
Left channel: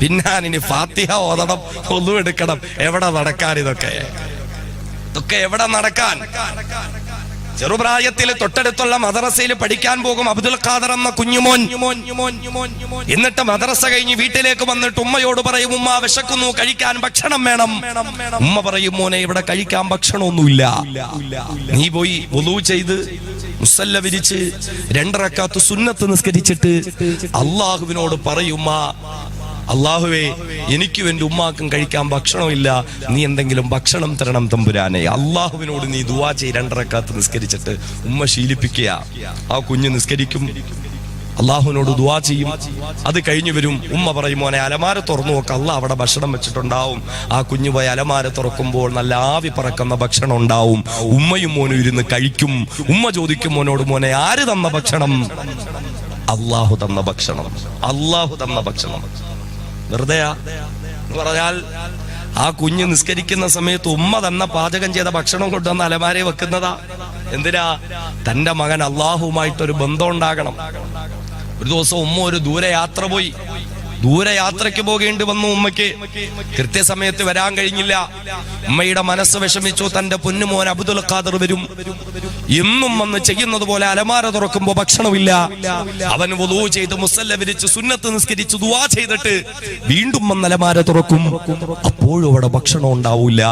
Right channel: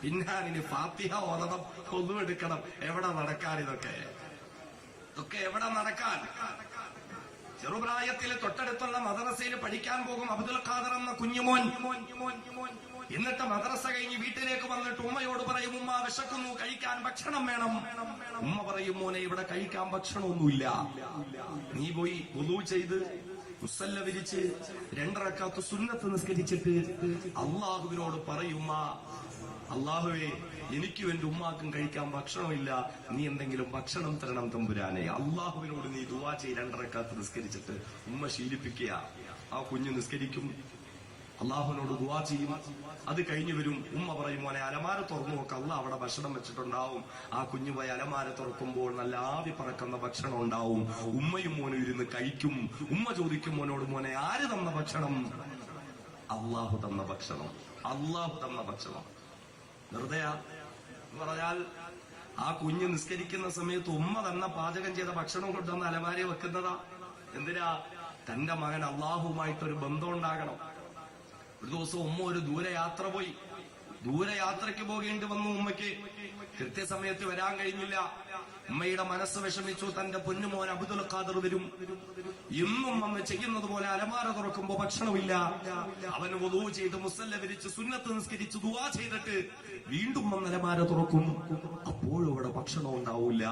പിന്നെ ഫാത്തിഹ ഓതണം, ഒന്നും എടുക്കണം. എവിടെ നടക്കാൻ ഇതൊക്കെ എവിടെ നടക്കാൻ? ചെറുപ്രായത്തിൽ തൊട്ടടുത്തുള്ള മദ്രസയിൽ പഠിക്കാൻ പോകും അബ്ദുൽ ഖാദർ എന്ന കുഞ്ഞുമോൻ. എന്നിട്ട് മദ്രസ കഴിഞ്ഞ് വീട്ടിലേക്ക് വന്നിട്ട് ഉമ്മയോട് പറയും, ഉമ്മ വിശക്കുന്നു, കഴിക്കാൻ ഭക്ഷണം വേണം. ഉമ്മ പറയും, മോനെ ഇവിടെ കഴിക്കാൻ ഭക്ഷണമൊന്നുമില്ല, നീ പോയി വുളൂ ചെയ്ത് മുസല്ല വിരിച്ച് 2 റക്അത്ത് സുന്നത്ത് നിസ്കരിച്ചിട്ട് അള്ളാഹുവിനോട് പറയുമ്മ, അള്ളാഹുവേ എനിക്കും എന്റെ ഉമ്മാക്കും കഴിക്കാൻ ഭക്ഷണമില്ല, നീ എന്തെങ്കിലും ഭക്ഷണം തരണം തമ്പുരാനെ. അള്ളാഹുവിനോട് നീ ദുആ ചെയ്യ്. 2 റക്അത്ത് നിസ്കരിച്ചിട്ട് ഉമ്മ ശീലിപ്പിക്കുക. ആ കുഞ്ഞ് നിസ്കരിക്കും, അള്ളാഹുവിനോട് ദുആ ചെയ്യും. അത് കഴിഞ്ഞു വരും. ഉമ്മ പറയും, മോനെ അലമാര തുറന്നു നോക്ക, അള്ളാഹ് അവിടെ ഭക്ഷണം വെച്ചിട്ടുണ്ടാവും. ആ കുഞ്ഞു പോയി അലമാര തുറക്കുമ്പോൾ നല്ല ആവി പറക്കുന്ന ഭക്ഷണം ഉണ്ടാവും. ഉമ്മയും മോനും ഇരുന്ന് കഴിക്കും. ഉമ്മ ചോദിക്കും മോനോട്, മോനെ ആര് തന്ന ഭക്ഷണം? അള്ളാഹു തന്ന ഭക്ഷണം. അള്ളാഹു തന്ന ഭക്ഷണം. വെറുതെ എന്ന് പറഞ്ഞാൽ ആ കുഞ്ഞ് നിസ്കരിക്കുന്ന സമയത്ത് ഉമ്മ തന്ന പാചകം ചെയ്ത ഭക്ഷണം കൊണ്ടുവന്ന് അലമാരയെ വെക്കുന്നതാ. എന്തിനാ? തന്റെ മകൻ അള്ളാഹുമായിട്ടൊരു ബന്ധം ഉണ്ടാകണം. ഒരു ദിവസം ഉമ്മ ഒരു ദൂരയാത്ര പോയി. ദൂരയാത്രയ്ക്ക് പോകേണ്ടി വന്നു. ഉമ്മയ്ക്ക് കൃത്യസമയത്ത് വരാൻ കഴിഞ്ഞില്ല. ഉമ്മയുടെ മനസ്സ് വിഷമിച്ചു. തന്റെ പൊന്നുമോൻ അബ്ദുൽ ഖാദർ വരും. എന്നും വന്ന് ചെയ്യുന്നത് പോലെ അലമാര തുറക്കുമ്പോ ഭക്ഷണമില്ല. അവൻ വുളൂ ചെയ്ത് മുസല്ല വിരിച്ച് സുന്നത്ത് നിസ്കരിച്ച് ദുആ ചെയ്തിട്ട് വീണ്ടും വന്ന് അലമാര തുറക്കും. അപ്പോഴും അവിടെ ഭക്ഷണം ഉണ്ടാവൂല.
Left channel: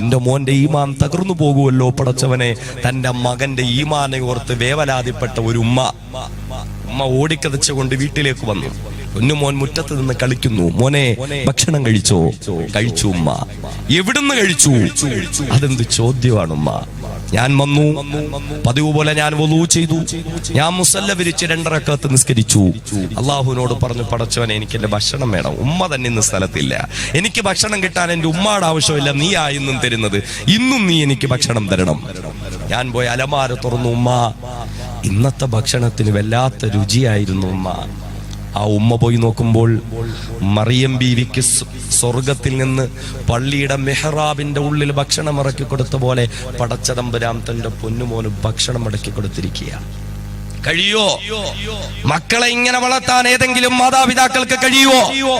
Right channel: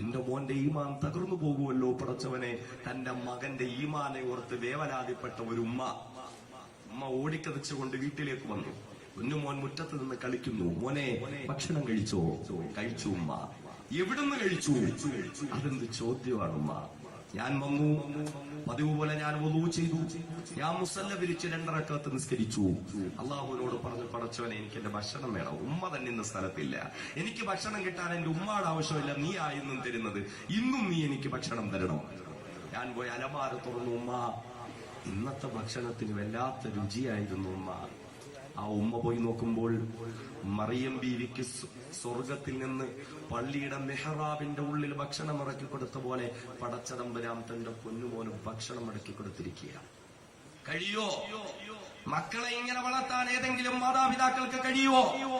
എന്റെ മോന്റെ ഈമാൻ തകർന്നു പോകുമല്ലോ പടച്ചവനെ. തന്റെ മകന്റെ ഈമാനെ ഓർത്ത് വേവലാതിപ്പെട്ട ഒരു ഉമ്മ ഓടിക്കതച്ചുകൊണ്ട് വീട്ടിലേക്ക് വന്നു. പൊന്നുമോൻ മുറ്റത്ത് നിന്ന് കളിക്കുന്നു. മോനെ ഭക്ഷണം കഴിച്ചോ? കഴിച്ചു ഉമ്മ. എവിടുന്ന് കഴിച്ചു? അതെന്ത് ചോദ്യമാണ് ഉമ്മ? ഞാൻ വന്നു, പതിവ് പോലെ ഞാൻ വുളൂ ചെയ്തു, ഞാൻ മുസല്ല വിരിച്ച് 2 റക്അത്ത് നിസ്കരിച്ചു. അള്ളാഹുവിനോട് പറഞ്ഞു, പടച്ചവനെ എനിക്ക് എന്റെ ഭക്ഷണം വേണം. ഉമ്മ തന്നെ ഇന്ന് സ്ഥലത്തില്ല. എനിക്ക് ഭക്ഷണം കിട്ടാൻ എന്റെ ഉമ്മയുടെ ആവശ്യമില്ല, നീ ഇന്നും തരുന്നത്. ഇന്നും നീ എനിക്ക് ഭക്ഷണം തരണം. ഞാൻ പോയി അലമാര തുറന്നു. ഉമ്മ ഇന്നത്തെ ഭക്ഷണത്തിന് വല്ലാത്ത രുചിയായിരുന്നു ഉമ്മ. ആ ഉമ്മ പോയി നോക്കുമ്പോൾ മറിയം ബീവിക്ക് സ്വർഗത്തിൽ നിന്ന് പള്ളിയുടെ മെഹ്റാബിന്റെ ഉള്ളിൽ ഭക്ഷണം ഇറക്കി കൊടുത്ത പോലെ പടച്ചതമ്പുരാൻ തന്റെ പൊന്നുമോന് ഭക്ഷണം ഇറക്കി കൊടുത്തിരിക്കുക. കഴിയോ? മക്കളെ ഇങ്ങനെ വളർത്താൻ ഏതെങ്കിലും മാതാപിതാക്കൾക്ക് കഴിയുവോ?